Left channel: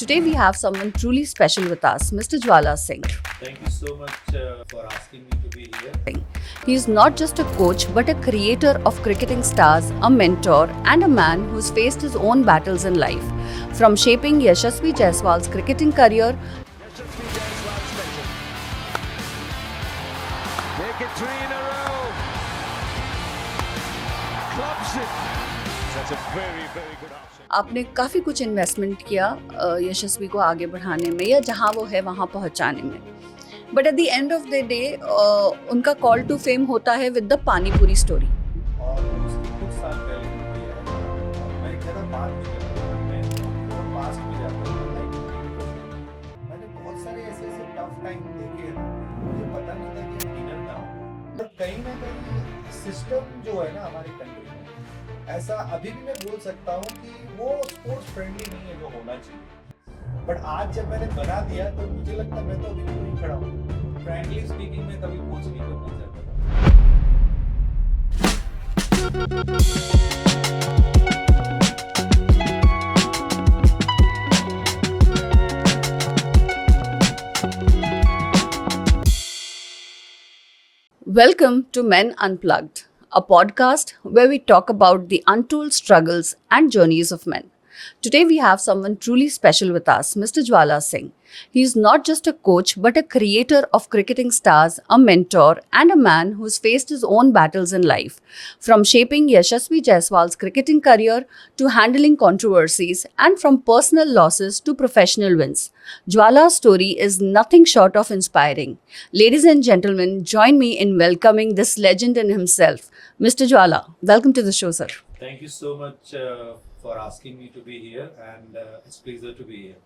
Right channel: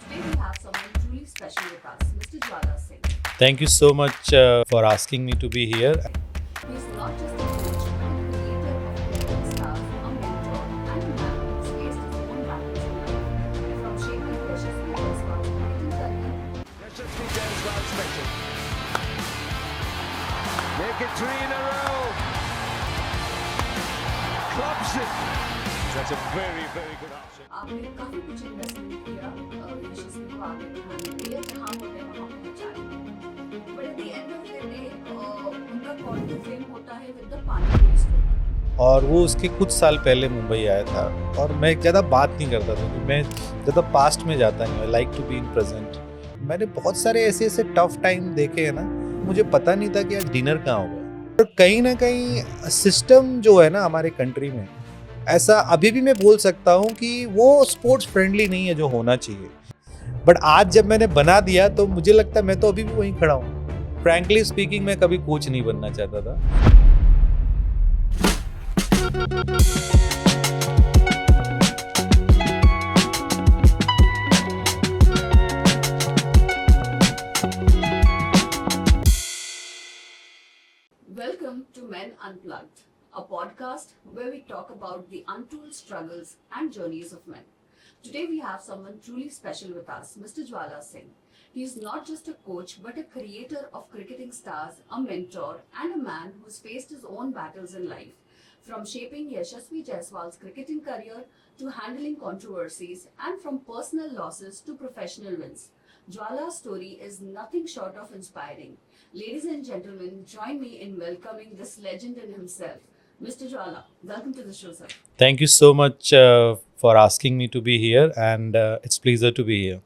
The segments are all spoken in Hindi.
Today we have someone truly special with us, Mr. Jwala Singh. Thank you so much for asking me to be here. He is not just a coach but a creator of cricketing stars, a mentor, and a man who's faced his own battles in life. From shaping Yashasvi Jaiswal's cricketing career, Yashasvi Jaiswal's special. Make it 3 in a row. Clubs it. That's a very, very good option. आपने काफ़ी कुछ इन्वेस्टमेंट किया यशस्वी को आगे बढ़ाने में या जहां वो है वहां पहुंचाने में, but at the end of the day उनका कॉल टू फेम होता है विद द पानीपुरी स्टोरी. और वो उसके कुछ साल पहले मुंबई आया था और मैं ज़्यादा बात नहीं करता था, मैं ज़्यादा पास्ट में जाता नहीं, like to be in present. मैंने बहुत सारे ऐसे ऐसे टफ टाइम देखे हैं ना, मुझे पता नहीं था कि आज डिनर कहाँ होगा. और कहीं ना कहीं सिस्टम जो है ना हमारे कंट्री में, ऐसा अभी भी मैं बोल सकता हूँ कि वो स्पोर्ट्स फ्रेंडली नहीं है जो होना चाहिए. बट आज जब मैंने बना दिया तो मुझे लगता है मैं तो अभी भी वहीं खड़ा हूँ. फ्रैंकली स्पीकिंग मैं कभी कोच नहीं बनना चाहता था. Welcome to Men Unplugged, a podcast where we talk about the untold struggles and journeys of men. Today we have someone truly special with us, Mr. Jwala Singh. He is not just a coach but a creator of cricketing stars, a mentor, and a man who's faced his own battles in life. From shaping Yashasvi Jaiswal's cricketing career to handling controversies, and from personal losses to professional wins, Jwala's story is nothing short of inspiring. Ladies and gentlemen, join me in welcoming this legend in himself, Mr. Jwala. Welcome to the show, sir. Thank you so much for asking me to be here, and it's pleasure to be here.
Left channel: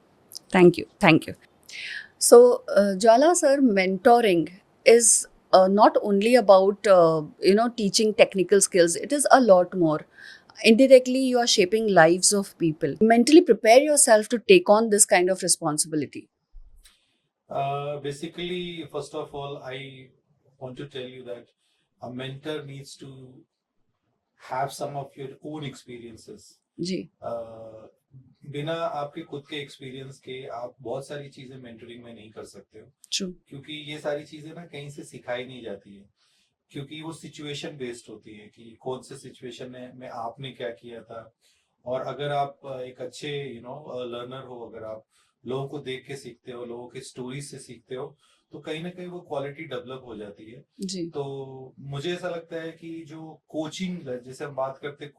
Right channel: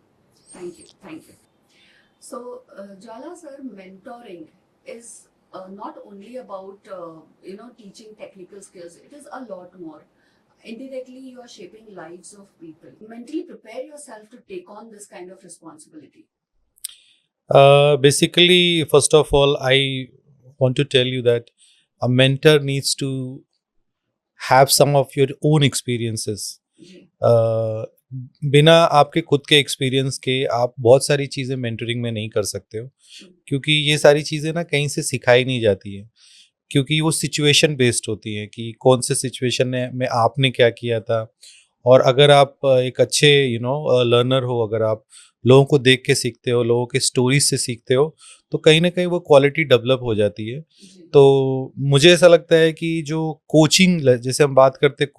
Thank you. Thank you. So, Jwala sir, mentoring is not only about teaching technical skills. It is a lot more. Indirectly, you are shaping lives of people. Mentally prepare yourself to take on this kind of responsibility. Basically, first of all, I want to tell you that a mentor needs to have some of your own experiences. जी. बिना आपके खुद के एक्सपीरियंस के आप बहुत सारी चीज़ें मेंटरिंग में नहीं कर सकते हो. True. क्योंकि ये सारी चीज़ें ना कहीं से सिखाई नहीं जाती है, क्योंकि वो सिचुएशन बेस्ड होती है कि कौन से सिचुएशन में आपने क्या किया था. और अगर आप एक अच्छे लर्नर हो, अगर आप लोगों को देख के सीखते हो, लोगों के स्टोरीज से सीखते हो, तो कहीं ना कहीं वो क्वालिटी डेवलप हो जाती है. जी. तो मुझे ऐसा लगता है कि जो कोचिंग, जैसे हम बात करते हैं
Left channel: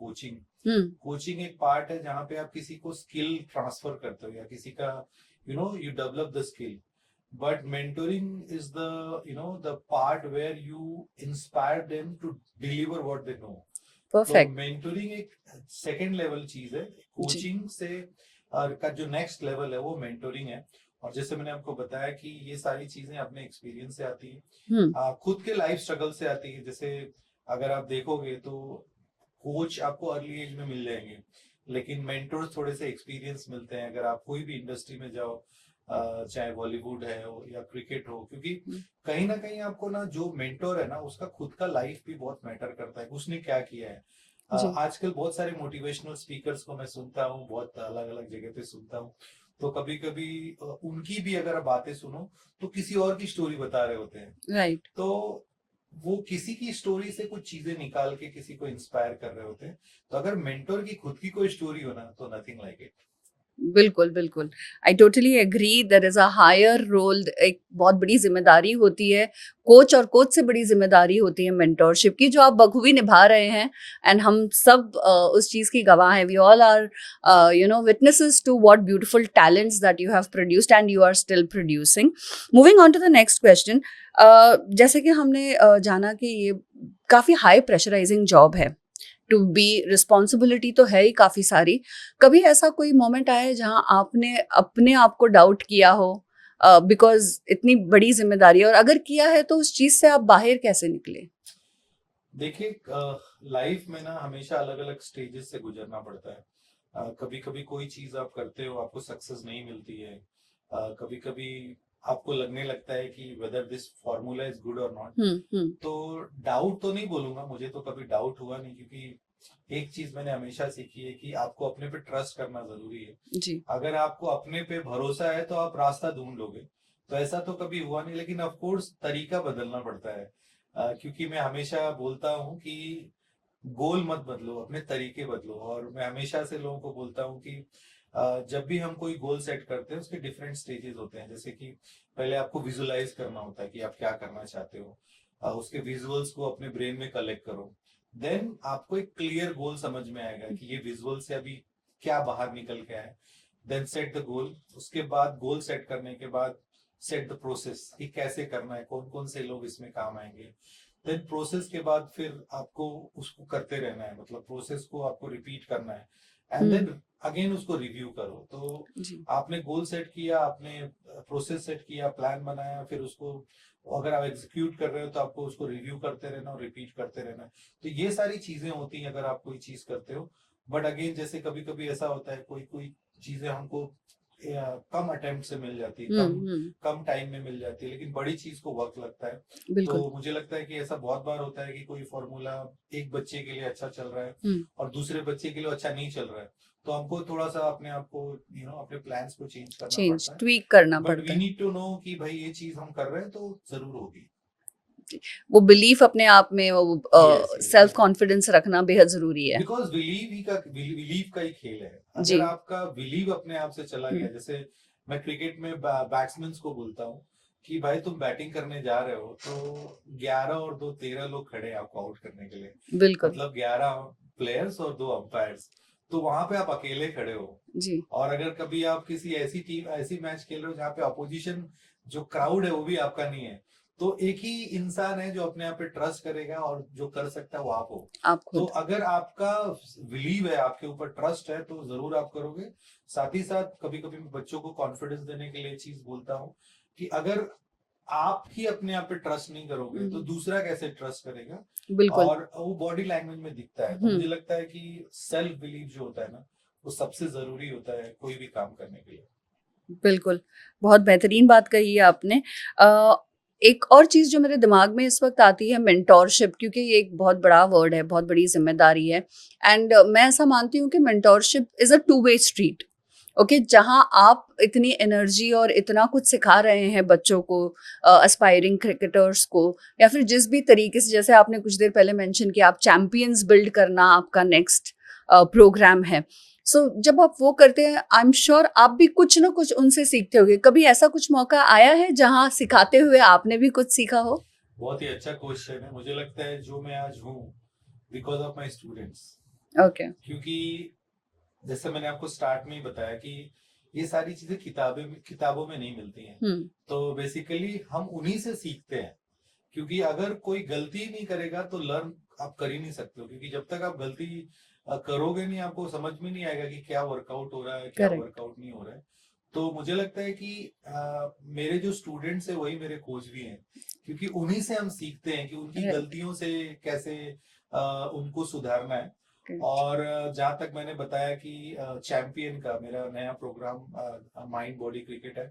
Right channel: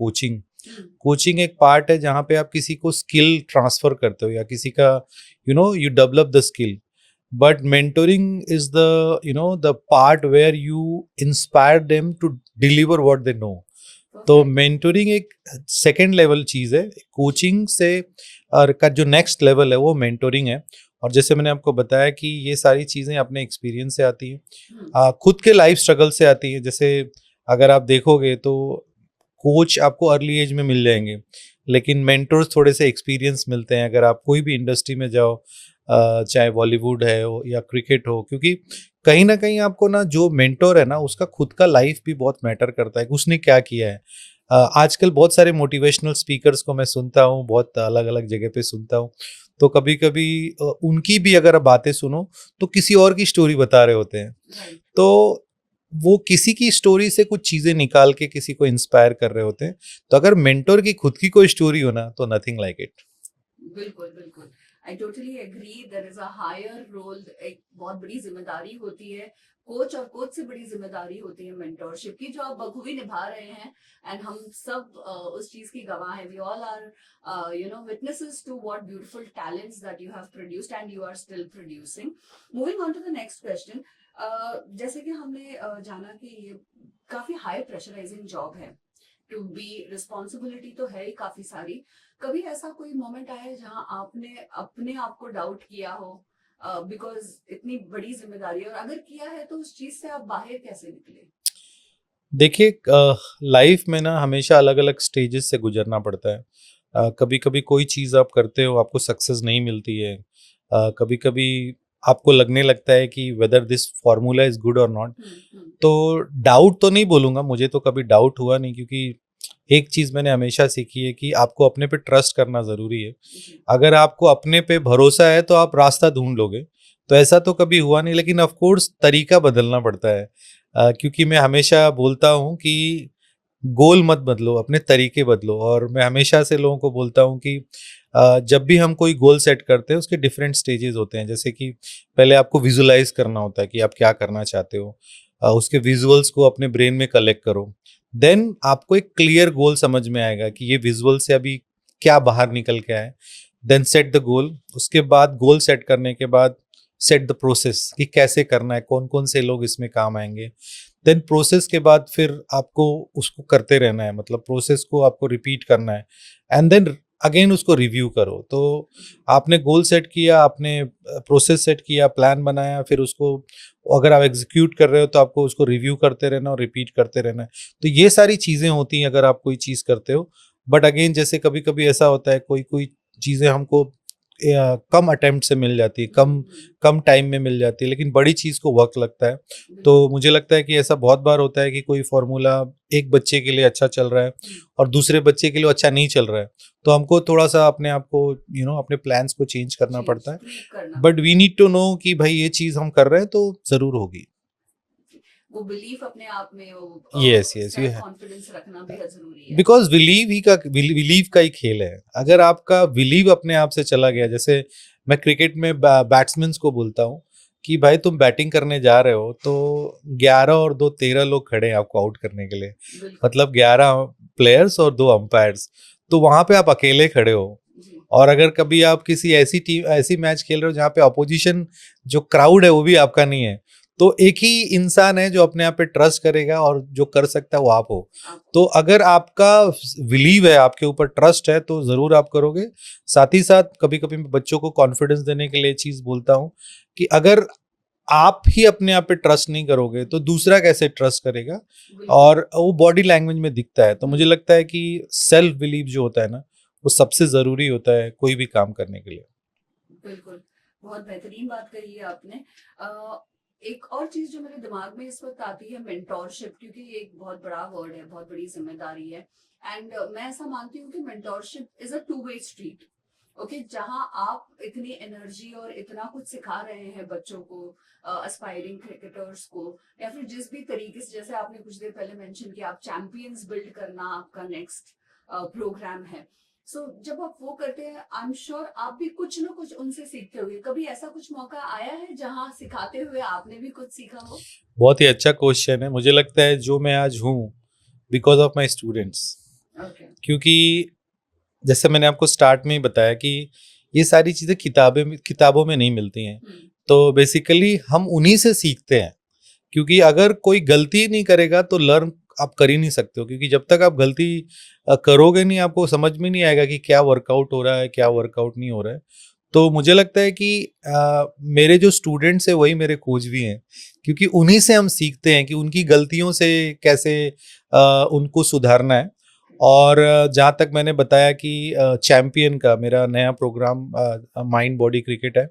कोचिंग एक पार्ट है जहाँ पे आप किसी को स्किल ट्रांसफर करते हो या किसी का you develop the skill. But mentoring is the part where you inspire them to deliver what they know. तो मेंटोरिंग एक सेकेंड लेवल चीज है. कोचिंग से का जो नेक्स्ट लेवल है वो मेंटोरिंग है. और जैसे मैंने आपको बताया कि ये सारी चीजें अपने एक्सपीरियंस से आती हैं, खुद के लाइफ स्ट्रगल से आती है. जैसे अगर आप देखोगे तो कोच आपको अर्ली एज में मिल जाएंगे, लेकिन मेंटर्स थोड़े से एक्सपीरियंस मिलते हैं अगर आप कोई भी इंडस्ट्री में जाओ, चाहे बॉलीवुड है या क्रिकेट हो. क्योंकि कहीं ना कहीं आपको ना जो मेंटोर है ना उसका खुद का लाइफ भी बहुत मैटर करता है, उसने क्या किया है. आजकल बहुत सारे मोटिवेशनल स्पीकर्स को मैं सुनता हूँ, बहुत अलग अलग जगह पे सुनता हूँ. तो कभी कभी उनकी भी अगर बातें सुनो तो किसी और की स्टोरी बता रहे होते हैं. Right. तो वो किसी की स्टोरी से कुछ चीजें निकाल के किसी को इंस्पायर कर रहे होते हैं. तो अगर मेंटोर की खुद की कोई स्टोरी हो ना तो नथिंग लाइक इट. बिल्कुल बिल्कुल. I totally agree. There is a higher role. एक बहुत बड़ी जिम्मेदारी होती है कोच, और कोच से बड़ी जिम्मेदारी होती है मेंटोरशिप की, जो आप बखूबी निभा रहे हैं. एंड हम सब उस चीज़ की गवाह हैं. We all are witnesses to what beautiful talents that you have produced and you are still producing. Moving on to the next question. जैसे कि हमने जाना कि ये काफ़ी हाई प्रेशराइजिंग जॉब है. टू बी रिस्पॉन्सिबिलिटी तो है ही काफ़ी सारी. कभी ऐसा कोई मोमेंट आया है जहाँ आपने अपने आप को डाउट किया हो बिकॉज इतनी बड़ी जिम्मेदारी, और अगर किया है तो उस चीज़ से आप बाहर कैसे निकले? देखिए, लाइफ में ना हमेशा अलग अलग स्टेजेस से गुजरना पड़ता है. कभी कभी कोई चीज़ आप करते हो, आपको सक्सेस नहीं मिलती है. कभी कभी आपको लगने लगता है कि whether this formula is good और नॉट. तो डाउट तो नहीं बोलूँगा, मुझे तो कभी डाउट हुआ नहीं, क्योंकि एक चीज मैंने हमेशा सीखी है कि आपको अपने पे ट्रस्ट करना जरूरी है। जी। अगर आपको अपने पे भरोसा है तो आप रास्ता ढूंढ लोगे। तो ऐसा तो कभी हुआ नहीं, लेकिन ऑफ कोर्स तरीका बदलना पड़ता है। क्योंकि मैं हमेशा बोलता हूँ कि गोल मत बदलो, अपने तरीके बदलो। और मैं हमेशा से लोगों को बोलता हूँ कि जब भी हम कोई गोल सेट करते हैं उसके डिफरेंट स्टेजेस होते हैं। जैसे कि पहले आपको विजुलाइज करना होता है कि आप क्या करना चाहते हो, उसके विजुअल्स को अपने ब्रेन में कलेक्ट करो। देन आपको एक क्लियर गोल समझ में आएगा कि ये विजुअल से अभी क्या बाहर निकल के आए। Then set the goal. उसके बाद गोल सेट करने के बाद सेट द प्रोसेस कि कैसे करना है, कौन कौन से लोग इसमें काम आएंगे। देन प्रोसेस के बाद फिर आपको उसको करते रहना है, मतलब प्रोसेस को आपको रिपीट करना है। एंड देन अगेन उसको रिव्यू करो। तो जी। आपने गोल सेट किया, आपने प्रोसेस सेट किया, प्लान बनाया, फिर उसको अगर आप एग्जीक्यूट कर रहे हो तो आपको उसको रिव्यू करते रहना और रिपीट करते रहना है। तो ये सारी चीज़ें होती हैं अगर आप कोई चीज़ करते हो। बट अगेन जैसे कभी कभी ऐसा होता है कोई कोई चीज़ें हमको कम अटेम्प्ट से मिल जाती है, कम टाइम में मिल जाती है, लेकिन बड़ी चीज़ को वक्त लगता है। बिल्कुल। तो मुझे लगता है कि ऐसा बहुत बार होता है कि कोई फॉर्मूला एक बच्चे के लिए अच्छा चल रहा है और दूसरे बच्चे के लिए अच्छा नहीं चल रहा है। तो हमको थोड़ा सा अपने आप को अपने प्लान्स को चेंज करना पड़ता है। ट्वीक करना बट पड़ता वी है। नीड टू नो कि भाई ये चीज़ हम कर रहे हैं तो ज़रूर होगी। वो बिलीफ अपने आप में, वो यस यस सेल्फ कॉन्फिडेंस रखना बेहद जरूरी है। बिकॉज बिलीव का ही खेल है। जी। अगर आपका बिलीव अपने आप से चला गया, हम्म, जैसे मैं क्रिकेट में बैट्समैन को बोलता हूँ कि भाई तुम बैटिंग करने जा रहे हो तो 11 और 2 13 लोग खड़े हैं आपको आउट करने के लिए। बिल्कुल। मतलब 11 प्लेयर्स और 2 अंपायर्स। तो वहां पे आप अकेले खड़े हो। जी। और अगर कभी आप किसी ऐसी मैच खेल रहे हो जहाँ पे अपोजिशन जो क्राउड है वो भी आपका नहीं है, तो एक ही इंसान है जो अपने आप पे ट्रस्ट करेगा और जो कर सकता है वो आप हो। आपको तो अगर आपका बिलीव है, आपके ऊपर ट्रस्ट है, तो जरूर आप करोगे। साथ ही साथ कभी कभी मैं बच्चों को कॉन्फिडेंस देने के लिए चीज बोलता हूँ कि अगर आप ही अपने आप पे ट्रस्ट नहीं करोगे तो दूसरा कैसे ट्रस्ट करेगा। बिल्कुल। और वो बॉडी लैंग्वेज में दिखता है। तो मुझे लगता है कि सेल्फ बिलीव जो होता है ना, वो सबसे जरूरी होता है कोई भी काम करने के लिए। बिल्कुल, बहुत बेहतरीन बात कही है आपने। अ, एक और चीज़ जो मेरे दिमाग में इस वक़्त आती है, मेंटोरशिप, क्योंकि ये एक बहुत बड़ा वर्ड है, बहुत बड़ी ज़िम्मेदारी है। एंड मैं ऐसा मानती हूँ कि mentorship is a two way street. Okay, जहाँ आप इतनी एनर्जी और इतना कुछ सिखा रहे हैं बच्चों को, एस्पायरिंग क्रिकेटर्स को, या फिर जिस भी तरीके से, जैसे आपने कुछ देर पहले मेंशन किया, आप चैंपियंस बिल्ड करना आपका नेक्स्ट प्रोग्राम है। सो जब आप वो करते हैं, आई एम श्योर आप भी कुछ ना कुछ उनसे सीखते होगे। कभी ऐसा कुछ मौका आया है जहाँ सिखाते हुए आपने भी कुछ सीखा हो? बहुत ही अच्छा क्वेश्चन है। मुझे लगता है जो मैं आज हूँ because of my students. Okay. क्योंकि जैसे मैंने आपको स्टार्ट में ही बताया कि ये सारी चीज़ें किताबों में नहीं मिलती हैं। तो बेसिकली हम उन्हीं से सीखते हैं। क्योंकि अगर कोई गलती नहीं करेगा तो लर्न आप कर ही नहीं सकते हो। क्योंकि जब तक आप गलती करोगे नहीं, आपको समझ में नहीं आएगा कि क्या वर्कआउट हो रहा है, क्या करेक्ट। वर्कआउट नहीं हो रहा है। तो मुझे लगता है कि मेरे जो स्टूडेंट्स हैं वही मेरे कोच भी हैं। क्योंकि उन्हीं से हम सीखते हैं कि उनकी Right. गलतियों से कैसे उनको सुधारना है। Okay. और जहाँ तक मैंने बताया कि चैंपियन का मेरा नया प्रोग्राम माइंड बॉडी क्रिकेट है।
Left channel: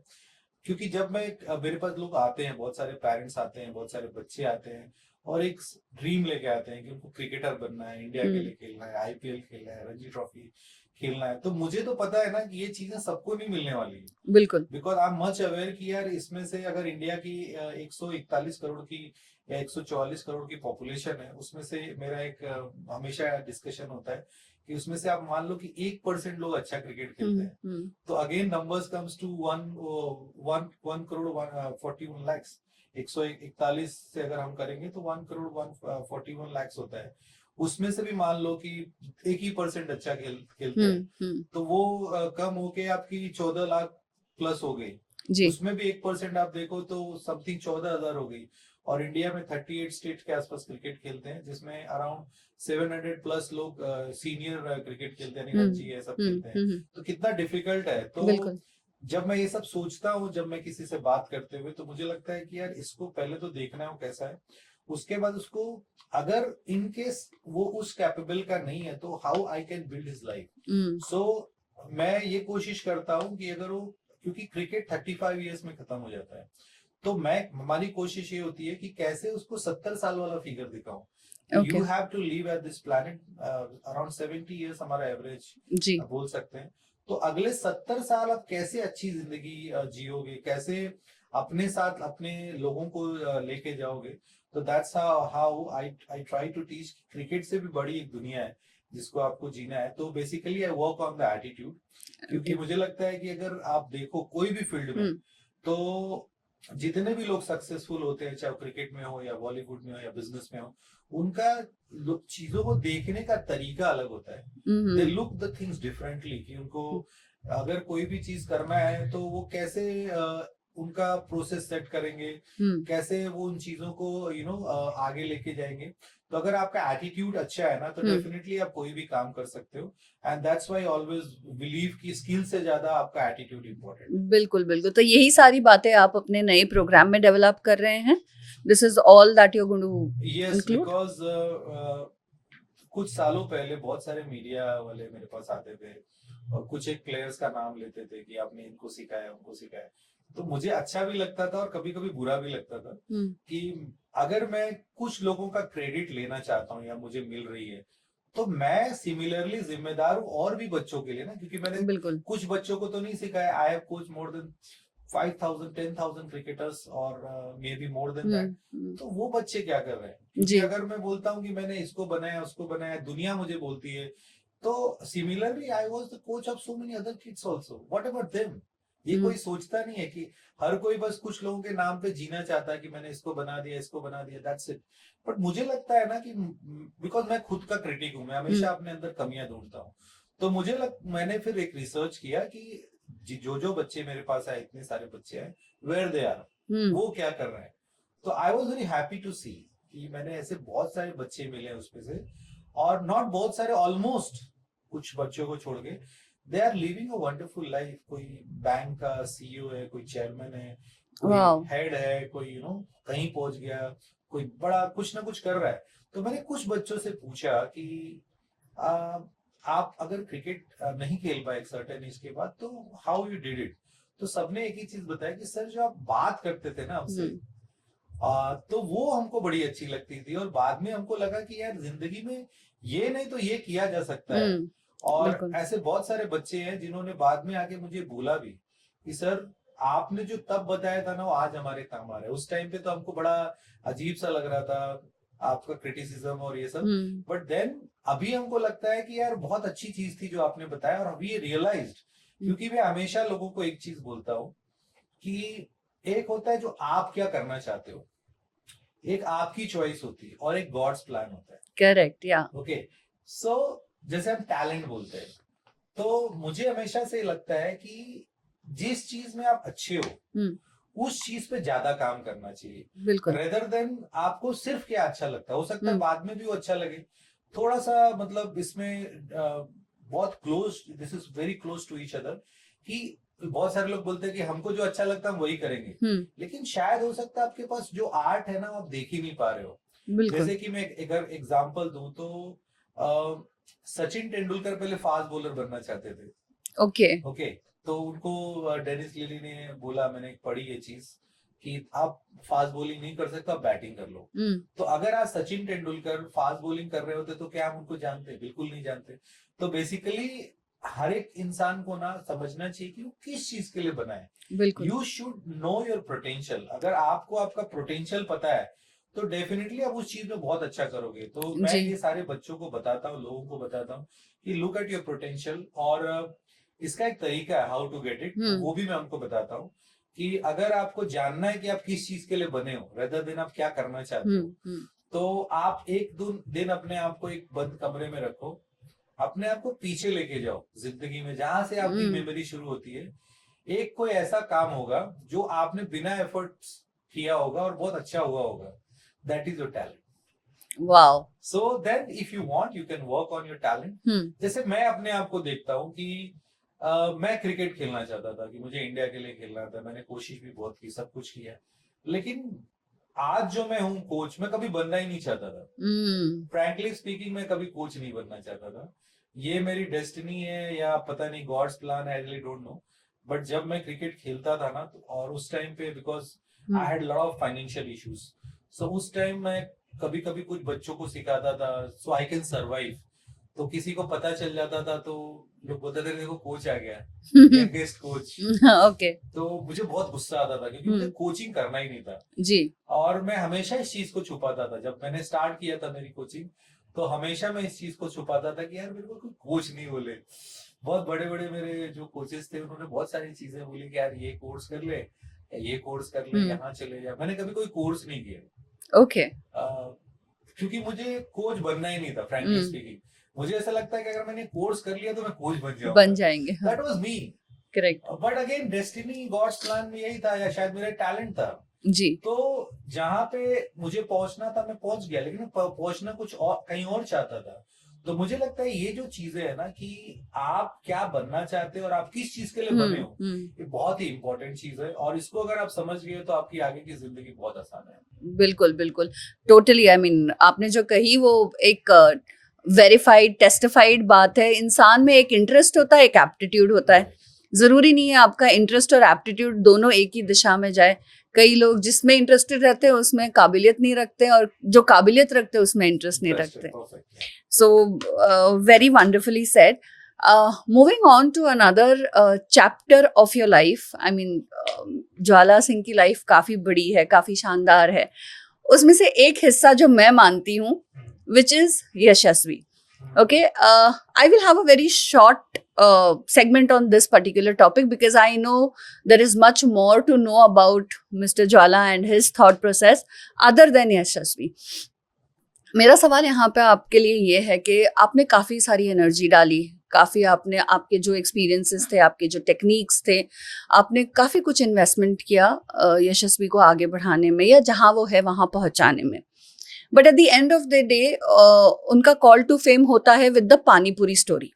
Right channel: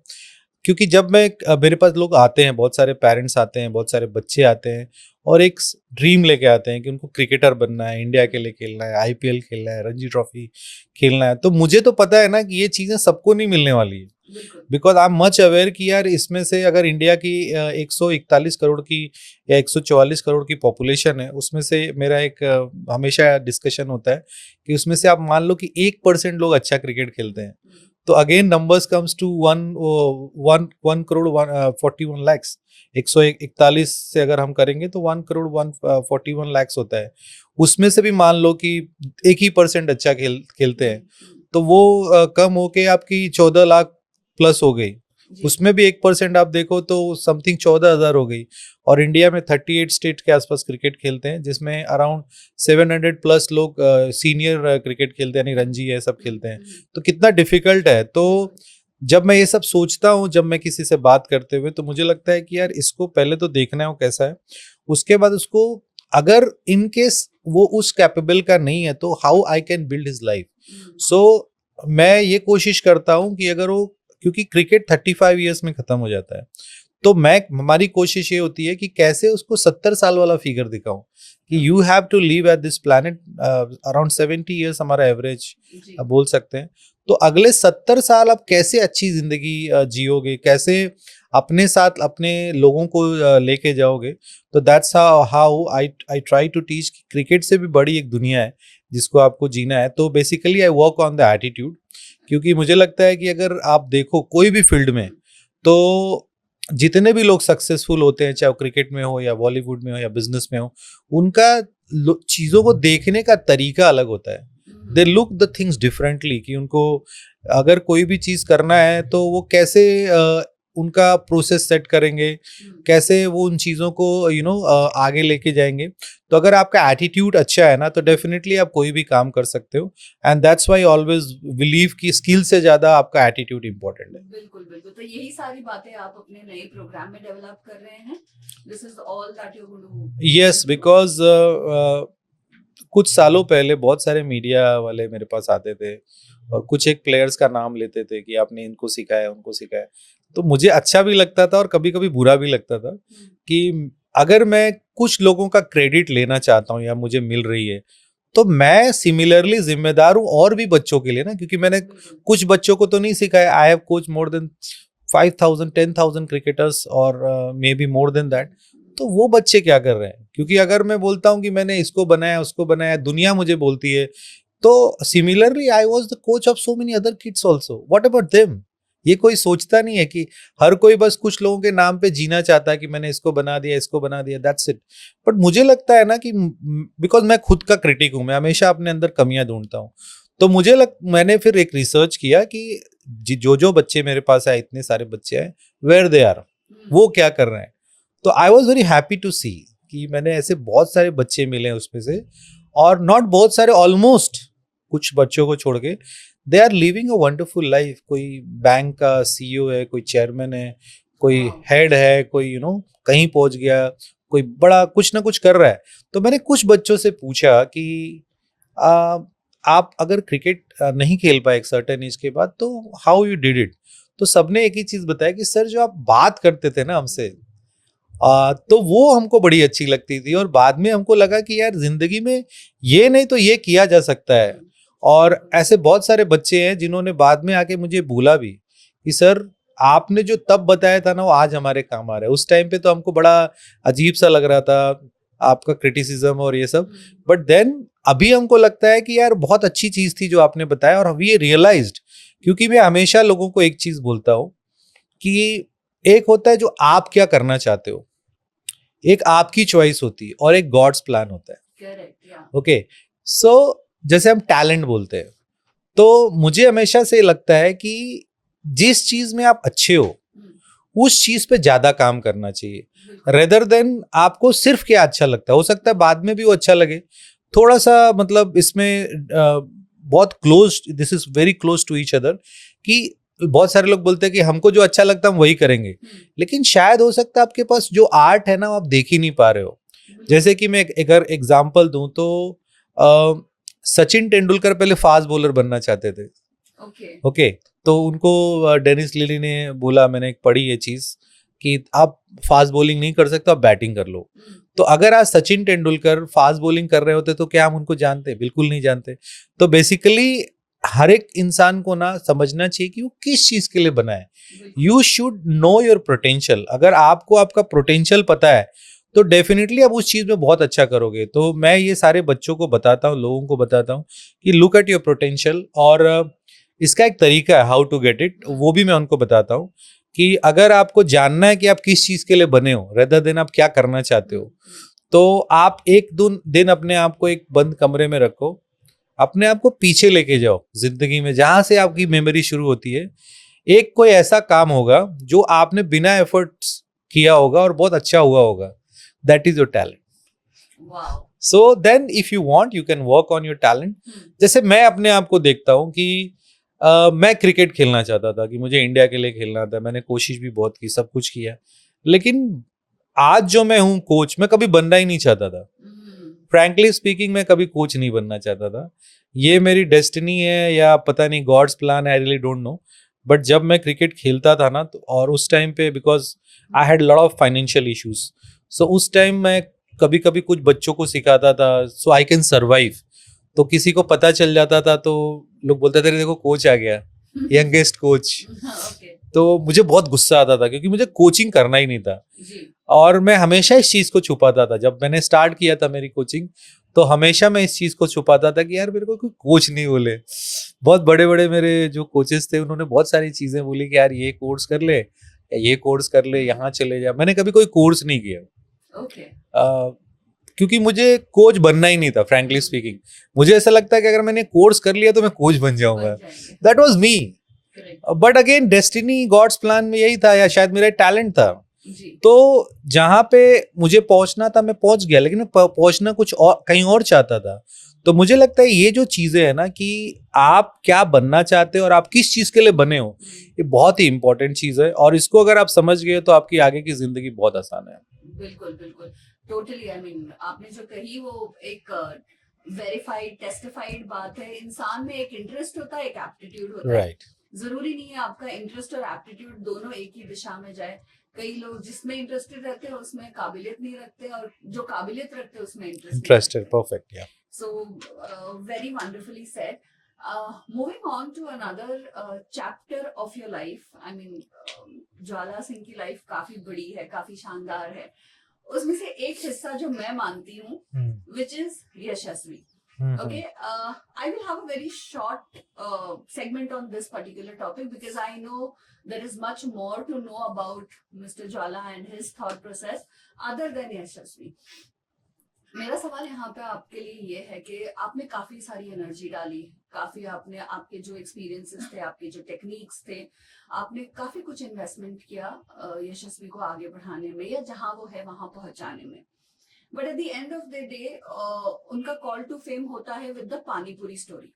क्योंकि जब मेरे पास लोग आते हैं, बहुत सारे पेरेंट्स आते हैं, बहुत सारे बच्चे आते हैं और एक ड्रीम लेके आते हैं कि उनको क्रिकेटर बनना है, इंडिया के लिए खेलना है, आईपीएल खेलना है, रणजी ट्रॉफी खेलना है। तो मुझे तो पता है ना कि ये चीज़ें सबको नहीं मिलने वाली है। बिल्कुल। Because I am much aware कि यार इसमें से अगर इंडिया की 141 करोड़ की या 144 करोड़ की पॉपुलेशन है, उसमें से मेरा एक हमेशा डिस्कशन होता है कि उसमें से आप मान लो कि 1% लोग अच्छा क्रिकेट खेलते हैं। तो again numbers comes to 1 crore 41 lakhs. 141 से अगर हम करेंगे तो 1 करोड़ 141 लैक्स होता है। उसमें से भी मान लो कि 1% अच्छा खेलते हैं, तो वो कम होके आपकी 14 लाख प्लस हो गई। जी। उसमें भी 1% आप देखो तो समथिंग 14,000 हो गई। और इंडिया में 38 स्टेट के आसपास क्रिकेट खेलते हैं, जिसमें अराउंड 700 प्लस लोग सीनियर क्रिकेट खेलते हैं, यानी रणजी है, सब खेलते हैं। तो कितना डिफिकल्ट है। तो बिल्कुल। जब मैं ये सब सोचता हूँ, जब मैं किसी से बात करते हुए, तो मुझे लगता है कि यार इसको पहले तो देखना है वो कैसा है। उसके बाद उसको अगर इन केस वो उस कैपेबल का नहीं है तो how I can build his life. So मैं ये कोशिश करता हूँ कि अगर वो, क्योंकि क्रिकेट 35 ईयर्स में खत्म हो जाता है, तो हमारी कोशिश ये होती है कि कैसे उसको 70 साल वाला फिगर दिखाऊं कि you Okay. Have to live at this planet around 70 years हमारा एवरेज जी बोल सकते हैं। तो अगले 70 साल आप कैसे अच्छी जिंदगी जियोगे, कैसे अपने साथ अपने लोगों को लेके जाओगे। तो that's how I try to teach. Cricket से भी बड़ी एक दुनिया है जिसको आपको जीना है। तो basically I work on the attitude, क्योंकि मुझे लगता है कि अगर आप देखो कोई भी फील्ड में, तो जितने भी लोग सक्सेसफुल होते हैं, चाहे वो क्रिकेट में हो या बॉलीवुड में हो या बिजनेस में हो, उनका चीजों को देखने का तरीका अलग होता है। They look the things differently, कि उनको अगर कोई भी चीज करना है तो वो कैसे उनका प्रोसेस सेट करेंगे, कैसे वो उन चीजों को आगे लेके जाएंगे। तो अगर आपका एटीट्यूड अच्छा है ना, तो डेफिनेटली आप कोई भी काम कर सकते हो। And that's why always believe कि स्किल से ज्यादा आपका एटीट्यूड इंपॉर्टेंट है। बिल्कुल बिल्कुल। तो यही सारी बातें आप अपने नए प्रोग्राम में डेवलप कर रहे हैं। This is all that you are going to. Yes, because कुछ सालों पहले बहुत सारे मीडिया वाले मेरे पास आते थे और कुछ एक प्लेयर्स का नाम लेते थे कि आपने इनको सिखाया उनको सिखाया। तो मुझे अच्छा भी लगता था और कभी कभी बुरा भी लगता था कि अगर मैं कुछ लोगों का क्रेडिट लेना चाहता हूँ या मुझे मिल रही है, तो मैं सिमिलरली जिम्मेदार हूँ और भी बच्चों के लिए ना, क्योंकि मैंने कुछ बच्चों को तो नहीं सिखाया। I have coach more than 5,000 10,000 cricketers और maybe more than that. तो वो बच्चे क्या कर रहे हैं, क्योंकि अगर मैं बोलता हूँ कि मैंने इसको बनाया उसको बनाया, दुनिया मुझे बोलती है। तो similarly I was the coach of so many other kids also, what about them. ये कोई सोचता नहीं है कि हर कोई बस कुछ लोगों के नाम पे जीना चाहता है कि मैंने इसको बना दिया, दैट्स इट। बट मुझे लगता है ना कि बिकॉज मैं खुद का क्रिटिक हूँ, मैं हमेशा अपने अंदर कमियां ढूंढता हूँ। तो मैंने फिर एक रिसर्च किया कि जो बच्चे मेरे पास आए, इतने सारे बच्चे आए, वेयर दे आर, वो क्या कर रहे हैं। तो I was very happy to see कि मैंने ऐसे बहुत सारे बच्चे मिले उसमें से, और नॉट बहुत सारे, ऑलमोस्ट कुछ बच्चों को छोड़ के they are living a wonderful life. कोई बैंक का सीईओ है, कोई चेयरमैन है, कोई हेड है, कोई कहीं पहुंच गया, कोई बड़ा कुछ ना कुछ कर रहा है। तो मैंने कुछ बच्चों से पूछा कि आप अगर क्रिकेट नहीं खेल पाए एक सर्टेन एज के बाद, तो हाउ यू डिड इट। तो सबने एक ही चीज बताया कि सर, जो आप बात करते थे ना हमसे, तो वो हमको बड़ी अच्छी लगती थी, और बाद में हमको लगा कि यार जिंदगी में ये नहीं तो ये किया जा सकता है। और ऐसे बहुत सारे बच्चे हैं जिन्होंने बाद में आके मुझे बोला भी कि सर, आपने जो तब बताया था ना, वो आज हमारे काम आ रहा है। उस टाइम पे तो हमको बड़ा अजीब सा लग रहा था आपका क्रिटिसिज्म और ये सब, बट देन अभी हमको लगता है कि यार बहुत अच्छी चीज थी जो आपने बताया। और अभी ये रियलाइज्ड, क्योंकि मैं हमेशा लोगों को एक चीज बोलता हूँ कि एक होता है जो आप क्या करना चाहते हो, एक आपकी चॉइस होती है, और एक गॉड्स प्लान होता है। करेक्ट, या ओके। सो जैसे हम टैलेंट बोलते हैं, तो मुझे हमेशा से लगता है कि जिस चीज में आप अच्छे हो उस चीज पे ज्यादा काम करना चाहिए, रेदर देन आपको सिर्फ क्या अच्छा लगता है। हो सकता है बाद में भी वो अच्छा लगे, थोड़ा सा मतलब इसमें बहुत close, this is very close to each other, कि बहुत सारे लोग बोलते हैं कि हमको जो अच्छा लगता है हम वही करेंगे, लेकिन शायद हो सकता है आपके पास जो आर्ट है ना, आप देख ही नहीं पा रहे हो। जैसे कि मैं अगर एग्जांपल दूं तो सचिन तेंदुलकर पहले फास्ट बॉलर बनना चाहते थे। ओके, तो उनको डेनिस लिली ने बोला, मैंने एक पढ़ी ये चीज कि आप फास्ट बॉलिंग नहीं कर सकते, आप बैटिंग कर लो। तो अगर आज सचिन तेंदुलकर फास्ट बॉलिंग कर रहे होते तो क्या हम उनको जानते? बिल्कुल नहीं जानते। तो बेसिकली हर एक इंसान को ना समझना चाहिए कि वो किस चीज के लिए बना है। You should know your potential. अगर आपको आपका पोटेंशियल पता है तो डेफिनेटली आप उस चीज में बहुत अच्छा करोगे। तो मैं ये सारे बच्चों को बताता हूँ, लोगों को बताता हूँ कि लुक एट योर पोटेंशियल, और इसका एक तरीका है हाउ टू गेट इट, वो भी मैं उनको बताता हूँ कि अगर आपको जानना है कि आप किस चीज के लिए बने हो, रेदर देन आप क्या करना चाहते हो, तो आप एक दिन अपने आप को एक बंद कमरे में रखो, अपने आप को पीछे लेके जाओ जिंदगी में, जहां से आपकी मेमोरी शुरू होती है। एक कोई ऐसा काम होगा जो आपने बिना एफर्ट्स किया होगा और बहुत अच्छा हुआ होगा, that is your talent. Wow. So then if you want you can work on your talent. जैसे मैं अपने आप को देखता हूँ कि मैं क्रिकेट खेलना चाहता था, कि मुझे इंडिया के लिए खेलना था, मैंने कोशिश भी बहुत की, सब कुछ किया, लेकिन आज जो मैं हूँ कोच, मैं कभी बनना ही नहीं चाहता था। फ्रैंकली स्पीकिंग, मैं कभी कोच नहीं बनना चाहता था। ये मेरी डेस्टिनी है या पता नहीं गॉड्स प्लान है, आई रियली डोंट नो, बट जब मैं क्रिकेट खेलता था ना, तो और उस टाइम पे because I had lot of financial issues, so उस टाइम मैं कभी कभी कुछ बच्चों को सिखाता था सो आई कैन सर्वाइव। तो किसी को पता चल जाता था तो लोग बोलते थे देखो कोच आ गया, यंगेस्ट कोच। ओके तो मुझे बहुत गुस्सा आता था क्योंकि मुझे कोचिंग करना ही नहीं था, जी और मैं हमेशा इस चीज को छुपाता था। जब मैंने स्टार्ट किया था मेरी कोचिंग, तो हमेशा मैं इस चीज को छुपाता था कि यार मेरे को कोई कोच नहीं बोले। बहुत बड़े बड़े मेरे जो कोचेस थे उन्होंने बहुत सारी चीजें बोली कि यार ये कोर्स कर ले, या ये कोर्स कर ले, यहाँ चले जा। मैंने कभी कोई कोर्स नहीं किया ओके क्योंकि मुझे कोच बनना ही नहीं था, फ्रैंकली स्पीकिंग। मुझे ऐसा लगता है कि अगर मैंने कोर्स कर लिया तो मैं कोच बन जाऊंगा, बन जाएंगे that was me. Correct but again destiny God's plan में यही था, या शायद मेरा टैलेंट था। जी तो जहां पे मुझे पहुंचना था मैं पहुंच गया, लेकिन मैं पहुंचना कुछ और कहीं और चाहता था। तो मुझे लगता है ये जो चीजें है ना कि आप क्या बनना चाहते हो और आप किस चीज के लिए बने हो, ये बहुत ही इंपॉर्टेंट चीज है। और इसको अगर आप समझ गए तो आपकी आगे की जिंदगी बहुत आसान है। बिल्कुल बिल्कुल टोटली आई मीन आपने जो कही वो एक वेरीफाइड टेस्टिफाइड बात है। इंसान में एक इंटरेस्ट होता है, एक एप्टीट्यूड होता है। Right. जरूरी नहीं है आपका इंटरेस्ट और एप्टीट्यूड दोनों एक ही दिशा में जाए। कई लोग जिसमें इंटरेस्टेड रहते हैं उसमें काबिलियत नहीं रखते, और जो काबिलियत रखते हैं उसमें इंटरेस्ट नहीं Interested, रखते। perfect, yeah. So very wonderfully said. Moving on to another chapter of your life. I mean, ज्वाला सिंह की लाइफ काफी बड़ी है, काफी शानदार है। उसमें से एक हिस्सा जो मैं मानती हूँ, which is Yashasvi. Okay, I will have a very short segment on this particular topic because I know there is much more to know about Mr. Jwala and his thought process other than यशस्वी. मेरा सवाल यहाँ पे आपके लिए ये है कि आपने काफ़ी सारी एनर्जी डाली, काफ़ी आपने आपके जो एक्सपीरियंसेस थे, आपके जो टेक्निक्स थे, आपने काफ़ी कुछ इन्वेस्टमेंट किया यशस्वी को आगे बढ़ाने में या जहाँ वो है वहाँ पहुँचाने में। But at the end of the day उनका कॉल टू फेम होता है with the panipuri story.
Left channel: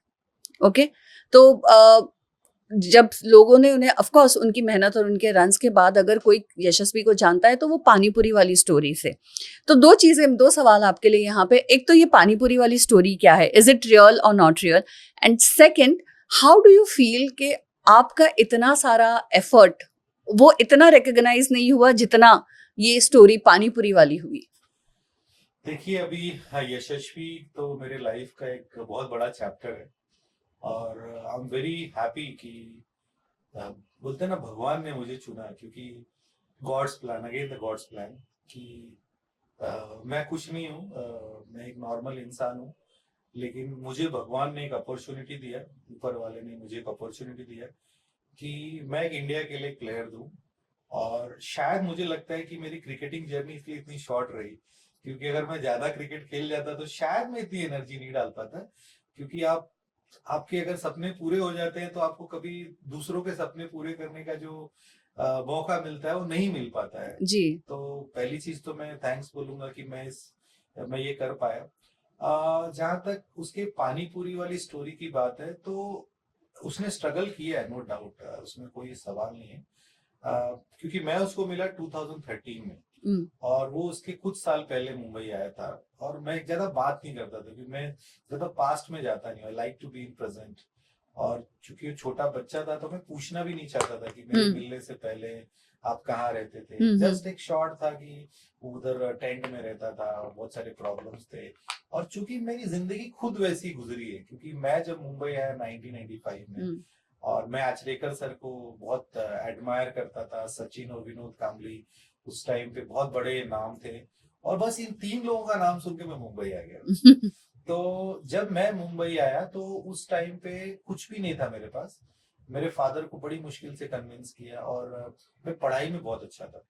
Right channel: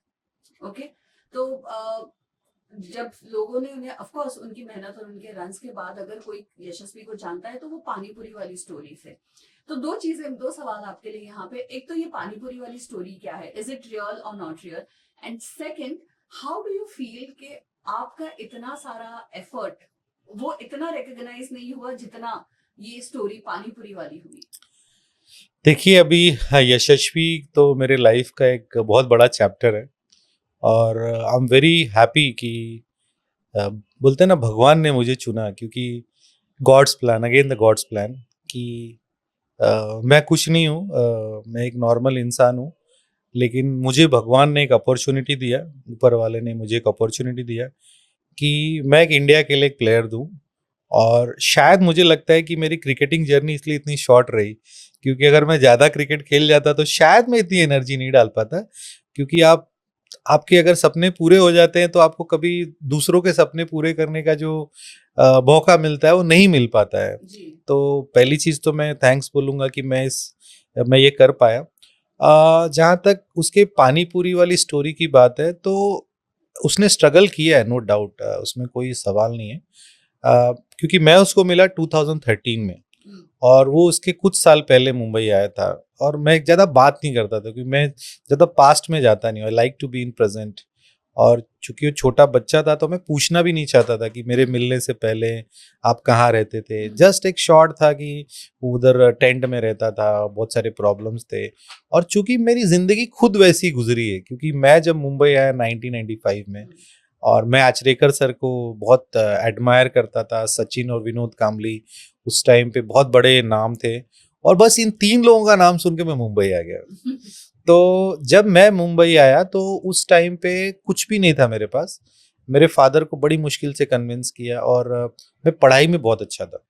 Okay, तो जब लोगों ने उन्हें, ऑफ कोर्स उनकी मेहनत और उनके रन्स के बाद अगर कोई यशस्वी को जानता है तो वो पानीपुरी वाली स्टोरी से। तो दो सवाल आपके लिए यहाँ पे। एक तो ये पानीपुरी वाली स्टोरी क्या है, इज इट रियल और not real? And second, how do you feel कि आपका इतना सारा एफर्ट वो इतना रिकग्नाइज नहीं हुआ जितना ये स्टोरी पानीपुरी वाली हुई? देखिए अभी यशस्वी तो मेरे लाइफ का एक बहुत बड़ा चैप्टर है, और आई एम वेरी हैप्पी कि बोलते हैं ना भगवान ने मुझे चुना, क्योंकि God's plan, again the God's plan, कि मैं कुछ नहीं हूँ, मैं एक नॉर्मल इंसान हूँ, लेकिन मुझे भगवान ने एक अपॉर्चुनिटी दिया, ऊपर वाले ने मुझे एक अपॉर्चुनिटी दिया कि मैं एक इंडिया के लिए एक प्लेयर दूँ। और शायद मुझे लगता है कि मेरी क्रिकेटिंग जर्नी इसलिए इतनी शॉर्ट रही, क्योंकि अगर मैं ज़्यादा क्रिकेट खेल जाता तो शायद मैं इतनी एनर्जी नहीं डाल पाता। क्योंकि आपके अगर सपने पूरे हो जाते हैं तो आपको कभी दूसरों के सपने पूरे करने का जो मौका मिलता है वो नहीं मिल पाता है जी। तो पहली चीज़ तो मैं थैंक्स बोलूँगा कि मैं ये कर पाया। जहाँ तक उसके पानीपुरी वाली स्टोरी की बात है तो उसने स्ट्रगल किया है, नो डाउट, उसमें कोई सवाल नहीं है। क्योंकि मैं उसको मिला 2013 में, और वो उसके कुछ साल पहले मुंबई आया था, और मैं ज़्यादा बात नहीं करता था क्योंकि मैं ज़्यादा पास्ट में जाता नहीं, I like to be in present. और चूंकि वो छोटा बच्चा था तो मैं पूछना भी नहीं चाहता था कि मेरे मिलने से पहले आप कहाँ रहते थे। जस्ट एक शॉर्ट था कि उधर टेंट में रहता था, बहुत सारे प्रॉब्लम्स थे। और चूंकि मेरी जिंदगी खुद वैसी गुजरी है, क्योंकि मैं जब मुंबई आया 1995 में, और मैं आचरेकर सर को बहुत एडमायर करता था, सचिन और विनोद कामली उस टाइम पे बहुत बड़े नाम थे, और बस इन 3 लोगों का नाम सुन के मैं मुंबई आ गया। तो जब मैं मुंबई आया तो उस टाइम पे कुछ भी नहीं था मेरे पास। मेरे फादर को बड़ी मुश्किल से कन्विंस किया, और मैं पढ़ाई में बहुत अच्छा था,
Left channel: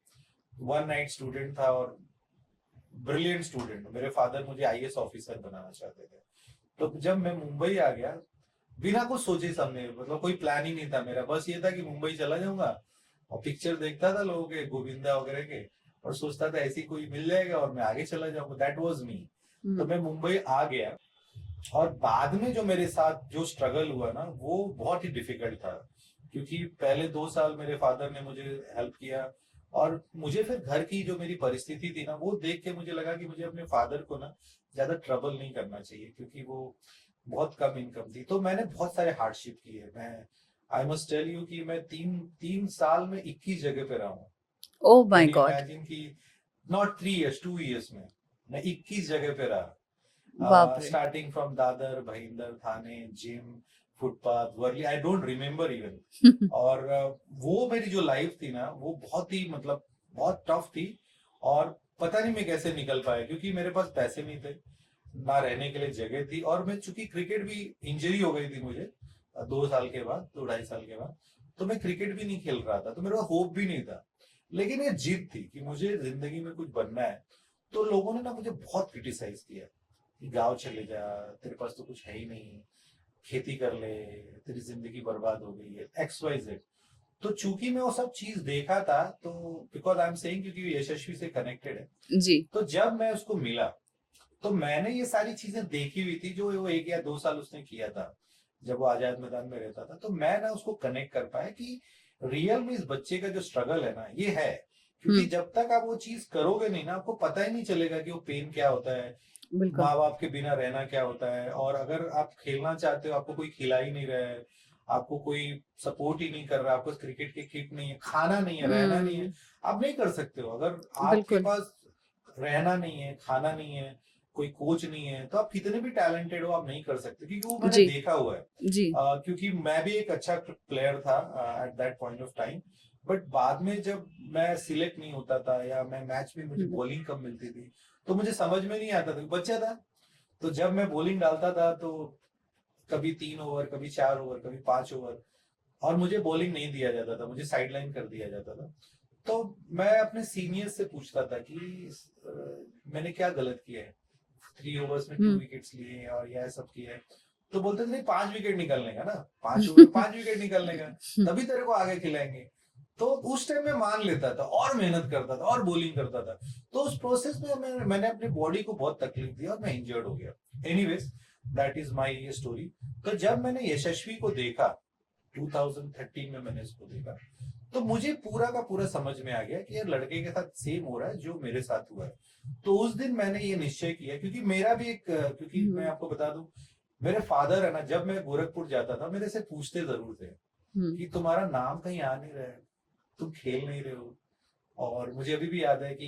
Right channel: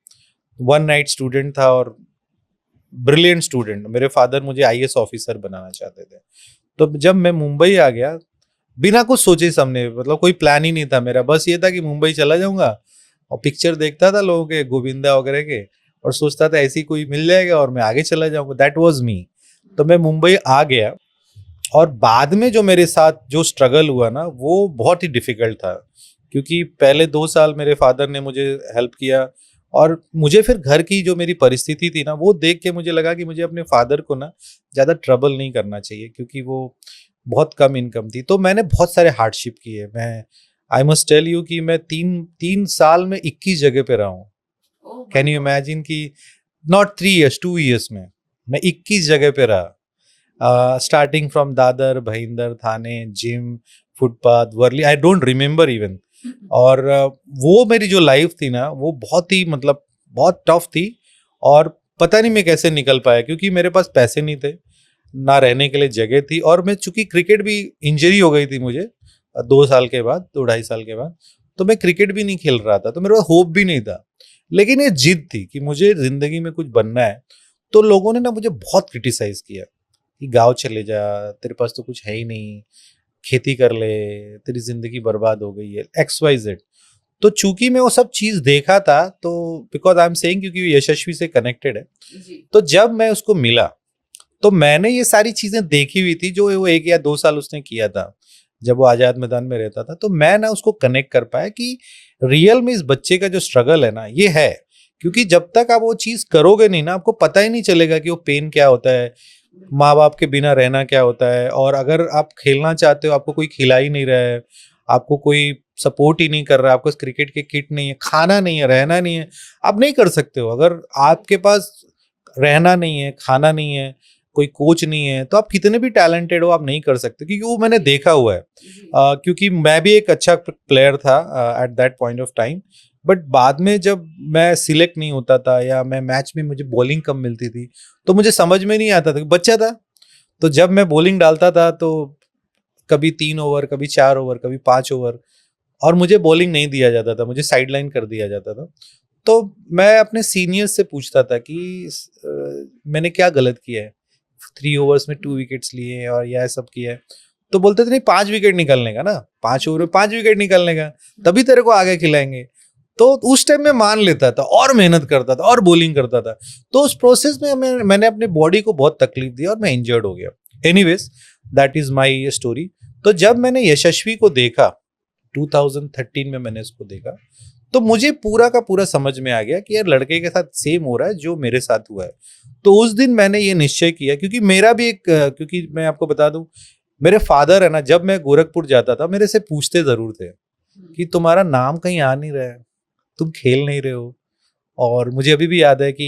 1 नाइट स्टूडेंट था और ब्रिलियंट स्टूडेंट। मेरे फादर मुझे IAS ऑफिसर बनाना चाहते थे। तो जब मैं मुंबई आ गया बिना कुछ सोचे समझे, मतलब कोई प्लान ही नहीं था मेरा, बस ये था कि मुंबई चला जाऊंगा और पिक्चर देखता था लोगों के, गोविंदा वगैरह के, और सोचता था ऐसी कोई मिल जाएगा और मैं आगे चला जाऊंगा। दैट वाज मी। तो मैं मुंबई आ गया, और बाद में जो मेरे साथ जो स्ट्रगल हुआ ना वो बहुत ही डिफिकल्ट था, क्योंकि पहले 2 साल मेरे फादर ने मुझे हेल्प किया, और मुझे फिर घर की जो मेरी परिस्थिति थी ना वो देख के मुझे लगा कि मुझे अपने फादर को ना ज़्यादा ट्रबल नहीं करना चाहिए, क्योंकि वो बहुत कम इनकम थी। तो मैंने बहुत सारे हार्डशिप किए। आई मस्ट टेल यू कि मैं तीन साल में 21 जगह पे रहा हूँ. Oh my can you God, imagine कि नॉट 3 years 2 years में मैं 21 जगह पे रहा. बाप रे. Starting from Dadar, Bhayandar, Thane, gym, footpath, Worli, I don't remember even. और वो मेरी जो लाइफ थी ना वो बहुत ही मतलब बहुत टफ थी. और पता नहीं मैं कैसे निकल पाया क्योंकि मेरे पास पैसे नहीं थे, ना रहने के लिए जगह थी. और मैं चूंकि क्रिकेट भी इंजरी हो गई थी मुझे 2 साल के बाद, 2-2.5 साल के बाद, तो मैं क्रिकेट भी नहीं खेल रहा था, तो मेरे पास होप भी नहीं था. लेकिन ये जिद थी कि मुझे जिंदगी में कुछ बनना है. तो लोगों ने ना मुझे बहुत क्रिटिसाइज किया कि गाँव चले जा, तेरे पास तो कुछ है ही नहीं, खेती कर ले, तेरी जिंदगी बर्बाद हो गई है, XYZ. तो चूंकि मैं वो सब चीज देखा था, तो बिकॉज आई एम सेइंग क्योंकि यशस्वी से कनेक्टेड है, जी. तो जब मैं उसको मिला तो मैंने ये सारी चीजें देखी हुई थी जो वो 1 या 2 साल उसने किया था जब वो आजाद मैदान में रहता था. तो मैं ना उसको कनेक्ट कर पाया कि रियल में इस बच्चे का जो स्ट्रगल है ना ये है. क्योंकि जब तक आप वो चीज करोगे नहीं ना, आपको पता ही नहीं चलेगा कि वो पेन क्या होता है, बिल्कुल. माँ बाप के बिना रहना क्या होता है. और अगर आप खेलना चाहते हो, आपको कोई खिला ही नहीं रहा है, आपको कोई सपोर्ट ही नहीं कर रहा है, आपको क्रिकेट के किट नहीं है, खाना नहीं है, रहना नहीं है, आप नहीं कर सकते हो. अगर आपके बिल्कुल. पास रहना नहीं है, खाना नहीं है, कोई कोच नहीं है, तो आप कितने भी टैलेंटेड हो आप नहीं कर सकते. क्योंकि वो मैंने जी. देखा हुआ है. जी. क्योंकि मैं भी एक अच्छा प्लेयर था at that point of time. But बाद में जब मैं सिलेक्ट नहीं होता था या मैं मैच में मुझे बॉलिंग कम मिलती थी, तो मुझे समझ में नहीं आता था, बच्चा था. तो जब मैं बॉलिंग डालता था तो कभी 3 ओवर, कभी 4 ओवर, कभी 5 ओवर, और मुझे बॉलिंग नहीं दिया जाता था, मुझे साइडलाइन कर दिया जाता था. तो मैं अपने सीनियर्स से पूछता था कि मैंने क्या गलत किया है, 3 ओवर्स में 2 विकेट्स लिए हैं और यह सब किया है. तो बोलते थे नहीं, 5 विकेट निकलने का ना, 5 ओवर में 5 विकेट निकलने का, तभी तेरे को आगे खिलाएंगे. तो उस टाइम में मान लेता था और मेहनत करता था और बॉलिंग करता था. तो उस प्रोसेस में मैंने अपने बॉडी को बहुत तकलीफ दी और मैं इंजर्ड हो गया. Anyways, that is my story. तो जब मैंने यशस्वी को देखा 2013 में, मैंने उसको देखा, तो मुझे पूरा का पूरा समझ में आ गया कि यार लड़के के साथ सेम हो रहा है जो मेरे साथ हुआ है. तो उस दिन मैंने ये निश्चय किया, क्योंकि मेरा भी एक क्योंकि मैं आपको बता दूं, मेरे फादर है ना, जब मैं गोरखपुर जाता था मेरे से पूछते जरूर थे कि तुम्हारा नाम कहीं आ नहीं रहा है, तुम खेल नहीं रहे हो. और मुझे अभी भी याद है कि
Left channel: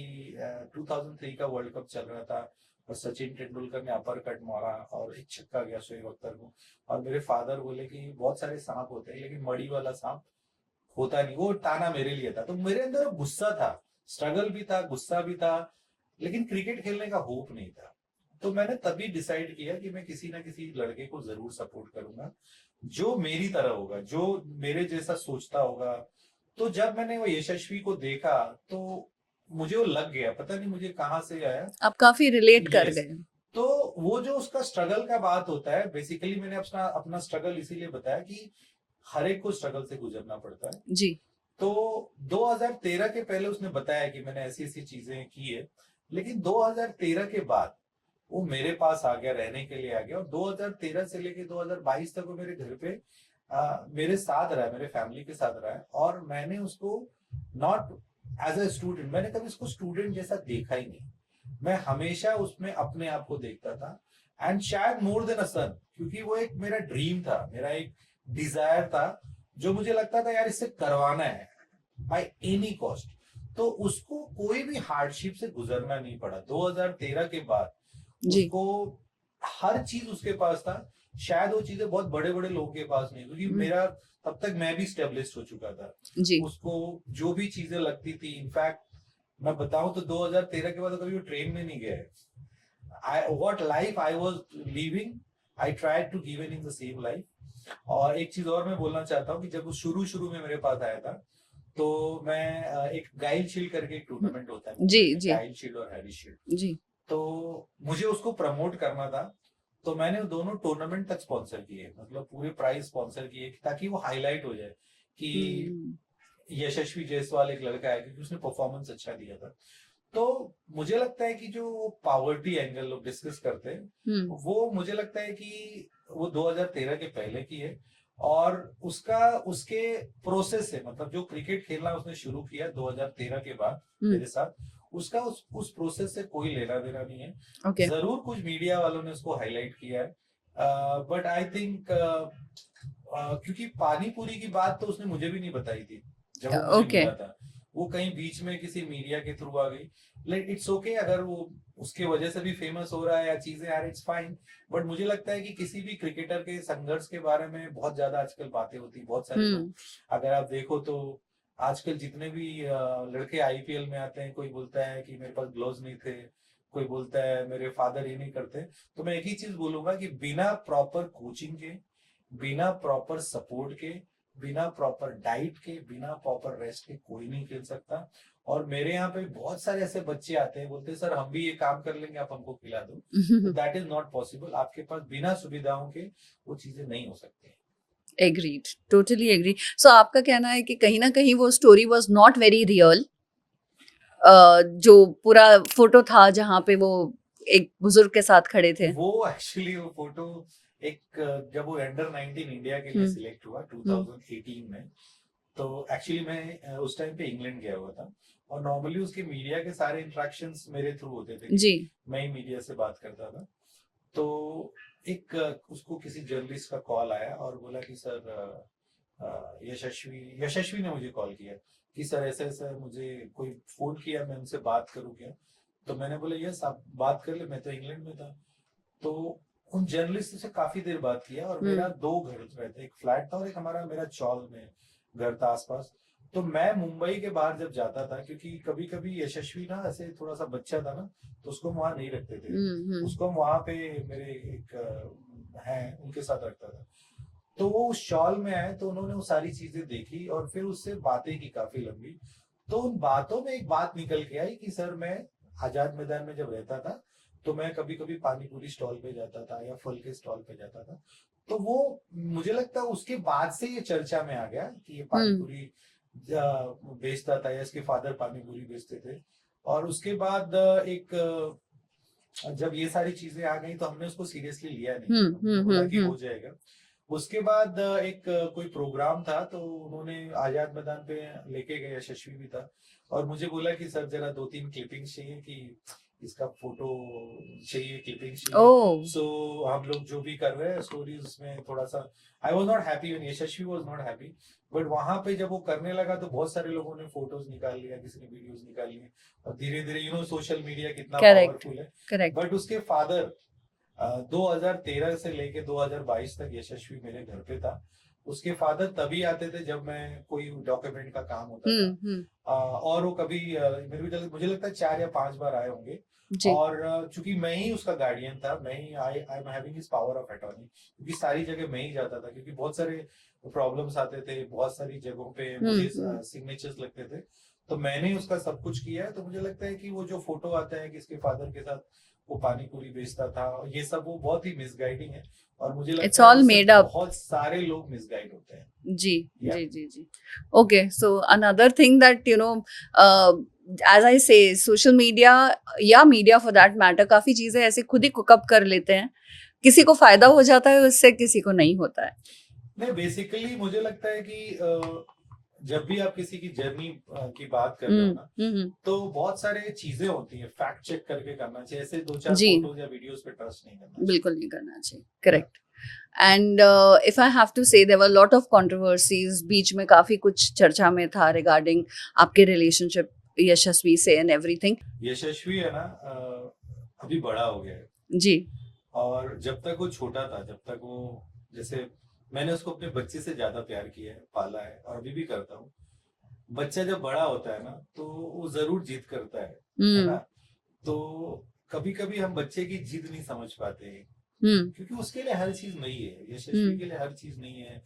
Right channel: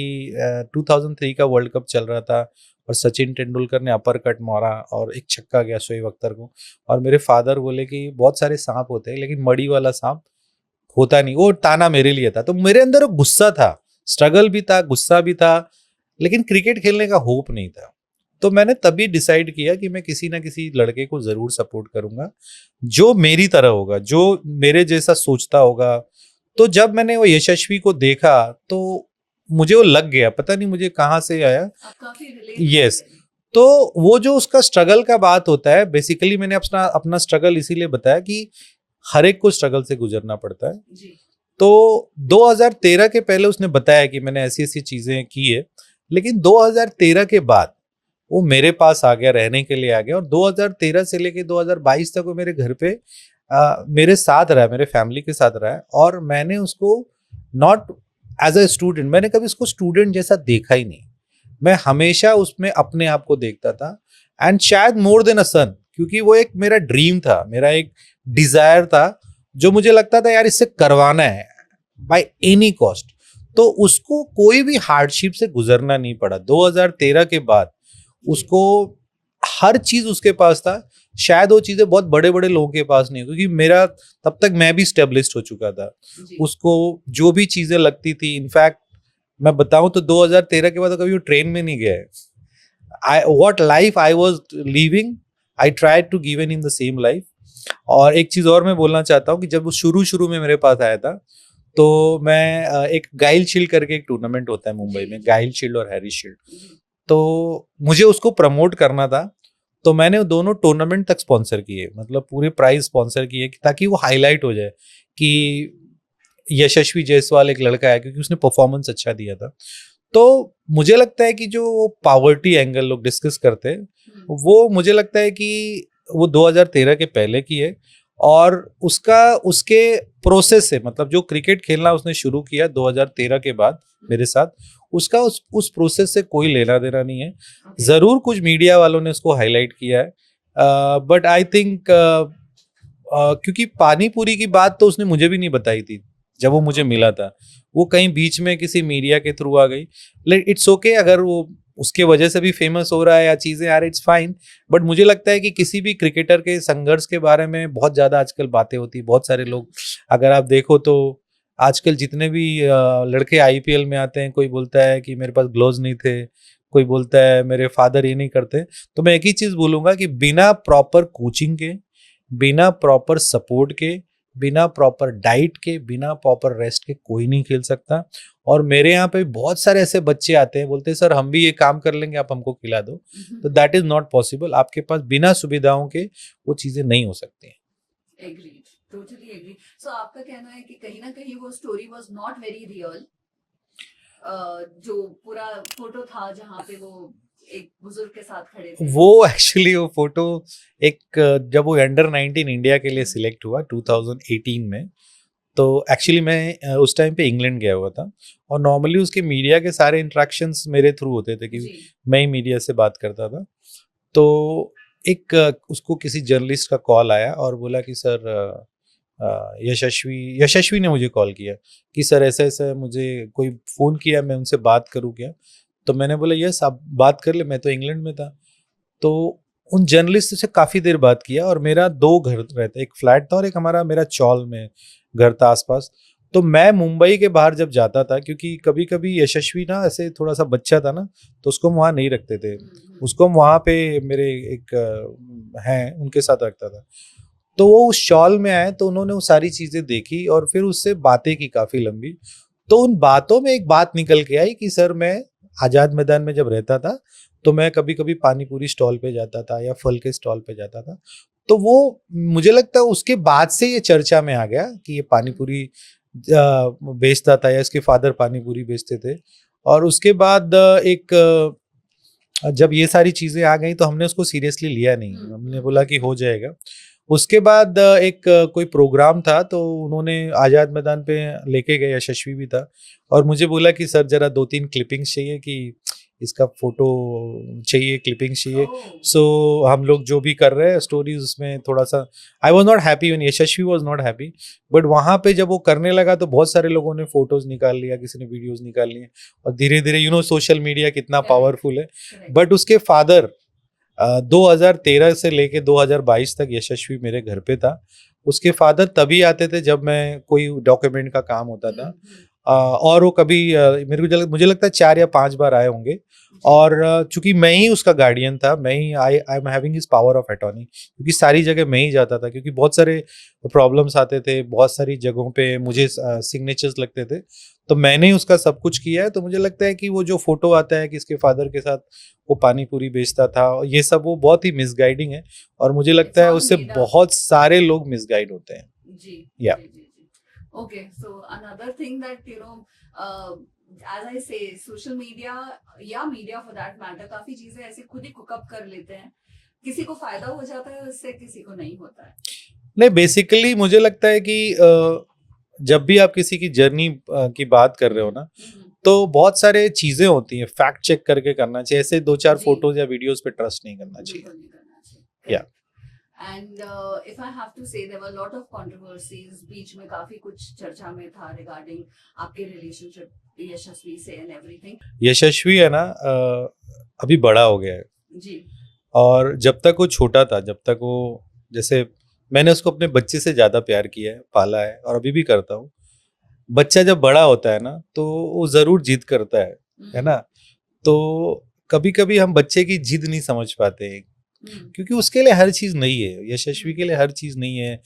2003 का वर्ल्ड कप चल रहा था और सचिन तेंदुलकर ने अपर कट मारा और एक छक्का गया शोएब अख्तर को, और मेरे फादर बोले कि बहुत सारे सांप होते हैं लेकिन मड़ी वाला सांप होता नहीं. वो ताना मेरे लिए था. तो मेरे अंदर वो गुस्सा था, स्ट्रगल भी था, गुस्सा भी था, लेकिन क्रिकेट खेलने का होप नहीं था. तो मैंने तभी डिसाइड किया कि मैं किसी ना किसी लड़के को जरूर सपोर्ट करूंगा जो मेरी तरह होगा, जो मेरे जैसा सोचता होगा. तो जब मैंने वो यशस्वी को देखा तो मुझे वो लग गया, पता नहीं मुझे कहाँ से आया. आप काफी रिलेट कर Yes. गए. तो वो जो उसका स्ट्रगल का बात होता है, बेसिकली मैंने अपना स्ट्रगल इसीलिए बताया कि हर एक को स्ट्रगल से गुजरना पड़ता है. जी. तो 2013 के पहले उसने बताया कि मैंने ऐसी ऐसी चीजें की है, लेकिन 2013 के बाद वो मेरे पास आ गया, रहने के लिए आ गया. और 2013 से लेके 2022 तक वो मेरे घर पे मेरे साथ रहा, मेरे फैमिली के साथ रहा है. और मैंने उसको नॉट एज अ स्टूडेंट, मैंने कभी उसको स्टूडेंट जैसा देखा ही नहीं. मैं हमेशा उसमें अपने आप को देखता था. एंड शायद मोर देन अ सन, क्योंकि वो एक मेरा ड्रीम था, मेरा एक डिजायर था जो मुझे लगता था यार इससे करवाना है बाय एनी कॉस्ट. तो उसको कोई भी हार्डशिप से गुजरना नहीं पड़ा. 2013 के बाद उसको हर चीज उसके पास था. शायद वो चीजें बहुत बड़े बड़े लोगों के पास नहीं, क्योंकि मेरा तब तक मैं भी स्टेब्लिश्ड हो चुका था. जी. उसको जो भी चीजें लगती थी, इनफैक्ट मैं बताऊं तो 2013 के बाद तो कभी वो ट्रेन में नहीं गया है. What life I was living, I tried to give in the same life. और एक चीज और मैं बोलना चाहता हूँ कि जब वो शुरू में मेरे पास आया था, तो मैं एक गाइल शील्ड करके एक टूर्नामेंट होता है मुंबई में, गाइल शील्ड और हैरी शील्ड. तो मुझे उसको प्रमोट करना था, तो मैंने दोनों टूर्नामेंट तक स्पॉन्सर किए, मतलब पूरे प्राइज स्पॉन्सर किए, ताकि वो हाईलाइट हो जाए कि यशस्वी जायसवाल एक लड़का है, क्योंकि उसने परफॉर्मेंस अच्छा दिया था. तो मुझे लगता है कि जो पावर्टी एंगल लोग डिस्कस करते हैं, वो मुझे लगता है कि वो 2013 के पहले की है. और उसके प्रोसेस से, मतलब जो क्रिकेट खेलना उसने शुरू किया 2013 के बाद मेरे साथ, उसका उस प्रोसेस से कोई लेना देना नहीं है. जरूर कुछ मीडिया वालों ने उसको हाईलाइट किया है, बट आई थिंक क्योंकि पानी पूरी की बात तो उसने मुझे भी नहीं बताई थी जब वो मुझे Okay. मिला था। वो कहीं बीच में किसी मीडिया के थ्रू आ गई। इट्स ओके अगर वो उसके वजह से भी फेमस हो रहा है या चीजें आ रही, इट्स फाइन। बट मुझे लगता है कि किसी भी क्रिकेटर के संघर्ष के बारे में बहुत ज्यादा आजकल बातें होती है। बहुत सारे लोग, अगर आप देखो तो आजकल जितने भी लड़के आईपीएल में आते हैं, कोई बोलता है कि मेरे पास ग्लोव्स नहीं थे, कोई बोलता है मेरे फादर ये नहीं करते। तो मैं एक ही चीज बोलूंगा कि बिना प्रॉपर कोचिंग के, बिना प्रॉपर सपोर्ट के, बिना प्रॉपर डाइट के, बिना प्रॉपर रेस्ट के कोई नहीं खेल सकता। और मेरे यहाँ पे बहुत सारे ऐसे बच्चे आते हैं, बोलते हैं सर हम भी ये काम कर लेंगे, आप हमको खिला दो। तो दैट इज नॉट पॉसिबल। आपके पास बिना सुविधाओं के वो चीजें नहीं हो सकती हैं। Agreed, totally agree. सो आपका कहना है कि कहीं ना कहीं वो story was not very real, जो पूरा फोटो था जहाँ पे वो एक बुजुर्ग के साथ खड़े थे। वो एक्चुअली वो फोटो एक जब वो अंडर 19 इंडिया के लिए सिलेक्ट हुआ 2018 में, तो एक्चुअली मैं उस टाइम पे इंग्लैंड गया हुआ था। और नॉर्मली उसके मीडिया के सारे इंटरेक्शंस मेरे थ्रू होते थे कि मैं ही मीडिया से बात करता था। तो एक उसको किसी जर्नलिस्ट का कॉल आया और बोला कि सर यशस्वी ने मुझे कॉल किया कि सर ऐसा ऐसा मुझे कोई फ़ोन किया, मैं उनसे बात करूँ क्या? तो मैंने बोला यस आप बात कर ले, मैं तो इंग्लैंड में था। तो उन जर्नलिस्ट से काफ़ी देर बात किया। और मेरा 2 घर रहते, एक फ्लैट था और एक हमारा मेरा चौल में घर था आसपास। तो मैं मुंबई के बाहर जब जाता था, क्योंकि कभी कभी यशस्वी ना ऐसे थोड़ा सा बच्चा था ना, तो उसको हम वहाँ नहीं रखते थे। उसको हम वहाँ पे मेरे एक हैं उनके साथ रखता था। तो वो उस शॉल में आए तो उन्होंने वो सारी चीजें देखी और फिर उससे बातें की काफी लंबी। तो उन बातों में एक बात निकल के आई कि सर मैं आजाद मैदान में जब रहता था तो मैं कभी कभी पानी पूरी स्टॉल पे जाता था या फल के स्टॉल पे जाता था। तो वो मुझे लगता है उसके बाद से ये चर्चा में आ गया कि ये पानी पूरी बेचता था या इसके फादर पानी पूरी बेचते थे। और उसके बाद जब ये सारी चीजें आ गई तो हमने उसको सीरियसली लिया नहीं। हमने बोला कि हो जाएगा। उसके बाद एक कोई प्रोग्राम था तो उन्होंने आजाद मैदान पे लेके गए, यशस्वी भी था और मुझे बोला कि सर जरा 2-3 क्लिपिंग्स चाहिए, कि इसका फोटो चाहिए, क्लिपिंग्स चाहिए। सो हम लोग जो भी कर रहे हैं स्टोरीज उसमें थोड़ा सा I was not happy when Yashasvi was not happy. But वहां पे जब वो करने लगा तो बहुत सारे लोगों ने फोटोज निकाल लिया, किसी ने वीडियोज निकाल लिए और धीरे धीरे सोशल मीडिया कितना पावरफुल है। बट उसके फादर 2013 से लेके 2022 तक यशस्वी मेरे घर पे था। उसके फादर तभी आते थे जब मैं कोई डॉक्यूमेंट का काम होता था। और वो कभी मुझे लगता है 4 या 5 बार आए होंगे। और चूंकि मैं ही उसका गार्डियन था, मैं ही I am having his power of attorney, क्योंकि सारी जगह मैं ही जाता था, क्योंकि बहुत सारे प्रॉब्लम्स आते थे, बहुत सारी जगहों पे मुझे सिग्नेचर्स लगते थे, तो मैंने उसका सब कुछ किया है। तो मुझे लगता है कि वो जो फोटो आता है कि इसके फादर के साथ वो पानी पूरी बेचता था, ये सब वो बहुत ही मिसगाइडिंग है और मुझे लगता है उससे बहुत सारे लोग मिसगाइड होते हैं। जी जी। Okay, so another thing that as I say, social media या मीडिया फॉर दैट मैटर काफी चीजें ऐसे खुद ही कुकअप कर लेते हैं। किसी को फायदा हो जाता है उससे, किसी को नहीं होता है। नहीं, बेसिकली मुझे लगता है कि जब भी आप किसी की जर्नी की बात कर रहे हो ना, तो बहुत सारे चीजें होती हैं, फैक्ट चेक करके करना चाहिए। ऐसे 2-4 फोटोज या वीडियोस पे ट्रस्ट नहीं करना चाहिए। बिल्कुल नहीं करना चाहिए, correct. And if I have to say there were lot of controversies, बीच में काफी कुछ चर्चा में था रिगार्डिंग आपके रिलेशनशिप यशस्वी से एंड एवरीथिंग। यशस्वी है ना अभी बड़ा हो गया है जी, और जब तक वो छोटा था, जब तक वो, जैसे मैंने उसको अपने बच्चे से ज्यादा प्यार किया है, पाला है और अभी भी करता हूँ। बच्चा जब बड़ा होता है ना तो वो जरूर जिद करता है ना। तो कभी कभी हम बच्चे की जिद नहीं समझ पाते हैं, क्योंकि उसके लिए हर चीज नहीं है, यशस्वी के लिए हर चीज नहीं है।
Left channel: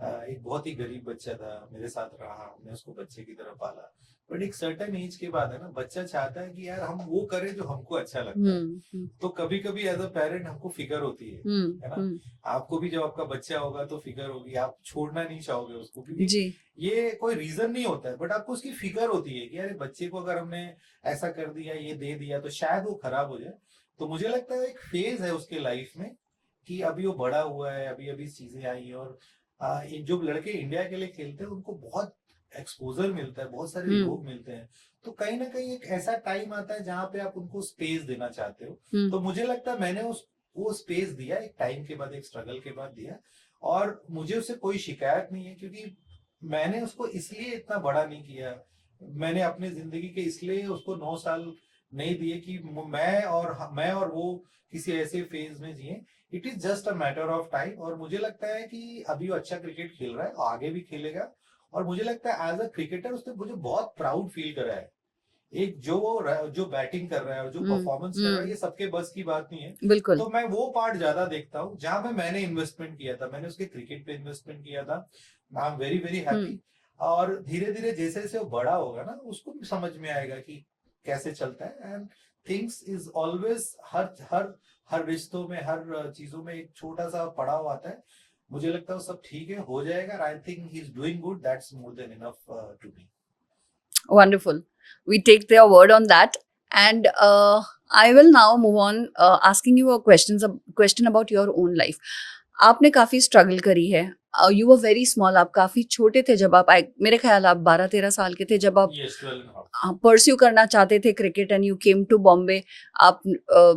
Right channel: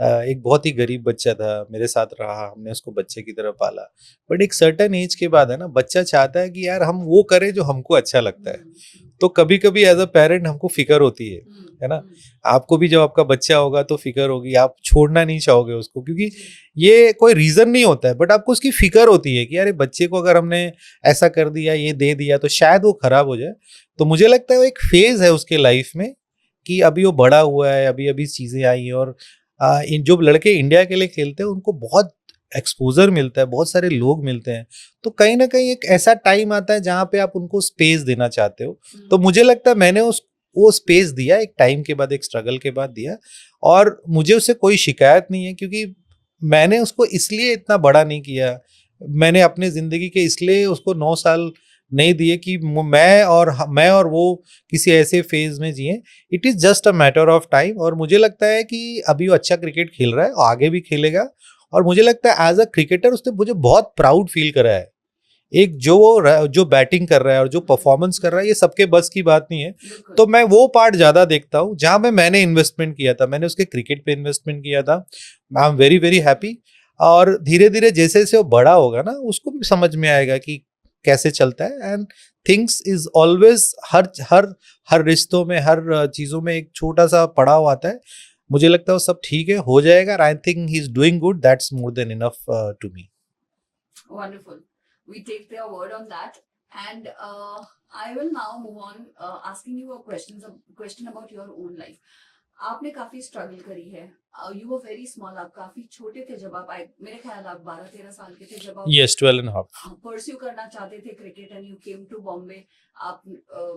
एक बहुत ही गरीब बच्चा था, मेरे साथ रहा, हमने उसको बच्चे की तरह पाला। बट एक सर्टेन एज के बाद है ना, बच्चा चाहता है कि यार हम वो करें जो हमको अच्छा लगता है। तो कभी कभी एज अ पेरेंट हमको फिक्र होती है ना। आपको भी जब आपका बच्चा होगा तो फिक्र होगी, आप छोड़ना नहीं चाहोगे उसको, क्योंकि ये कोई रीजन नहीं होता है, बट आपको उसकी फिक्र होती है कि यार बच्चे को अगर हमने ऐसा कर दिया, ये दे दिया तो शायद वो खराब हो जाए। तो मुझे लगता है वो एक फेज है उसके लाइफ में कि अभी वो बड़ा हुआ है, अभी अभी चीजें आई हैं। और जो लड़के इंडिया के लिए खेलते हैं उनको बहुत एक्सपोजर मिलता है, बहुत सारे लोग मिलते हैं। तो कहीं ना कहीं एक ऐसा टाइम आता है जहां पे आप उनको स्पेस देना चाहते हो। तो मुझे लगता है मैंने वो स्पेस दिया, एक टाइम के बाद, एक स्ट्रगल के बाद दिया, और मुझे उससे कोई शिकायत नहीं है, क्योंकि मैंने उसको इसलिए इतना बड़ा नहीं किया, मैंने अपनी जिंदगी के इसलिए उसको 9 साल नहीं दिए कि मैं और वो किसी ऐसे फेज में जिए। It is just a matter of time, और मुझे लगता है कि अभी वो अच्छा क्रिकेट खेल रहा है, आगे भी खेलेगा, और मुझे लगता है एज अ क्रिकेटर उसने मुझे बहुत प्राउड फील करा है। एक जो बैटिंग कर रहा है और जो परफॉर्मेंस कर रहा है, ये सबके बस की बात नहीं है। बिल्कुल। तो मैं वो पार्ट ज्यादा देखता हूँ जहां पे मैंने इन्वेस्टमेंट किया था, मैंने उसके क्रिकेट पे इन्वेस्टमेंट किया था। I am very very happy. और धीरे धीरे जैसे जैसे वो बड़ा होगा ना, उसको भी समझ में आएगा कि कैसे चलता है। एंड थिंग्स इज ऑलवेज, हर हर हर रिश्तों में, हर चीजों में एक छोटा सा पड़ाव आता है। मुझे लगता है वो सब ठीक है, हो जाएगा। I think he is doing good, that's more than enough to me. Wonderful. We take their word on that, and I will now move on asking you a question about your own life. आपने काफी स्ट्रगल करी है. You were very small. आप काफी छोटे थे जब आप आए. मेरे ख्याल आप 12-13 साल के थे जब आप Yes, 12 and a half. Pursue करना चाहते थे cricket, and you came to Bombay. आप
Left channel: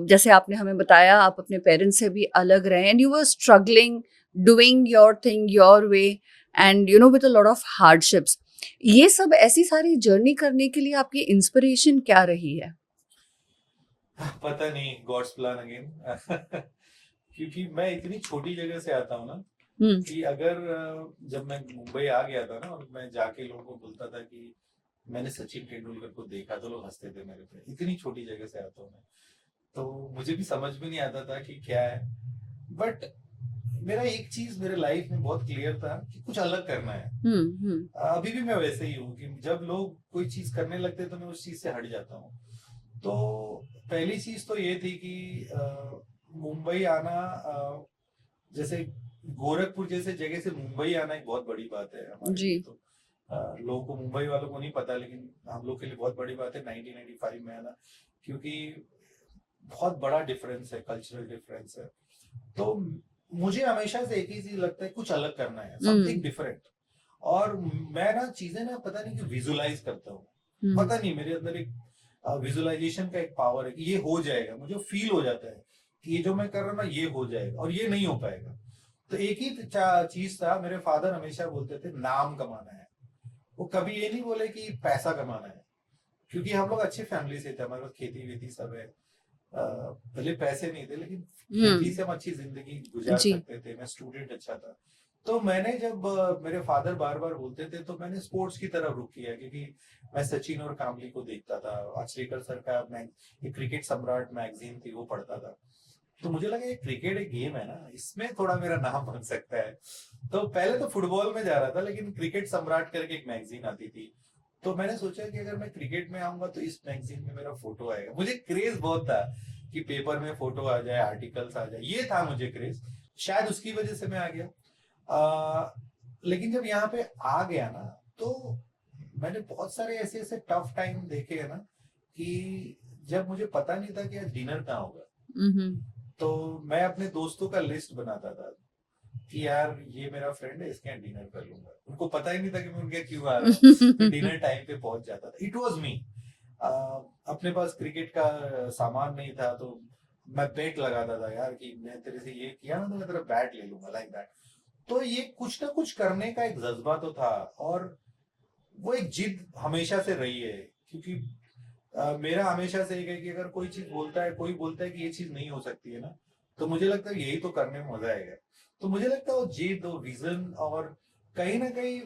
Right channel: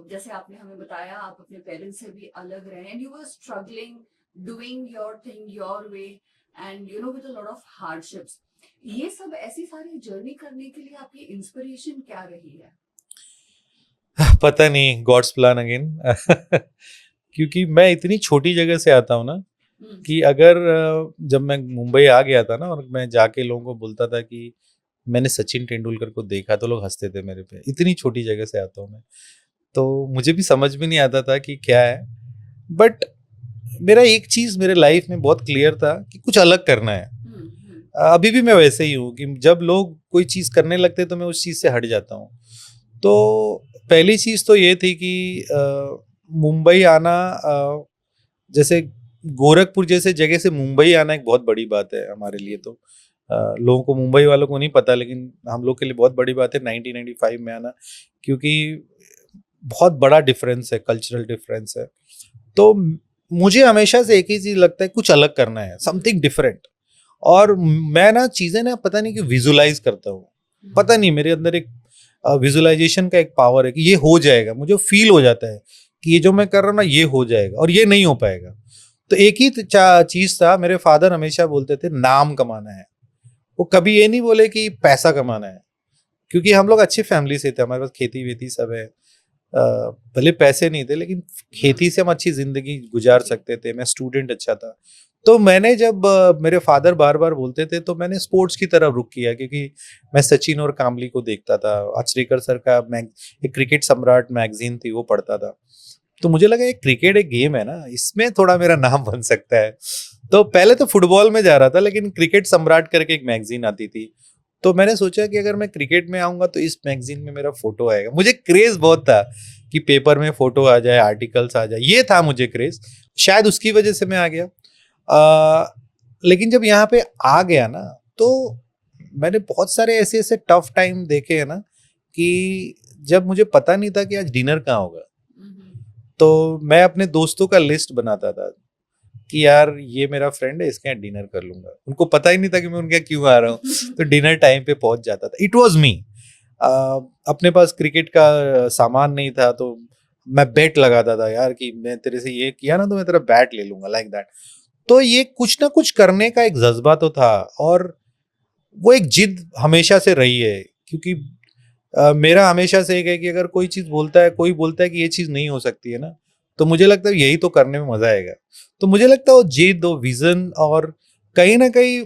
जैसे आपने हमें बताया, आप अपने पेरेंट्स से भी अलग रहे, and you were struggling, doing your thing your way, and you know with a lot of hardships. ये सब ऐसी सारी जर्नी करने के लिए आपकी इंस्पिरेशन क्या रही है? पता नहीं, गॉड्स प्लान अगेन। क्योंकि मैं इतनी छोटी जगह से आता हूँ ना, कि अगर जब मैं मुंबई आ गया था ना, और मैं जाके लोगों को बोलता था कि मैंने सचिन तेंदुलकर को देखा, तो लोग हंसते थे मेरे पे। इतनी छोटी जगह से आता हूँ मैं, तो मुझे भी समझ में नहीं आता था कि क्या है। बट मेरा एक चीज मेरे लाइफ में बहुत क्लियर था कि कुछ अलग करना है। अभी भी मैं वैसे ही हूँ कि जब लोग कोई चीज करने लगते तो मैं उस चीज से हट जाता हूँ। तो पहली चीज तो ये थी कि मुंबई आना, जैसे गोरखपुर जैसे जगह से मुंबई आना एक बहुत बड़ी बात है हमारे लिए। तो लोगों को, मुंबई वालों को नहीं पता, लेकिन हम लोग के लिए बहुत बड़ी बात है 1995 में आना, क्योंकि बहुत बड़ा डिफरेंस है, कल्चरल डिफरेंस है। तो मुझे हमेशा से एक ही चीज लगता है, कुछ अलग करना है, समथिंग डिफरेंट। और मैं ना चीजें ना पता नहीं कि विजुलाइज करता हूँ, पता नहीं मेरे अंदर एक विजुलाइजेशन का एक पावर है कि ये हो जाएगा। मुझे फील हो जाता है कि ये जो मैं कर रहा हूँ ना, ये हो जाएगा, और ये नहीं हो पाएगा। तो एक ही चीज था, मेरे फादर हमेशा बोलते थे नाम कमाना है। वो कभी ये नहीं बोले कि पैसा कमाना है, क्योंकि हम लोग अच्छी फैमिली से थे, हमारे पास खेती वेती सब है। भले पैसे नहीं थे, लेकिन खेती से हम अच्छी जिंदगी गुजार सकते थे। मैं स्टूडेंट अच्छा था। तो मैंने जब मेरे फादर बार बार बोलते थे, तो मैंने स्पोर्ट्स की तरफ रुख किया, क्योंकि मैं सचिन और कामली को देखता था। आचरेकर सर का एक क्रिकेट सम्राट मैगजीन थी, वो पढ़ता था। तो मुझे लगा एक क्रिकेट एक गेम है ना, इसमें थोड़ा मेरा नाम बन सकता है। तो पहले तो फुटबॉल में जा रहा था, लेकिन क्रिकेट सम्राट करके एक मैगजीन आती थी, तो मैंने सोचा कि अगर मैं क्रिकेट में आऊंगा तो इस मैगजीन में मेरा फोटो आएगा। मुझे क्रेज बहुत था कि पेपर में फोटो आ जाए, आर्टिकल्स आ जाए, ये था मुझे क्रेज। शायद उसकी वजह से मैं आ गया। लेकिन जब यहाँ पे आ गया ना, तो मैंने बहुत सारे ऐसे ऐसे टफ टाइम देखे हैं ना, कि जब मुझे पता नहीं था कि आज डिनर कहाँ होगा। तो मैं अपने दोस्तों का लिस्ट बनाता था कि यार ये मेरा फ्रेंड है, इसके यहाँ डिनर कर लूंगा। उनको पता ही नहीं था कि मैं उनके यहाँ क्यों आ रहा हूँ। तो डिनर टाइम पे पहुंच जाता था। It was me. अपने पास क्रिकेट का सामान नहीं था, तो मैं बेट लगाता था यार कि मैं तेरे से ये किया ना तो मैं तेरा बैट ले लूंगा, लाइक दैट। तो ये कुछ ना कुछ करने का एक जज्बा तो था, और वो एक जिद हमेशा से रही है। क्योंकि मेरा हमेशा से एक है कि अगर कोई चीज बोलता है, कोई बोलता है कि ये चीज नहीं हो सकती है ना, तो मुझे लगता है यही तो करने में मजा आएगा। तो मुझे लगता है वो जिद, वो विजन, और कहीं ना कहीं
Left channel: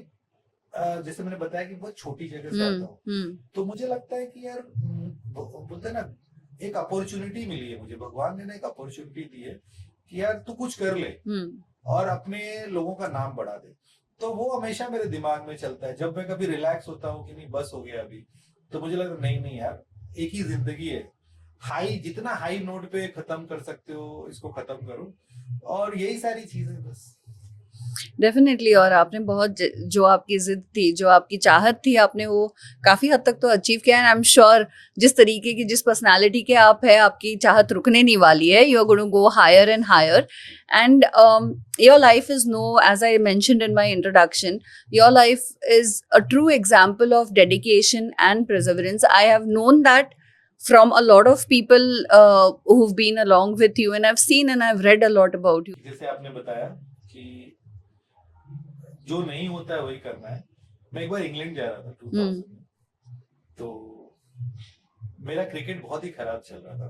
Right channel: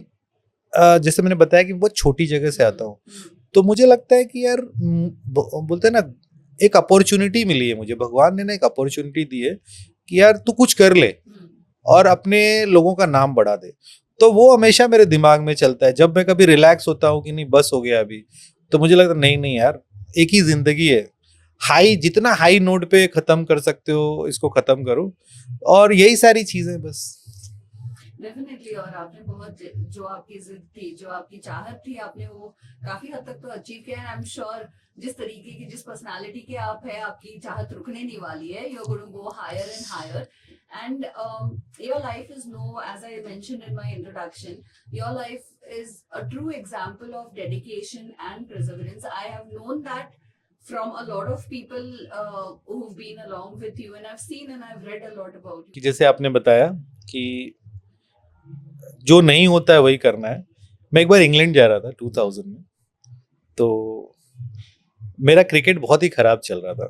जैसे मैंने बताया कि बहुत छोटी जगह से आता हूँ, तो मुझे लगता है कि यार बोलते हैं ना, एक अपॉर्चुनिटी मिली है मुझे, भगवान ने ना एक अपॉर्चुनिटी दी है कि यार तू कुछ कर ले और अपने लोगों का नाम बढ़ा दे। तो वो हमेशा मेरे दिमाग में चलता है। जब मैं कभी रिलैक्स होता हूँ कि नहीं बस हो गया अभी, तो मुझे लगता है नहीं यार, एक ही जिंदगी है, हाई जितना हाई नोट पे खत्म कर सकते हो इसको खत्म करो। और यही सारी चीजें बस। डेफिनेटली। और आपने बहुत जो आपकी जिद थी, जो आपकी चाहत थी, आपने वो काफी हद तक तो अचीव किया। एंड आई एम श्योर जिस तरीके की, जिस पर्सनालिटी के आप है, आपकी चाहत रुकने नहीं वाली है। You are going to go higher and higher. And your life is no, as I mentioned in my introduction, your life is a true example of dedication and perseverance. I have known that from a lot of people who've been along with you, and I've seen and I've read a lot about you. जैसे आपने बताया कि जो नहीं होता है वही करना है। मैं एक बार इंग्लैंड जा रहा था 2000 में, तो मेरा क्रिकेट बहुत ही खराब चल रहा था,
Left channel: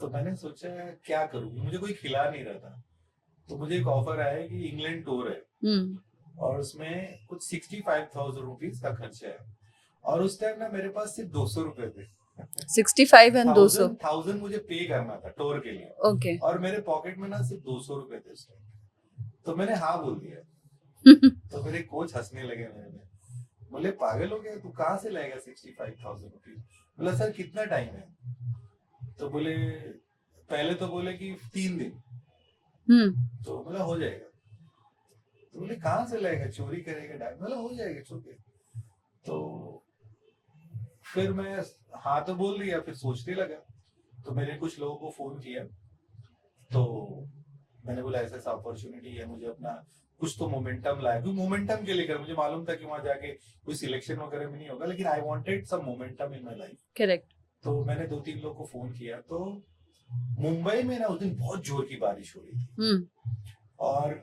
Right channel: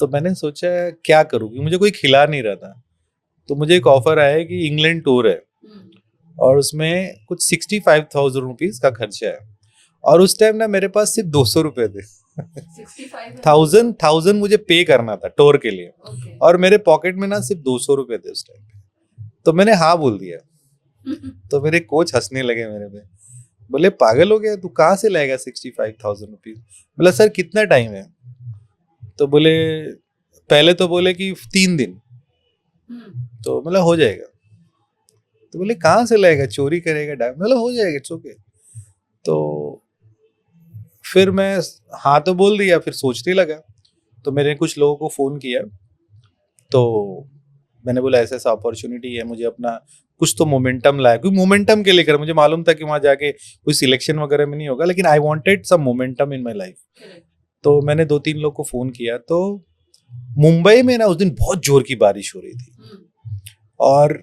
तो मैंने सोचा क्या करूँ, क्योंकि मुझे कोई खिला नहीं रहा था। तो मुझे एक ऑफर आया कि इंग्लैंड टूर है और उसमें कुछ 65,000 रुपीज का खर्चा है, और उस टाइम ना मेरे पास सिर्फ 200 रुपए थे। 65,000 मुझे पे करना था टूर के लिए, okay. और मेरे पॉकेट में ना सिर्फ 200 रुपए थे उस टाइम। तो मैंने हाँ बोल दिया। तो मेरे कोच हंसने लगे मेरे पे, बोले पागल हो गया तू, कहाँ से लाएगा 65,000 रुपीज। बोला सर कितना टाइम है? तो बोले पहले तो बोले कि 3 दिन। तो मतलब हो जाएगा। तो बोले कहाँ से लाएगा, चोरी करेगा डायमंड? मतलब हो जाएगा, इट्स ओके। तो फिर मैं हाँ तो बोल दिया, फिर सोचने लगा। तो मैंने कुछ लोगों को फोन किया, तो मैंने बोला ऐसा ऐसा अपॉर्चुनिटी है, मुझे अपना कुछ तो मोमेंटम लाया, क्योंकि मोमेंटम के लेकर मुझे मालूम था कि वहां जाके कोई सिलेक्शन वगैरह में नहीं होगा, लेकिन I wanted some momentum in my life. Correct. तो मैंने 2-3 लोग को फोन किया। तो मुंबई में ना उस दिन बहुत जोर की बारिश हो रही थी और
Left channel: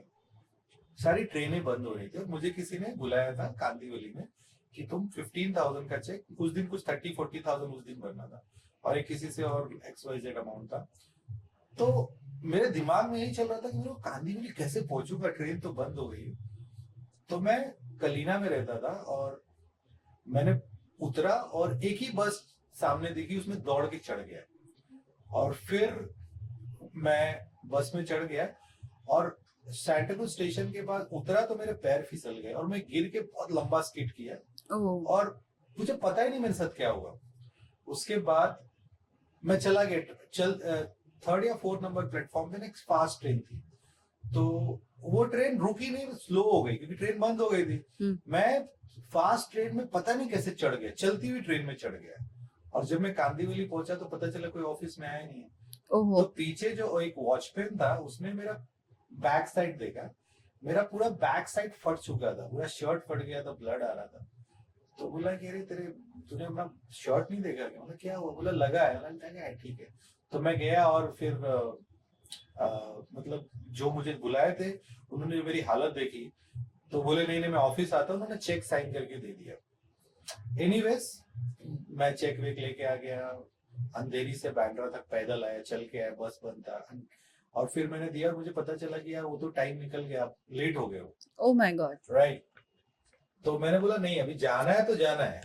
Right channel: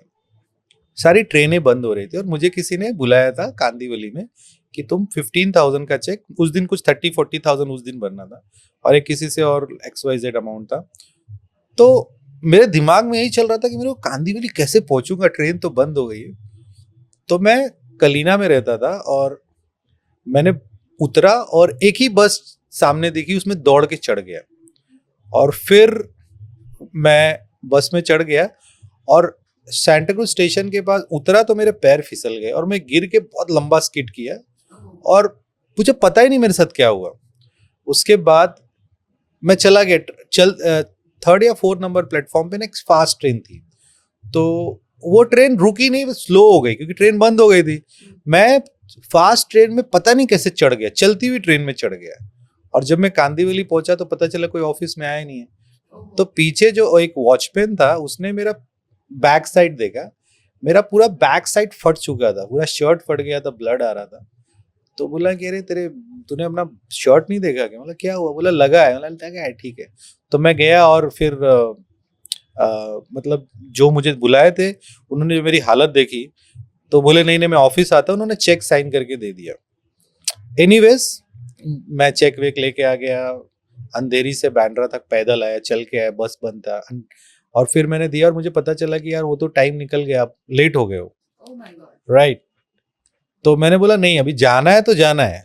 सारी ट्रेनें बंद हो रही थी, और मुझे किसी ने बुलाया था कांदीवली में कि तुम 15,000 का चेक, उस दिन कुछ 30-40,000 उस दिन भरना था, और एक किसी से और XYZ अमाउंट था। तो मेरे दिमाग में यही चल रहा था कि मेरे को कांदीवली कैसे पहुंचूंगा, ट्रेन तो बंद हो गई है। तो मैं कलीना में रहता था, और मैंने उतरा और एक ही बस सामने दिखी, उसमें दौड़ के चढ़ गया, और फिर मैं बस में चढ़ गया और सैंटाक्रूज स्टेशन के पास उतरा तो मेरे पैर फिसल गए और मैं गिर के बहुत लंबा स्किड किया, और मुझे पता ही नहीं मेरे साथ क्या हुआ। उसके बाद मैं चला गया, 3rd या 4th नंबर प्लेटफॉर्म पे ना एक फास्ट ट्रेन थी, तो वो ट्रेन रुकी नहीं, स्लो हो गई क्योंकि ट्रेन बंद हो गई थी। मैं फास्ट ट्रेन में पता नहीं कैसे चढ़ गया, चलती हुई ट्रेन में चढ़ गया, और जब मैं कांदीवली पहुंचा तो पता चला कोई ऑफिस में आया नहीं है। तो पीछे जो एक वॉचमैन था उसने मेरा बैक साइड देखा, मेरा पूरा बैक साइड फट चुका था, पूरा शर्ट फट गया था, ब्लड आ रहा था। तो बोला कि अरे तूने अपना शर्ट नहीं देखा क्या? मतलब क्या हुआ? बोला लगा है। मतलब लगा है, ठीक है। तो मैं गया और फिर मतलब जो मुझे बुलाए थे उन्होंने मेरी हालत देखी, तो बोले नहीं मैं ऑफिस आता हूँ। उन्होंने चेक साइन करके दे दिया। एनीवेज मैं चेक वेक लेके आ गया, अंधेरी से बांद्रा तक पैदल आया, चल के आया, बस बंद था, और फिर मैंने दिया और मुझे पता चला कि यार वो तो टाइम निकल गया, आप लेट हो गए हो। Oh my God. राइट। तो मैंने बोला नहीं अभी जाना है तो जाना है।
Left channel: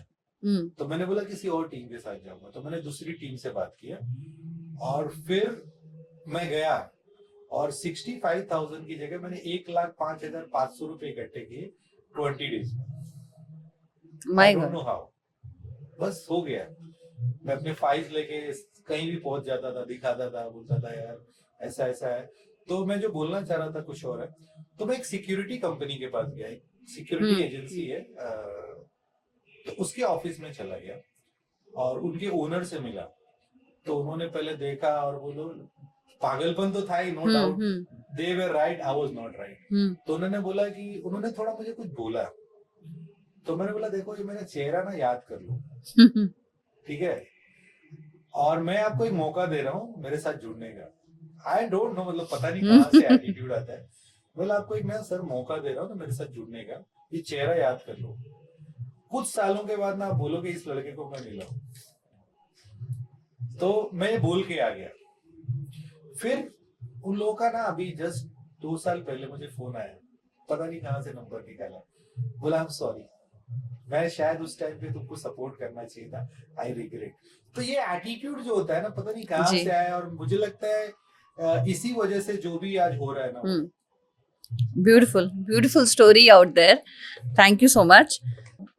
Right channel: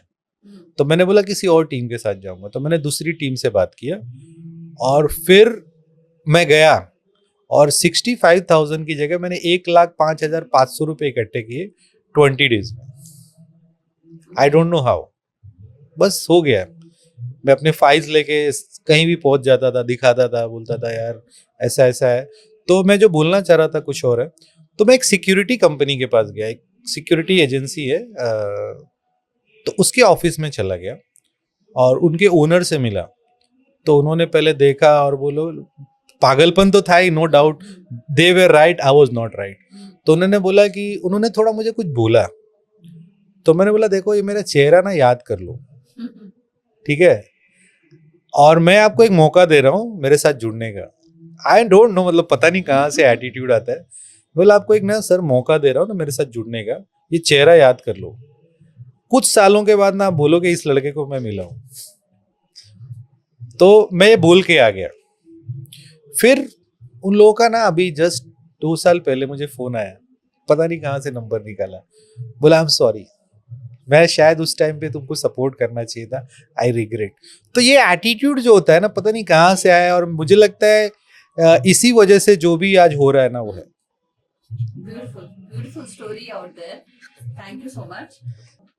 तो मैंने बोला किसी और टीम के साथ जाऊंगा। तो मैंने दूसरी टीम से बात किया और फिर मैं गया और 65,000 की जगह मैंने 1,05,500 रुपए इकट्ठे किए 20 डेज में। आई डोंट नो हाउ, बस हो गया। मैं अपने फाइल्स लेके कहीं भी पहुंच जाता था, दिखाता था, बोलता था यार ऐसा ऐसा है। तो मैं जो बोलना चाह रहा था कुछ और है। तो मैं एक सिक्योरिटी कंपनी के पास गया, एक सिक्योरिटी एजेंसी है, तो उसके ऑफिस में चला गया और उनके ओनर से मिला। तो उन्होंने पहले देखा और बोलो पागलपन तो था ही, no doubt, they were right, I was not right. तो उन्होंने बोला कि उन्होंने थोड़ा मुझे कुछ बोला, तो मैंने बोला देखो ये मेरा चेहरा ना याद कर लो, ठीक है, और मैं आपको एक मौका दे रहा हूँ मेरे साथ जुड़ने का। आई डोंट नो, मतलब पता नहीं कहाँ से एटीट्यूड आता है। बोला आपको एक ना सर मौका दे रहा हूँ ना मेरे साथ जुड़ने का, ये चेहरा याद कर लो, कुछ सालों के बाद ना आप बोलोगे इस लड़के को मैं मिला हूँ। तो मैं ये बोल के आ गया। फिर उन लोगों का ना अभी जस्ट 2 साल पहले मुझे फोन आया, पता नहीं कहाँ से नंबर निकाला, बोला आई एम सॉरी, मैं शायद उस टाइम पे तुमको सपोर्ट करना चाहिए था, आई रिग्रेट। तो ये एटीट्यूड जो होता है ना, पता नहीं कहाँ से आया, और मुझे लगता है इसी वजह से जो भी आज हो रहा है ना वो है। Beautiful story out there, thank you so much.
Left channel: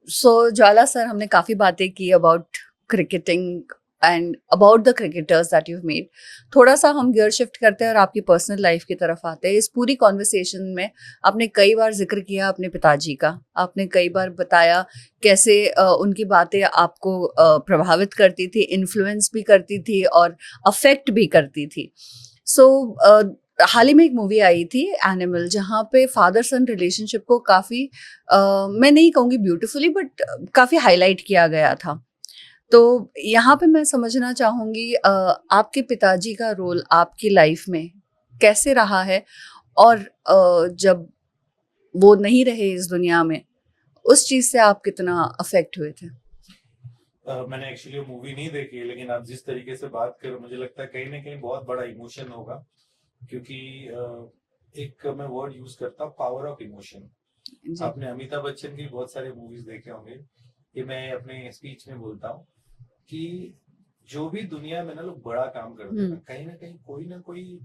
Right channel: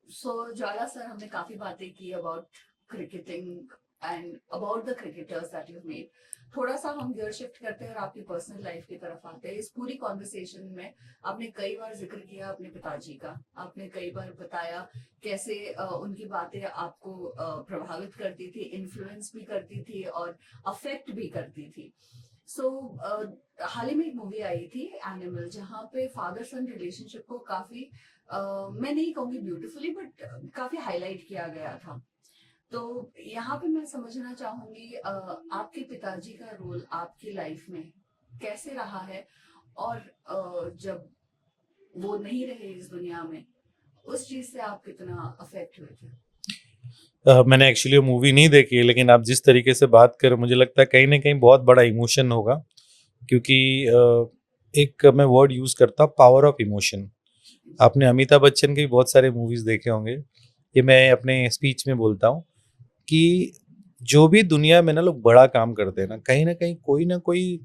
So Jwala sir, हमने काफ़ी बातें की about cricketing and about the cricketers that you made. थोड़ा सा हम गियर शिफ्ट करते हैं और आपकी पर्सनल लाइफ की तरफ आते हैं। इस पूरी कॉन्वर्सेशन में आपने कई बार जिक्र किया अपने पिताजी का, आपने कई बार बताया कैसे उनकी बातें आपको प्रभावित करती थी, इन्फ्लुएंस भी करती थी और अफेक्ट भी करती थी। सो हाल ही में एक मूवी आई थी एनिमल, जहाँ पे फादर सन रिलेशनशिप को काफ़ी मैं नहीं कहूँगी ब्यूटिफुली बट काफ़ी हाईलाइट किया गया था। तो यहाँ पे मैं समझना चाहूँगी आपके पिताजी का रोल आपकी लाइफ में कैसे रहा है, और जब वो नहीं रहे इस दुनिया में, उस चीज़ से आप कितना अफेक्ट हुए थे? मैंने एक्चुअली वो मूवी नहीं देखी है, लेकिन आप जिस तरीके से बात कर, मुझे लगता है कहीं ना कहीं बहुत बड़ा इमोशन होगा, क्योंकि एक मैं वर्ड यूज करता हूँ, पावर ऑफ इमोशन। जी। आपने अमिताभ बच्चन के भी बहुत सारे मूवीज देखे होंगे, ये मैं अपने स्पीच में बोलता हूँ कि जो भी दुनिया में ना लोग बड़ा काम करते हैं ना कोई ना कोई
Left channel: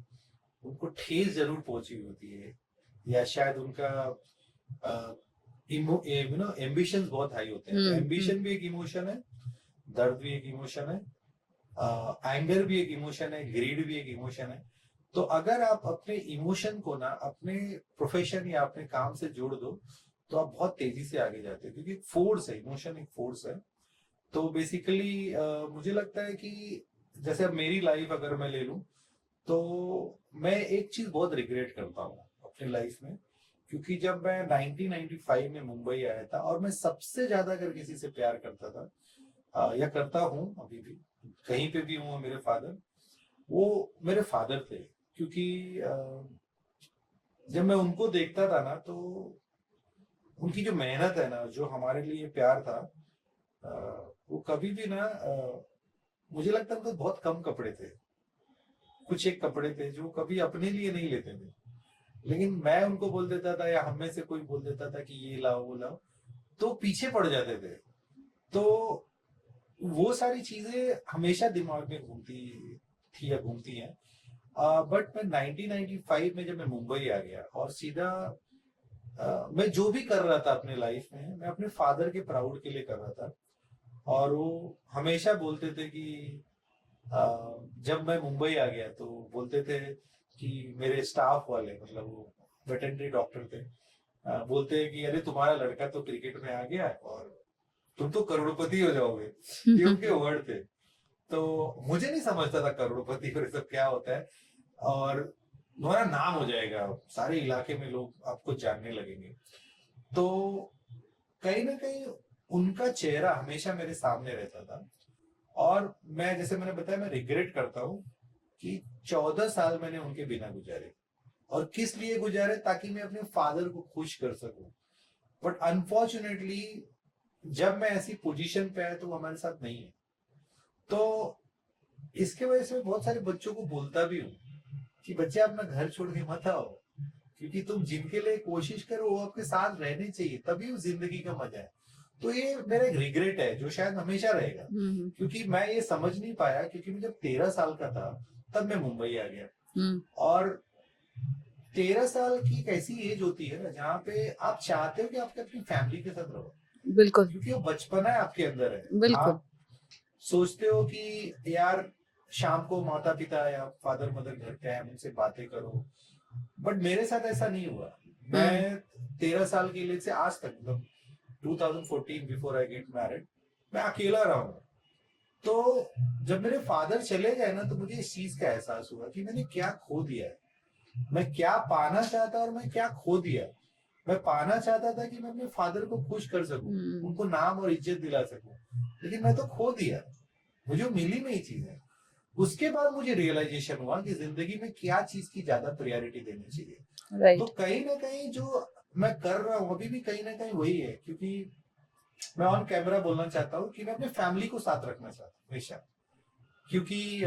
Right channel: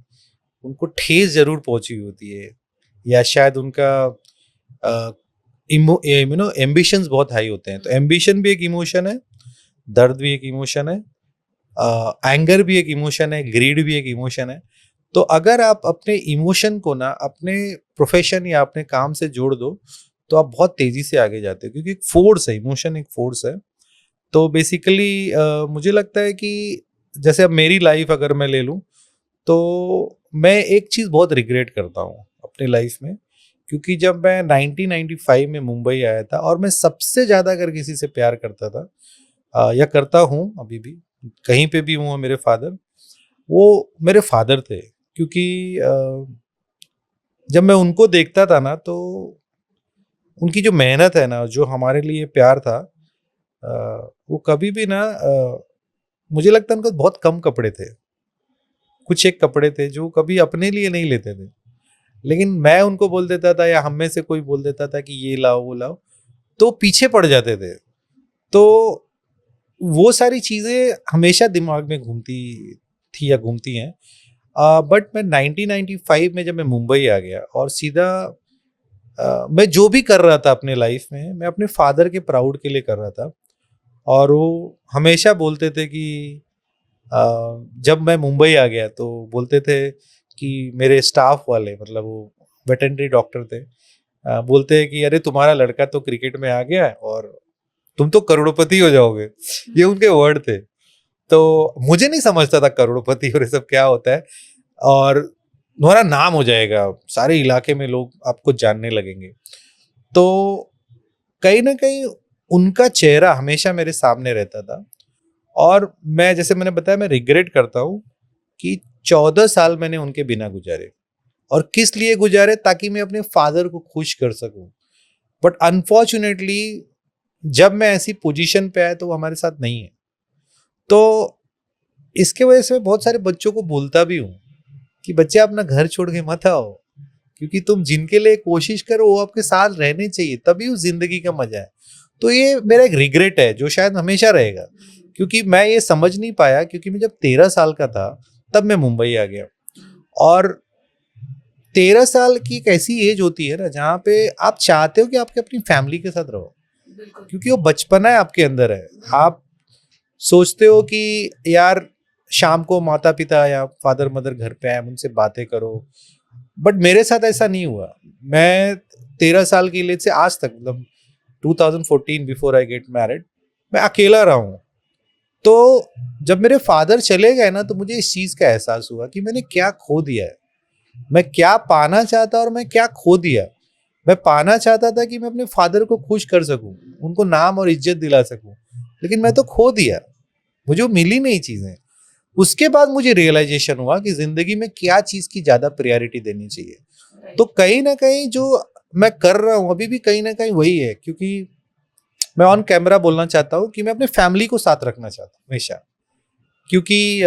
उनको ठेस जरूर पहुंची होती है, या शायद उनका एम्बिशंस बहुत हाई होते हैं। तो एम्बिशन भी एक इमोशन है, दर्द भी एक इमोशन है, एंगर भी एक इमोशन है, ग्रीड भी एक इमोशन है। तो अगर आप अपने इमोशन को ना अपने प्रोफेशन या अपने काम से जोड़ दो, तो आप बहुत तेजी से आगे जाते हो, क्योंकि एक फोर्स है, इमोशन एक फोर्स है। तो बेसिकली मुझे लगता है कि जैसे अब मेरी लाइफ अगर मैं ले लूँ, तो मैं एक चीज़ बहुत रिग्रेट करता हूँ अपनी लाइफ में, क्योंकि जब मैं 1995 में मुंबई आया था, और मैं सबसे ज़्यादा अगर किसी से प्यार करता था या करता हूँ अभी भी, कहीं पे भी हूँ, मेरे फादर, वो मेरे फादर थे। क्योंकि जब मैं उनको देखता था ना, तो उनकी जो मेहनत है ना, जो हमारे लिए प्यार था, वो कभी भी ना मुझे लगता है उनको बहुत कम कपड़े थे, कुछ एक कपड़े थे जो कभी अपने लिए नहीं लेते थे, लेकिन मैं उनको बोल देता था या हम में से कोई बोल देता था कि ये लाओ वो लाओ, तो पीछे पड़ जाते थे। तो वो सारी चीज़ें हमेशा दिमाग में घूमती थी या घूमती हैं। बट मैं 1995 में जब मैं मुंबई आ गया, और सीधा मैं जो भी कर रहा था अपने लाइफ में, मैं अपने फादर के प्राउड के लिए कर रहा था। और वो हमेशा बोलते थे कि जब मैं मुंबई आ गया तो बोलते थे कि मेरे स्टाफ वाले, मतलब वो वेटरनरी डॉक्टर थे, बोलते हैं कि अरे तुम्हारा लड़का तो क्रिकेट में आ गया है और तुम तो करोड़पति हो जाओगे। ये उनके वर्ड थे। तो मुझे नहीं समझता था करोड़पति और ये सब क्या होता है, और तुम्हारा नाम हो जाएगा, सारे इलाके में लोग आपको जानने लगेंगे। तो कहीं ना कहीं उनका चेहरा हमेशा मेरे सामने रहता था। और मैं, जैसे मैंने बताया, मैं रिग्रेट करता हूँ कि 14 साल मैंने उनके बिना गुजारे। और किस लिए गुजारे? ताकि मैं अपने फादर को खुश कर सकूं। बट अनफॉर्चुनेटली जब मैं ऐसी पोजीशन पे आया तो वो हमारे साथ नहीं है। तो इसके वजह से मैं बहुत सारे बच्चों को बोलता भी हूँ कि बच्चे अपना घर छोड़ के मत आओ, क्योंकि तुम जिनके लिए कोशिश करो वो आपके साथ रहने चाहिए, तभी उस जिंदगी का मजा है। तो ये मेरा एक रिग्रेट है जो शायद हमेशा रहेगा, क्योंकि मैं ये समझ नहीं पाया, क्योंकि मैं जब 13 साल का था तब मैं मुंबई आ गया। और 13 साल की एक ऐसी एज होती है ना जहाँ पे आप चाहते हो कि आपके अपनी फैमिली के साथ रहो, बिल्कुल, क्योंकि वो बचपना है आपके अंदर है। बिल्कुल। आप सोचते हो कि यार शाम को माता पिता या फादर मदर घर पे आए, उनसे बातें करो। बट मेरे साथ ऐसा नहीं हुआ। मैं 13 साल की एज से आज तक, मतलब 2014 बिफोर आई गेट मैरिड, मैं अकेला रहा हूँ। तो जब मेरे फादर चले गए ना, तो मुझे इस चीज का एहसास हुआ कि मैंने क्या खो दिया है। मैं क्या पाना चाहता और मैं क्या खो दिया। मैं पाना चाहता था कि मैं अपने फादर को खुश कर सकूं, उनको नाम और इज्जत दिला सकूं, लेकिन मैं तो खो दिया, मुझे मिली नहीं चीजें। उसके बाद मुझे रियलाइजेशन हुआ कि जिंदगी में क्या चीज की ज्यादा प्रायोरिटी देनी चाहिए। तो कहीं ना कहीं जो मैं कर रहा हूँ अभी भी कहीं ना कहीं वही है, क्योंकि मैं ऑन कैमरा बोलना चाहता हूँ कि मैं अपने फैमिली को साथ रखना चाहता हूँ हमेशा। क्योंकि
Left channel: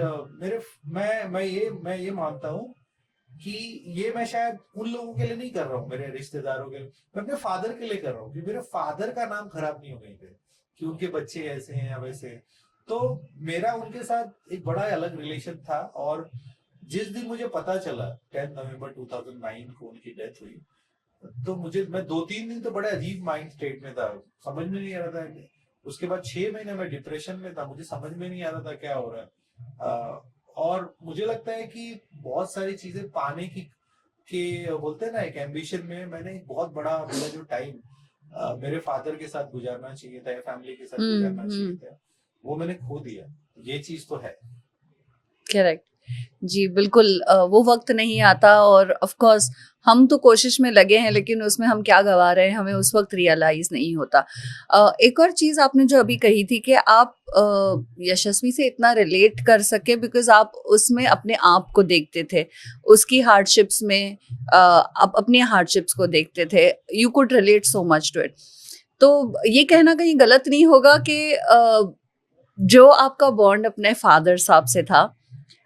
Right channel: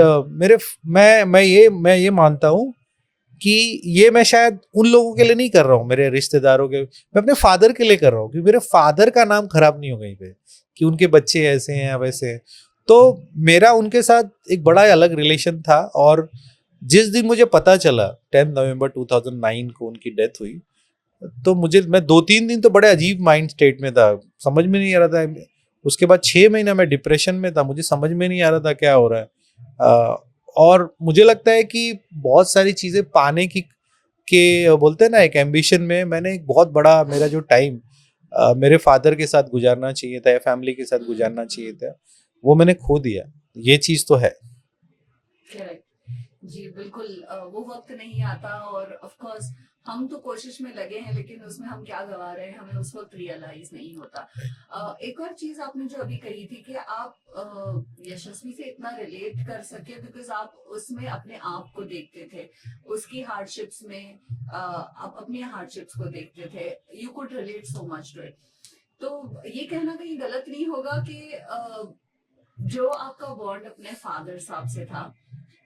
मैं ये मानता हूँ कि ये मैं शायद उन लोगों के लिए नहीं कर रहा हूँ, मेरे रिश्तेदारों के, मैं अपने फादर के लिए कर रहा हूँ, क्योंकि मेरे फादर का नाम खराब नहीं हो कहीं पे कि उनके बच्चे ऐसे हैं या वैसे हैं। तो मेरा उनके साथ एक बड़ा अलग रिलेशन था। और जिस दिन मुझे पता चला 10 नवंबर 2009 को उनकी डेथ हुई, तो मैं 2-3 दिन तो बड़े अजीब माइंड स्टेट में था, समझ में नहीं आ रहा था। उसके बाद 6 महीना मैं डिप्रेशन में था, मुझे समझ में नहीं आ रहा था क्या हो रहा है। और मुझे लगता है कि बहुत सारी चीजें पाने की के बोलते हैं ना, एक एम्बिशन में मैंने एक बहुत बड़ा मेरा जो टाइम मेरे फादर के साथ गुजारना चाहिए था या फैमिली के साथ गुजारना चाहिए था, वो मैंने खो दिया। ये चीज तो है। करेक्ट। जी, बिल्कुल। वो वक्त नहीं आता, और ऑफ कोर्स हम तो कोशिश में लगे हैं, लेकिन उसमें हम क्या गवा रहे हैं हमें उस वक्त रियलाइज नहीं होता। एक और चीज़ आपने जो अभी कही थी कि आप यशस्वी से इतना रिलेट कर सके बिकॉज आप उसमें अपने आप को देखते थे, उसकी हार्डशिप्स में आप अपनी हार्डशिप्स को देखते थे, you could relate so much to it. तो ये कहना कहीं गलत नहीं होगा कि जो आपका बॉन्ड अपने फादर साहब से था,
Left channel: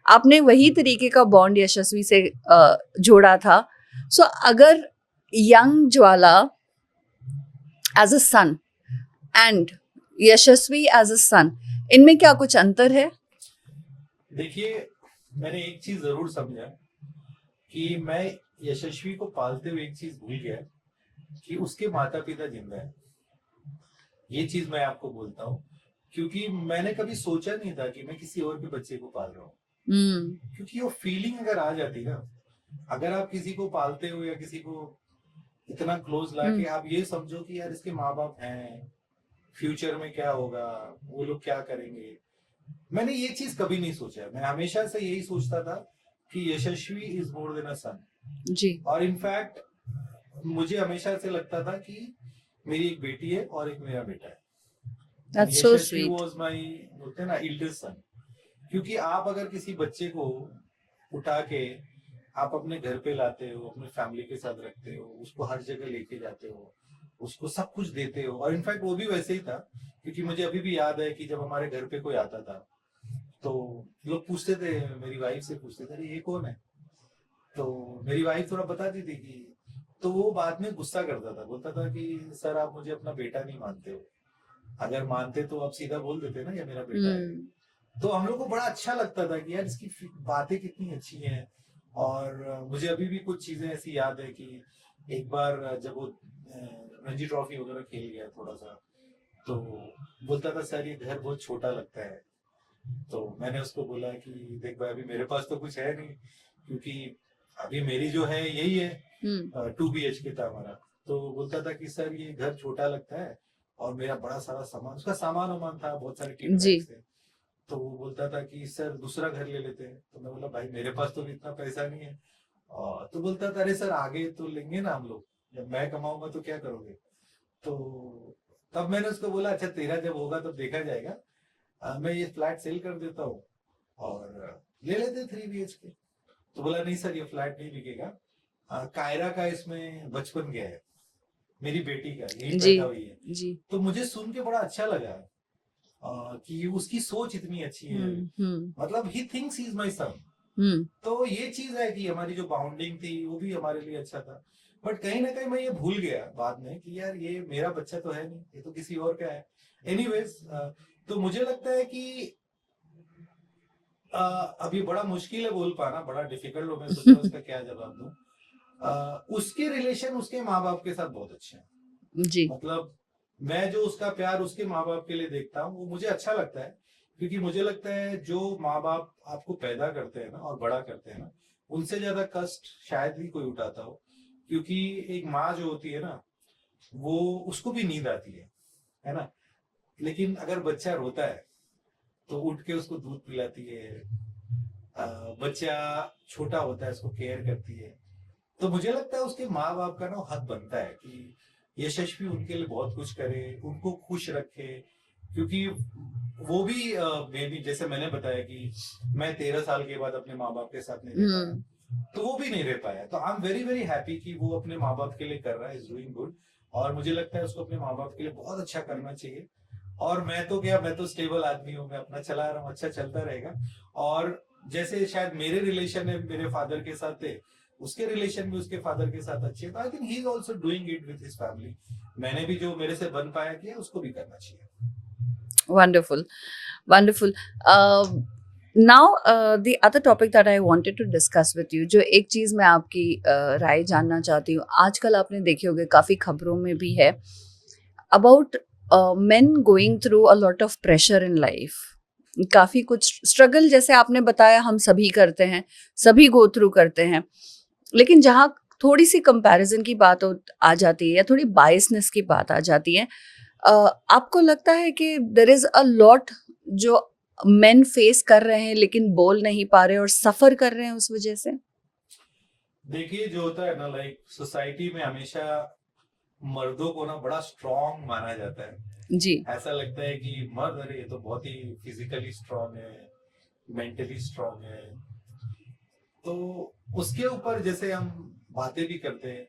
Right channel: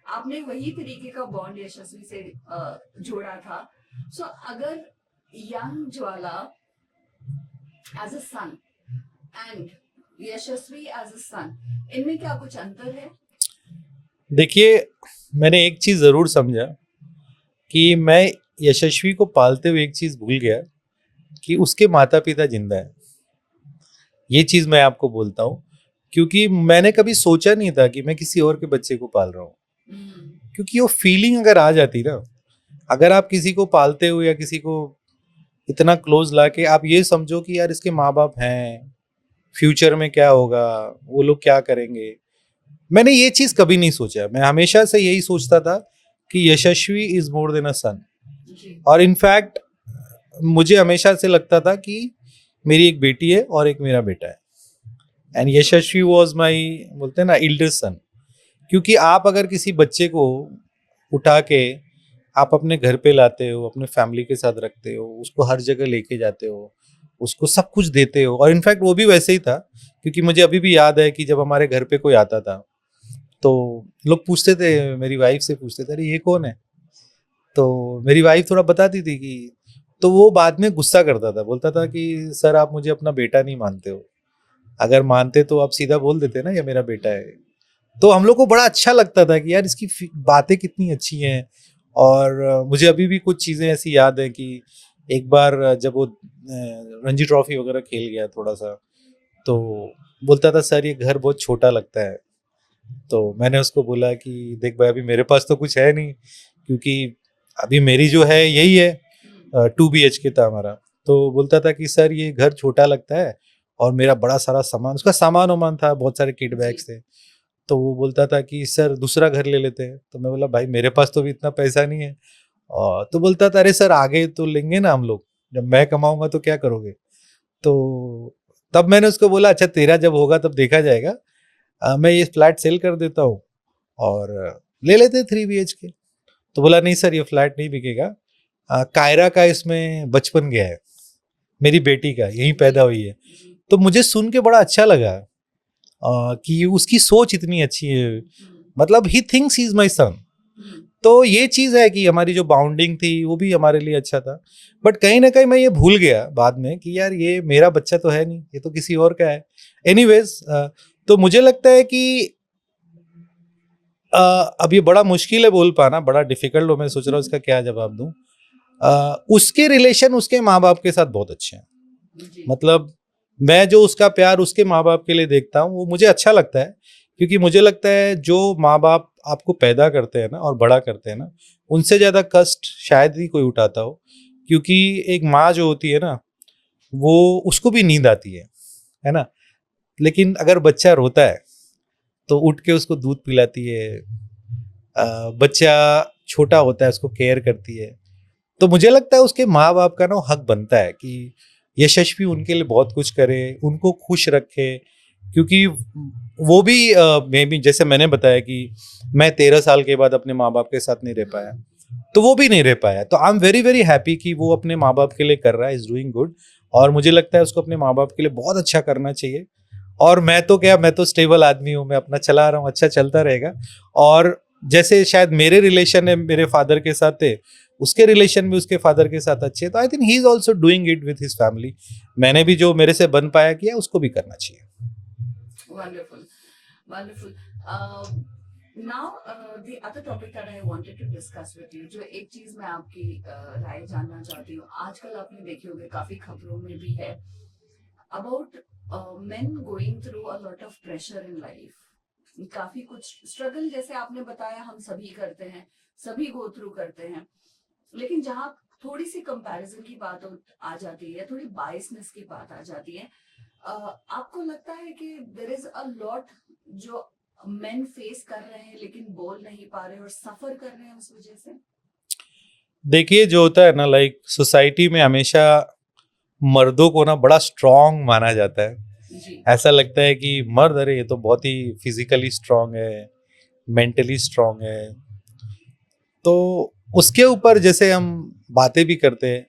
आपने वही तरीके का बॉन्ड यशस्वी से जोड़ा था। सो अगर young Jwala as a son and Yashasvi as a son, इनमें क्या कुछ अंतर है? देखिए, मैंने एक चीज जरूर समझा कि मैं यशस्वी को पालते हुए एक चीज भूल गया कि उसके माता पिता जिंदा है। ये चीज मैं आपको बोलता हूँ, क्योंकि मैंने कभी सोचा नहीं था कि मैं किसी और के बच्चे को पाल रहा हूँ। क्योंकि वो फीलिंग अगर आ जाती ना, अगर आप किसी को पालते हो या किसी को इतना क्लोज लाके आप ये समझो कि यार इसके माँ बाप हैं, फ्यूचर में क्या होगा, वो लोग क्या करेंगे, मैंने ये चीज कभी नहीं सोचा। मैं हमेशा से यही सोचता था कि यशस्वी इज मोर देन अ सन जी। और इनफैक्ट मुझे हमेशा से लगता था कि मेरी एक बेटी है और एक मेरा बेटा है। And That's so Yashasvi sweet. Was my, बोलते हैं ना, इल्डेस्ट सन। क्योंकि आप अगर किसी बच्चे को उठा के आप अपने घर पे लाते हो, अपने फैमिली के साथ रखते हो, उसको हर जगह लेके जाते हो, उसको सब कुछ देते हो, और इनफैक्ट वो भी वैसे ही था। क्योंकि मुझे अभी भी याद है कि जब हमारे घर पे कोई आता था तो लोग पूछते थे, मेरी वाइफ से पूछते थे, अरे ये कौन है? तो मेरी वाइफ थोड़ा बताती थी कि, तो वो बाद में गुस्सा करता था, बोलता था कि सर आप मुझे अपना बेटा नहीं मानते हो, अगर मानते तो आप सीधा बोल देते ना ये मेरा बेटा है। तो हम लोग को बड़ा अच्छा लगता था कि यार इसकी बातें कितनी अच्छी हैं। और मुझे अभी भी कुछ चीज़ें ऐसी याद है कि एक बार जब वो रणजी ट्रॉफी वगैरह खेल गया थोड़ा सा, तो बोलता था सर ये घर बहुत छोटा लगता है। तो मैंने उसको बोला कि देख भाई, अभी मेरे पास तो कुछ है नहीं, क्योंकि अभी मेरी जो है यही है, 2 BHK था हमारा। तो बोलता था कि सर ये घर छोटा लगता है, और मेरा बड़ा सारा सामान, उसका सामान वामान था, बहुत सारे किट बैग्स थे। तो वो बोलता था कि सर दूसरा घर ले लेते हैं। तो मैं बोला भाई मेरे पास तो भी इतना पैसा नहीं है। और तो बोलता था अरे सर आगे तो लेंगे ना हम लोग, जब मैं कमाऊंगा तो क्या करोगे? तो तब मैंने उसको बोला अच्छा तेरा जब होगा तब देखा जाएगा, मैं ये फ्लैट सेल कर देता हूँ और ले लेते 3 BHK। तो बोला नहीं सर ये फ्लैट नहीं बिकेगा, कायरा का इसमें बचपन गया है, मेरी बेटी का यहीं पैदा हुई है। तो मुझे सुन के बड़ा अच्छा लगा कि उसकी सोच इतनी अच्छी है, मतलब he thinks he is my son. तो ये चीज है कि हमारी जो बाउंडिंग थी वो भी हमारे लिए अच्छा था। बट कहीं ना कहीं मैं ये भूल गया बाद में कि यार ये मेरा बच्चा तो है नहीं, ये तो किसी और का है। एनीवेज, तो मुझे लगता है कि अब ये बड़ा मुश्किल है बोल पाना, बड़ा डिफिकल्ट हो, मैं सोच रहा हूँ इसका क्या जवाब दूं। उसके रिलेशन उसके माँ बाप के साथ बहुत अच्छे हैं जी। मतलब मैं जो उसका प्यार उसके माँ बाप के लिए देखता हूँ वो मुझे अच्छा लगता है, क्योंकि मुझे लगता है जो माँ बाप आपको पैदा करते हैं ना और बड़ा करते हैं ना, उनसे ज़्यादा कष्ट शायद ही कोई उठाता हो। क्योंकि एक माँ जो होती है ना, वो उसको भी नींद आती है ना, लेकिन अगर बच्चा रोता है तो उठ के उसको दूध पिलाती है, बच्चा छोटा होता है उसको केयर करती है। तो मुझे लगता है उसके माँ बाप का ना हक बनता है कि यशस्वी उनके लिए बहुत कुछ करे, उनको खुश रखे। क्योंकि वो भी मे बी जैसे मैंने बताया कि मैं 13 साल के बाद अपने माँ बाप के साथ नहीं रह पाया, तो वो भी नहीं रह पाया। तो I am very very happy कि वो अपने माँ बाप के लिए कर रहा है, इज डूइंग गुड। और मुझे लगता है उसको अपने माँ बाप के लिए बहुत अच्छा करना चाहिए। और मैं तो क्या, मैं तो स्टेबल आदमी हूँ, मैं अपना चला रहा हूँ, अच्छा चलता रहेगा। और जैसे शायद मेरे रिलेशन है मेरे फादर के साथ थे, उसके रिलेशन भी उसके फादर के साथ अच्छे, तो I think he is also doing it with his family. मैंने भी जो मेरे से बन पाया किया, उसको भी करना चाहिए। Wonderful wonderful. Now the other topic that I wanted to discuss with you, जो एक चीज़ मैं आपकी राय जानना चाहती हूँ, आजकल आपने देखे होंगे काफ़ी खबरों में भी है about men going through a lot of pressure in life, काफ़ी कुछ स्ट्रगल जैसे आपने बताया हम सभी करते हैं, सभी गो थ्रू करते हैं, लेकिन जहाँ थोड़ी सी कंपैरिजन की बात आ जाती है या थोड़ी बायसनेस की बात आ जाती है, आपको लगता है कि देयर इज अ लॉट जो मेन फेस कर रहे हैं लेकिन बोल नहीं पा रहे और सफर कर रहे हैं उस वजह से? देखिए जो होता है ना, लाइक सोसाइटी में हमेशा मर्दों को ना बड़ा स्ट्रॉन्ग माना जाता है जी ऐसा लगता है कि मर्द, अरे ये तो बहुत ही फिजिकली स्ट्रांग है, मेंटली स्ट्रांग है। तो उसके ऊपर जैसे हम बातें भी करते हैं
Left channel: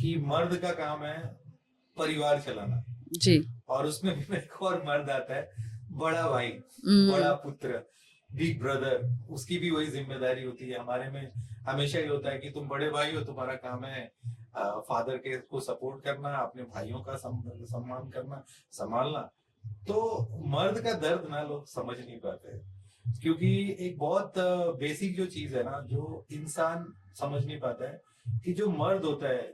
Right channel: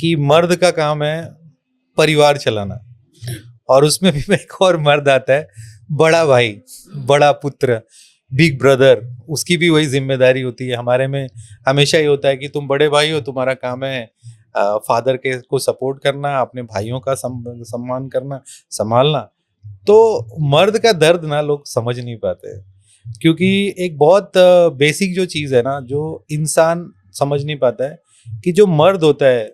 कि मर्द का काम है परिवार चलाना, जी और उसमें भी एक और मर्द आता है, बड़ा भाई, बड़ा पुत्र, बिग ब्रदर। उसकी भी वही जिम्मेदारी होती है। हमारे में हमेशा ये होता है कि तुम बड़े भाई हो, तुम्हारा काम है फादर के को सपोर्ट करना, अपने भाइयों का सम्मान करना, संभालना। तो मर्द का दर्द ना लोग समझ नहीं पाते, क्योंकि एक बहुत बेसिक जो चीज़ है ना, जो इंसान समझ नहीं पाता है कि जो मर्द होता है,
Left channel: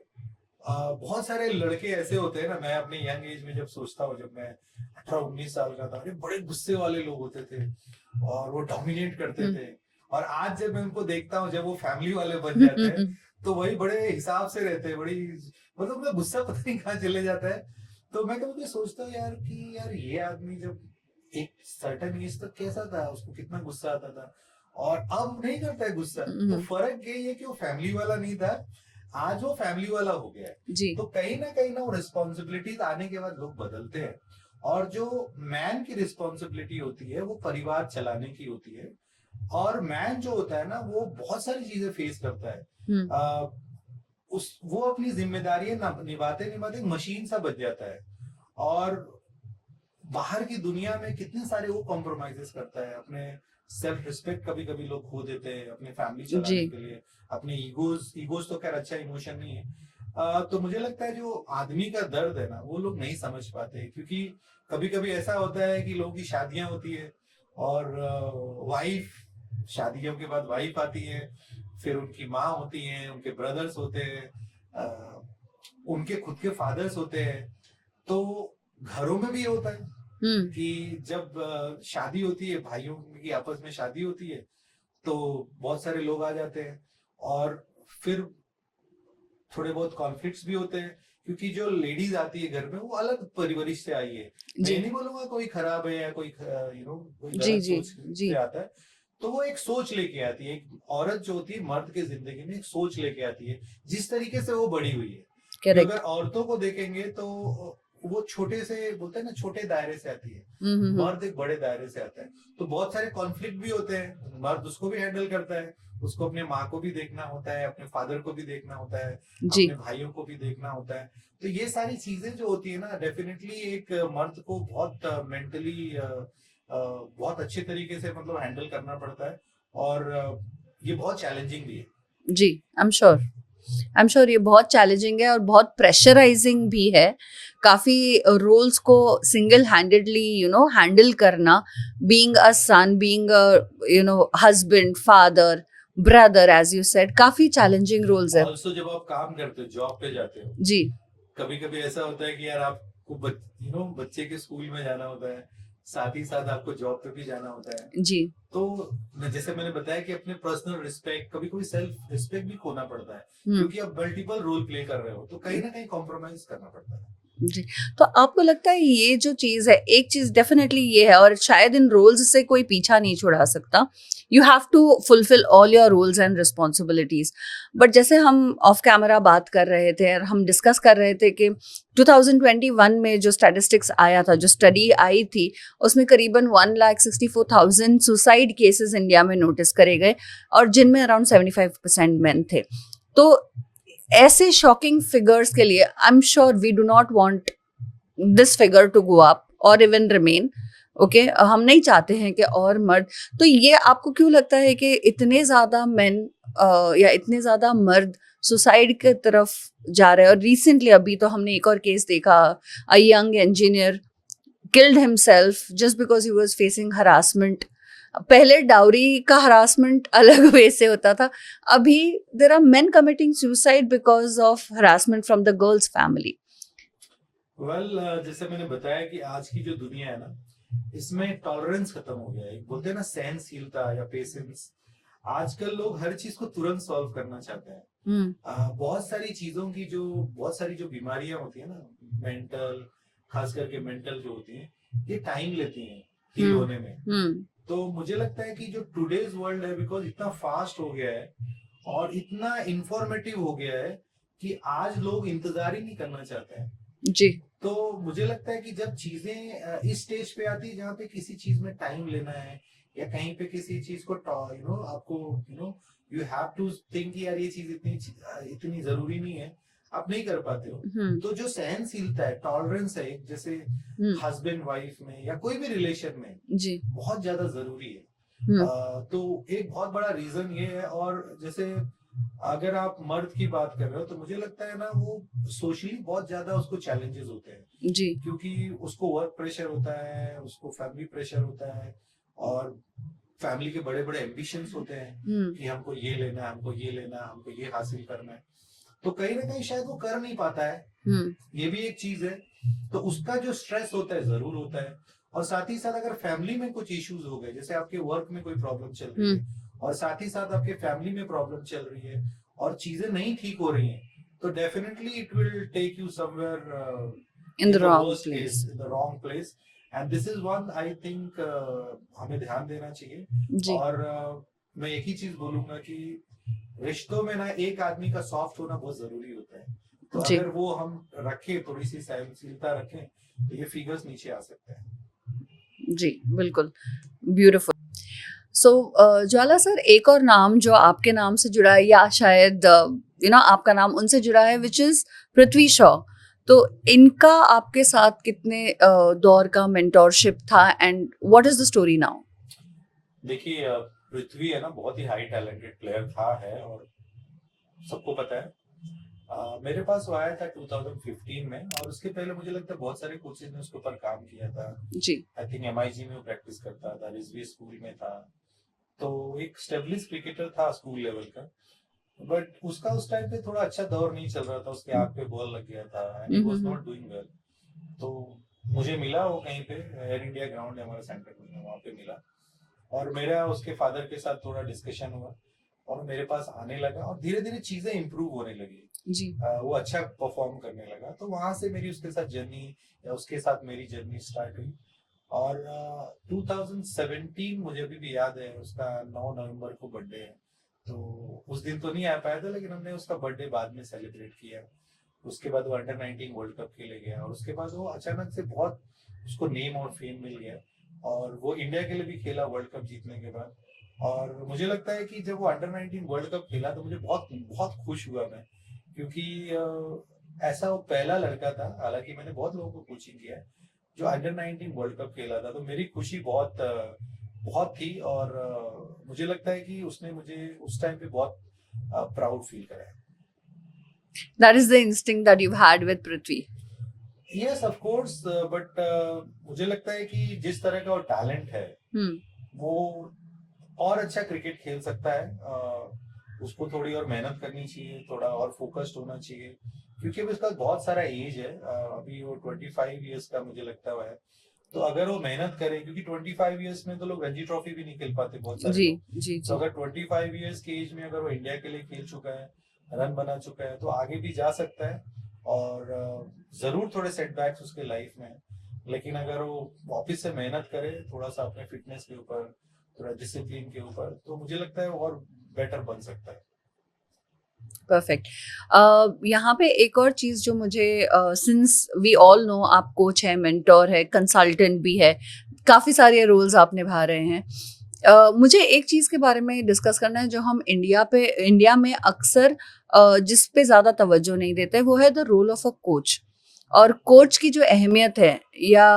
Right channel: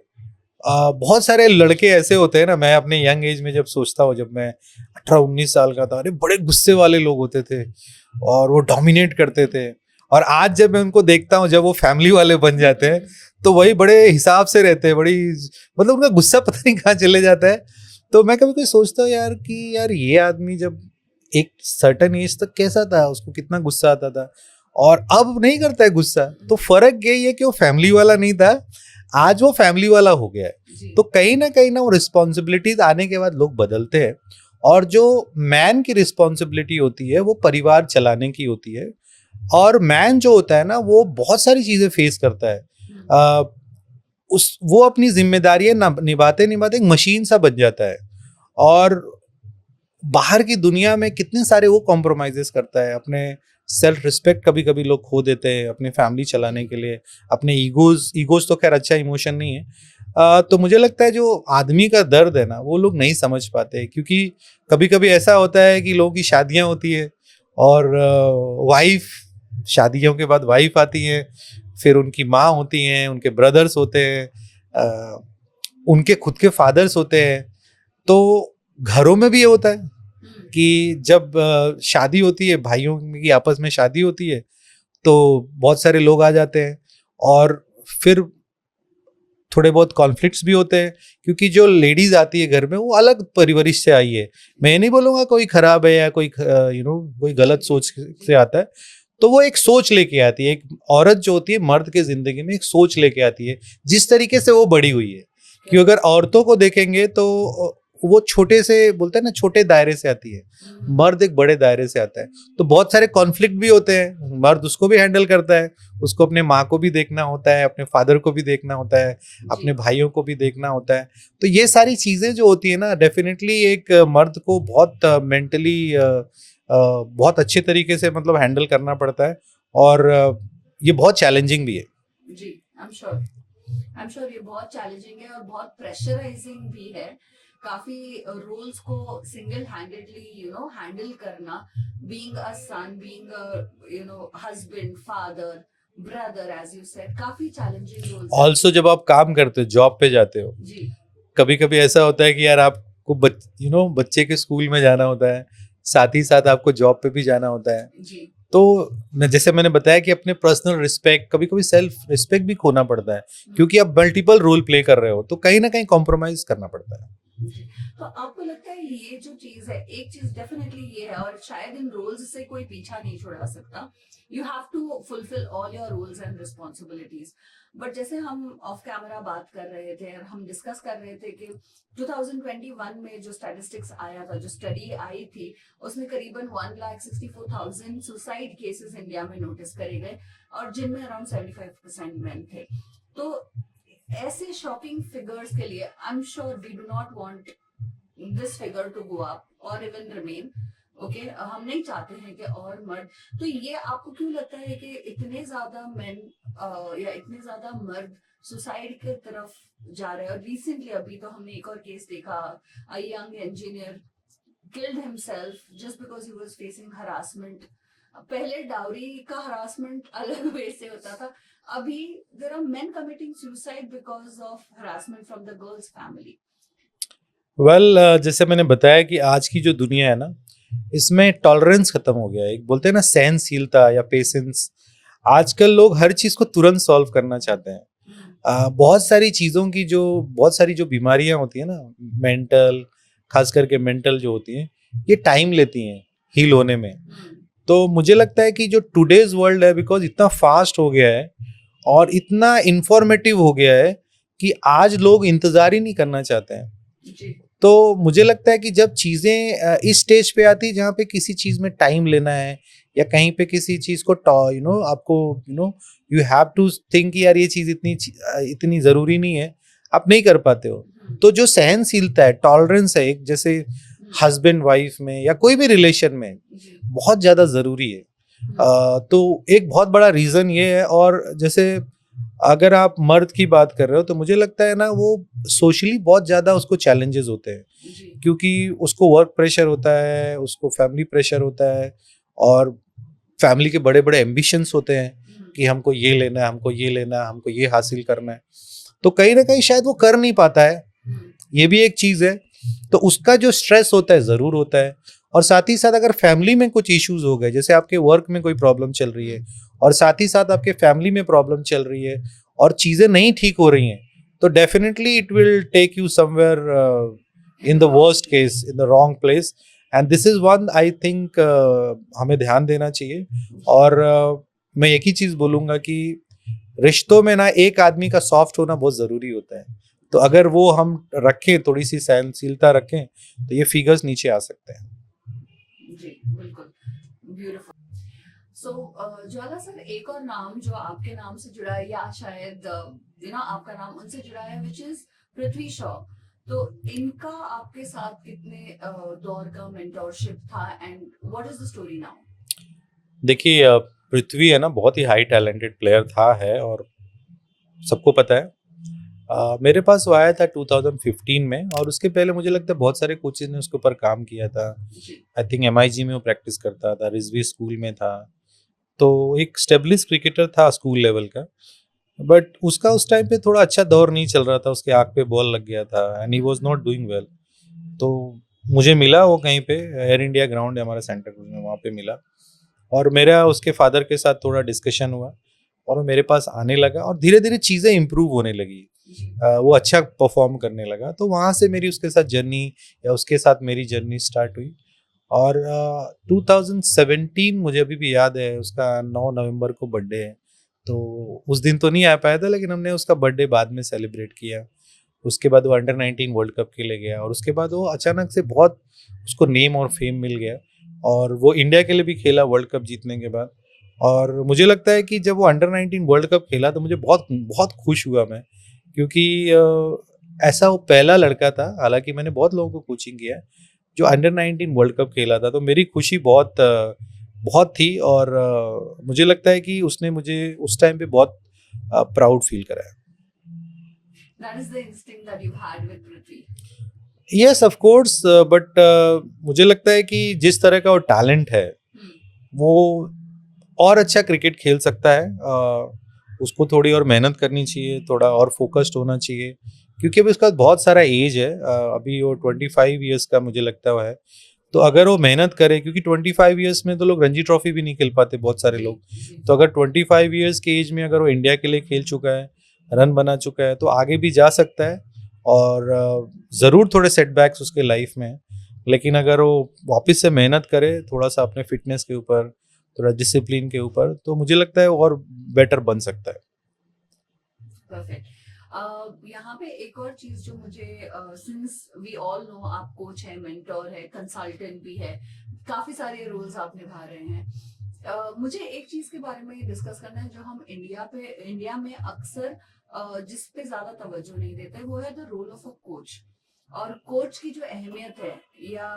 बहुत सारे लड़के ऐसे होते हैं ना, मैं अपने यंग एज में जब सोचता हूँ, जब मैं 18-19 साल का था, अरे बड़े गुस्से वाले लोग होते थे और वो डोमिनेट करते थे। और आज जब मैं उनको देखता हूँ, जब वो फैमिली वाले बन जाते हैं, तो वही बड़े हिसाब से रहते हैं, बड़ी मतलब उनका गुस्सा पता नहीं कहाँ चले जाता है। तो मैं कभी कभी सोचता हूँ यार कि यार ये आदमी जब एक सर्टेन एज तक कैसा था, उसको कितना गुस्सा आता था, और अब नहीं करता है गुस्सा। तो फर्क यही है कि वो फैमिली वाला नहीं था, आज वो फैमिली वाला हो गया है। तो कहीं ना वो रिस्पॉन्सिबिलिटीज आने के बाद लोग बदलते हैं, और जो मैन की रिस्पॉन्सिबिलिटी होती है वो परिवार चलाने की होती है। और मैन जो होता है ना, वो बहुत सारी चीजें फेस करता है। वो अपनी जिम्मेदारियां निभाते निभाते एक मशीन सा बन जाता है, और बाहर की दुनिया में कितने सारे वो कॉम्प्रोमाइजेस करता है। अपने सेल्फ रिस्पेक्ट कभी कभी लोग खो देते हैं अपनी फैमिली चलाने के लिए। अपने ईगोज तो खैर अच्छा इमोशन नहीं है। तो मुझे लगता है जो आदमी का दर्द है ना, वो लोग नहीं समझ पाते, क्योंकि कभी कभी ऐसा होता है कि लोगों की शादियां होती है, और वाइफ, शादियों के बाद वाइफ आती है, फिर उनकी माँ होती हैं, उनके ब्रदर्स होते हैं, उनके खुद के फादर्स होते हैं। तो घरों में भी ये होता है कि जब शादी होती है, भाइयों की आपस में शादी होती है, तो बहुत सारे लोग आ जाते हैं, और फिर थोड़े बहुत कॉन्फ्लिक्ट्स भी होते हैं, क्योंकि जो लेडीज आती है घर में, वो अलग परवरिश से आई है। मैं नहीं बोलूंगा कोई खराब है या कोई कोई गलत सोच से आता है। तो वो एक सोच लेके आती है। एक औरत जो होती है मर्द के जिंदगी में एक सोच लेके आती है, जिस तरीके से वो बड़ी हुई है। क्योंकि अगर औरतों को देखेंगे तो वो छोटे से, बोलते हैं ना, छोटे दायरे से आती है, मर्द एक बड़े दायरे से आता है। तो बहुत सारे कॉन्फ्लिक्ट भी होते हैं, मर्द उसको भी हैंडल करता है, उसको अपने माँ को भी देखना होता है, अपने फादर को भी देखना होता है, अपने भाइयों को भी देखना होता है। तो ये सारी चीजें जो होती है ना, डेफिनेटली एक मर्द को बहुत मेंटली बहुत अच्छे तरीके से मतलब हैंडल करना पड़ता है, और ये बहुत चैलेंजिंग भी है। जी, आई एम श्योर ये बहुत चैलेंजिंग है और बहुत प्रेशराइजिंग भी है। काफ़ी रोल्स को सिंगल हैंडेडली हैंडल करना, being a son, being a husband, father, brother, as you said, काफ़ी चैलेंजिंग रोल्स है। ऑल्सो जब आप काम करते हो, जॉब पे जाते हो, जी, कभी कभी ऐसा होता है कि यार आपको बच्चे के स्कूल में जाना होता है, साथ ही साथ आपको जॉब पे भी जाना होता है। जी। तो जैसे मैंने बताया कि अपने पर्सनल रिस्पेक्ट, कभी कभी सेल्फ रिस्पेक्ट भी खोना पड़ता है, क्योंकि आप मल्टीपल रोल प्ले कर रहे हो, तो कहीं ना कहीं कॉम्प्रोमाइज करना पड़ता है। जी, तो आपको लगता है ये जो चीज़ है, एक चीज़ डेफिनेटली ये है, और शायद इन रोल्स से कोई पीछा नहीं छुड़ा सकता। You have to fulfil all your roles and responsibilities. But जैसे हम ऑफ कैमरा बात कर रहे थे और हम डिस्कस कर रहे थे कि 2021 में जो स्टैटिस्टिक्स आया था, जो स्टडी आई थी, उसमें करीबन 1,64,000 सुसाइड केसेस इंडिया में नोटिस करे गए, और जिनमें अराउंड 75% मेन थे। तो ऐसे शॉकिंग फिगर्स के लिए I am sure we do not want this figure to go up और इवन रिमेन। ओके, हम नहीं चाहते हैं कि और मर्द। तो ये आपको क्यों लगता है कि इतने ज़्यादा मेन या इतने ज़्यादा मर्द सुसाइड की तरफ जा रहे हैं? और रिसेंटली अभी तो हमने एक और केस देखा, a young engineer killed himself just because he was facing harassment. पहले डाउरी का हरासमेंट अलग वे से होता था, अभी there are men committing suicide because of harassment from the girl's family. Well, जैसे मैंने बताया कि आज की जो दुनिया है ना, इसमें टॉलरेंस खत्म हो गया है। एक बोलते हैं ना सहनशीलता या पेशेंस। आजकल लोग हर चीज को तुरंत सॉल्व करना चाहते हैं। बहुत सारी चीजों की बहुत सारी जो बीमारियां होती है ना, मेंटल, खास करके मेंटल जो होती हैं, ये टाइम लेती हैं हील होने में। तो मुझे लगता है कि जो टुडेज वर्ल्ड है, बिकॉज इतना फास्ट हो गया है और इतना इंफॉर्मेटिव हो गया है कि आज लोग इंतजार ही नहीं करना चाहते हैं। जी, तो मुझे लगता है कि जब चीज़ें इस स्टेज पे आती जहाँ पे किसी चीज़ में टाइम लेना है या कहीं पे किसी चीज़ को आपको यू हैव टू थिंक यार ये चीज़ इतनी ज़रूरी नहीं है, आप नहीं कर पाते हो। तो जो सहनशीलता है, टॉलरेंस है, एक जैसे हस्बैंड वाइफ में या कोई भी रिलेशन में जी बहुत ज़्यादा ज़रूरी है। तो एक बहुत बड़ा रीज़न ये है। और जैसे अगर आप मर्द की बात कर रहे हो तो मुझे लगता है ना वो सोशली बहुत ज़्यादा उसको चैलेंजेस होते हैं, जी क्योंकि उसको वर्क प्रेशर होता है, उसको फैमिली प्रेशर होता है और फैमिली के बड़े बड़े एम्बिशंस होते हैं कि हमको ये लेना है, हमको ये लेना है, हमको ये हासिल करना है। तो कहीं ना कहीं शायद वो कर नहीं पाता है, ये भी एक चीज़ है। तो उसका जो स्ट्रेस होता है ज़रूर होता है। और साथ ही साथ अगर फैमिली में कुछ इश्यूज हो गए, जैसे आपके वर्क में कोई प्रॉब्लम चल रही है और साथ ही साथ आपके फैमिली में प्रॉब्लम चल रही है और चीज़ें नहीं ठीक हो रही हैं, तो definitely it will take you somewhere in the worst case, in the wrong place. And this is one I think हमें ध्यान देना चाहिए। और मैं एक ही चीज़ बोलूँगा कि रिश्तों में ना एक आदमी का सॉफ्ट होना बहुत ज़रूरी होता है। तो अगर वो हम रखें, थोड़ी सी सहनशीलता रखें, तो ये फिगर्स नीचे आ सकते हैं। जी बिल्कुल, ब्यूटीफुल। सो ज्वाला सर, एक और नाम जो आपके नाम से जुड़ा है या शायद आपका नाम उनसे जुड़ा है, विच इज पृथ्वी शॉ। तो इनका आपके साथ कितने दौर का मेंटोरशिप था and what is the story now? देखिए, पृथ्वी है ना बहुत ही हाई टैलेंटेड प्लेयर था, है, और सबको पता है। मेरे पास वो आया था 2015 में और उसके पहले मुझे लगता है बहुत सारे कोचेज ने उसके ऊपर काम किया था। जी आई थिंक MIG में वो प्रैक्टिस करता था, रिजवी स्कूल में था, तो एक स्टेब्लिश क्रिकेटर था स्कूल लेवल का। बट उसका उस टाइम पे थोड़ा अच्छा दौर नहीं चल रहा था, उसके आँख पे बॉल लग गया था and he was not doing well. तो मुझे मिला वो कहीं पे, एयर इंडिया ग्राउंड है हमारे सेंटर में, वहाँ पे मिला और मेरा उसके फादर के साथ थोड़ा डिस्कशन हुआ और वो मेरे पास आने लगा और धीरे धीरे चीज़ें इम्प्रूव होने लगी। जी वो अच्छा परफॉर्म करने लगा, तो वहाँ से मेरी उसके साथ जर्नी या उसके साथ मेरी जर्नी स्टार्ट हुई। और 2017 मुझे अभी भी याद है, उसका 9 नवंबर को बर्थडे है, तो उस दिन तो नहीं आ पाया था, लेकिन हमने उसका बर्थडे बाद में सेलिब्रेट किया। उसके बाद वो अंडर-19 वर्ल्ड कप के लिए गया और उसके बाद वो अचानक से बहुत उसको नेम और फेम मिल गया और वो इंडिया के लिए भी खेला वर्ल्ड कप जीतने के बाद। और मुझे लगता है कि जब वो अंडर-19 वर्ल्ड कप खेला तो मुझे बहुत बहुत खुश हुआ मैं, क्योंकि ऐसा वो पहला लड़का था, हालांकि मैंने बहुत लोगों को कोचिंग किया है, जो अंडर-19 वर्ल्ड कप खेला था। तो मेरी खुशी बहुत थी और मुझे लगता है कि उसने मुझे उस टाइम पे बहुत प्राउड फील कराया। That is the instinct that you had with Prithvi. Yes of course, but मुझे लगता है कि जिस तरह का वो टैलेंट है वो और अच्छा क्रिकेट खेल सकता है। उसको थोड़ी और मेहनत करनी चाहिए, थोड़ा और फोकस्ड होना चाहिए, क्योंकि अभी उसका बहुत सारा एज है। अभी वो 25 ईयर्स का मुझे लगता है। तो अगर वो मेहनत करे, क्योंकि 25 ईयर्स में तो लोग रणजी ट्रॉफी भी नहीं खेल पाते बहुत सारे लोग। तो अगर 25 ईयर्स के एज में अगर वो इंडिया के लिए खेल चुका है, रन बना चुका है, तो आगे भी जा सकता है। और ज़रूर थोड़े सेटबैक्स उसके लाइफ में है, लेकिन अगर वो वापस से मेहनत करे थोड़ा सा अपने फिटनेस के ऊपर, थोड़ा डिसिप्लिन के ऊपर, तो मुझे लगता है वो और बेटर बन सकता है। परफेक्ट। यहाँ पे एक और चीज़ जो मुझे, सिंस वी ऑल नो आप कोच है, मेंटोर है, कंसल्टेंट भी है, काफ़ी सारे रोल्स आप निभा रहे हैं। मुझे एक चीज़ के बारे में डिस्कस करना है जो हम इंडिया में अक्सर जिस पे ज़्यादा तवज्जो नहीं देते, वो है the role of a coach. और कोच की जो अहमियत है या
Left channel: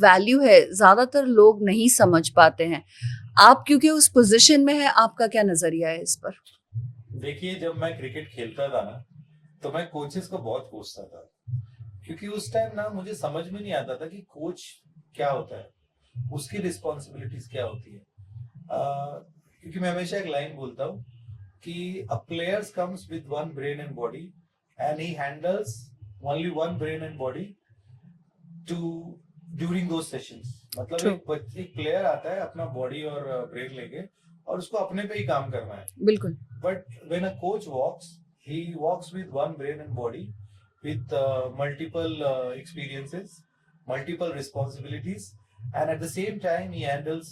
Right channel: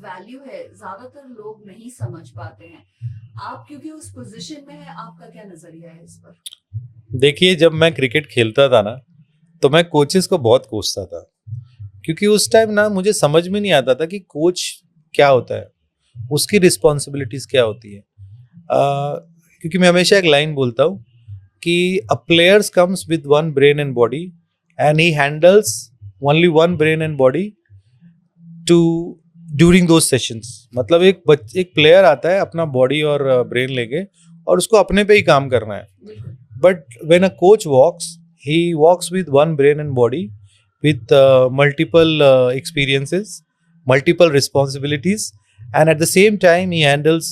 वैल्यू है, ज़्यादातर लोग नहीं समझ पाते हैं। आप क्योंकि उस पोजीशन में है, आपका क्या नज़रिया है इस पर? देखिए, जब मैं क्रिकेट खेलता था ना, तो मैं कोचेस को बहुत कोसता था, क्योंकि उस टाइम ना मुझे समझ में नहीं आता था कि कोच क्या होता है, उसकी रिस्पॉन्सिबिलिटीज क्या होती है। क्योंकि मैं हमेशा एक लाइन बोलता हूँ कि a players comes with one brain and body and he handles only one brain and body too during those sessions. मतलब एक प्लेयर आता है अपना बॉडी और ब्रेन लेके और उसको अपने पे ही काम करना है। बिल्कुल। But when a coach walks, he walks with one brain and body, with multiple experiences, multiple responsibilities, and at the same time he handles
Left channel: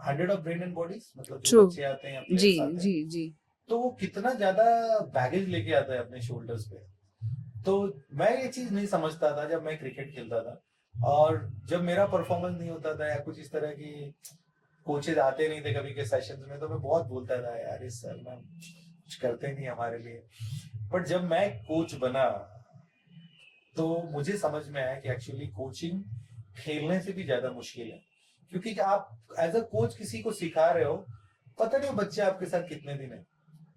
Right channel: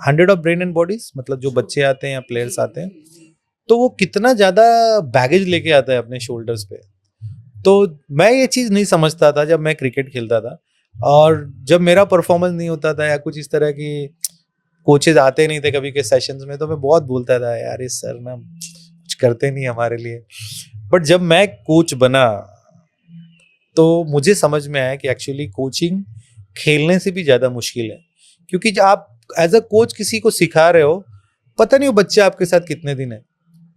100 of brain and bodies। मतलब जो बच्चे आते हैं या प्लेयर्स आते हैं, जी। तो वो कितना ज्यादा बैगेज लेके आता है अपने शोल्डर्स पे। तो मैं ये चीज़ नहीं समझता था जब मैं क्रिकेट खेलता था, और जब मेरा परफॉर्मेंस नहीं होता था या कुछ इस तरह की कोचेज आते नहीं थे कभी के सेशंस में, तो मैं बहुत बोलता था यार इस सर ना कुछ करते नहीं हमारे लिए। बट जब मैं कोच बना तो मुझे समझ में आया कि एक्चुअली कोचिंग खेलने से भी ज़्यादा मुश्किल है, क्योंकि जब आप एज अ कोच किसी को सिखा रहे हो, पता नहीं वो बच्चे आपके साथ कितने दिन है।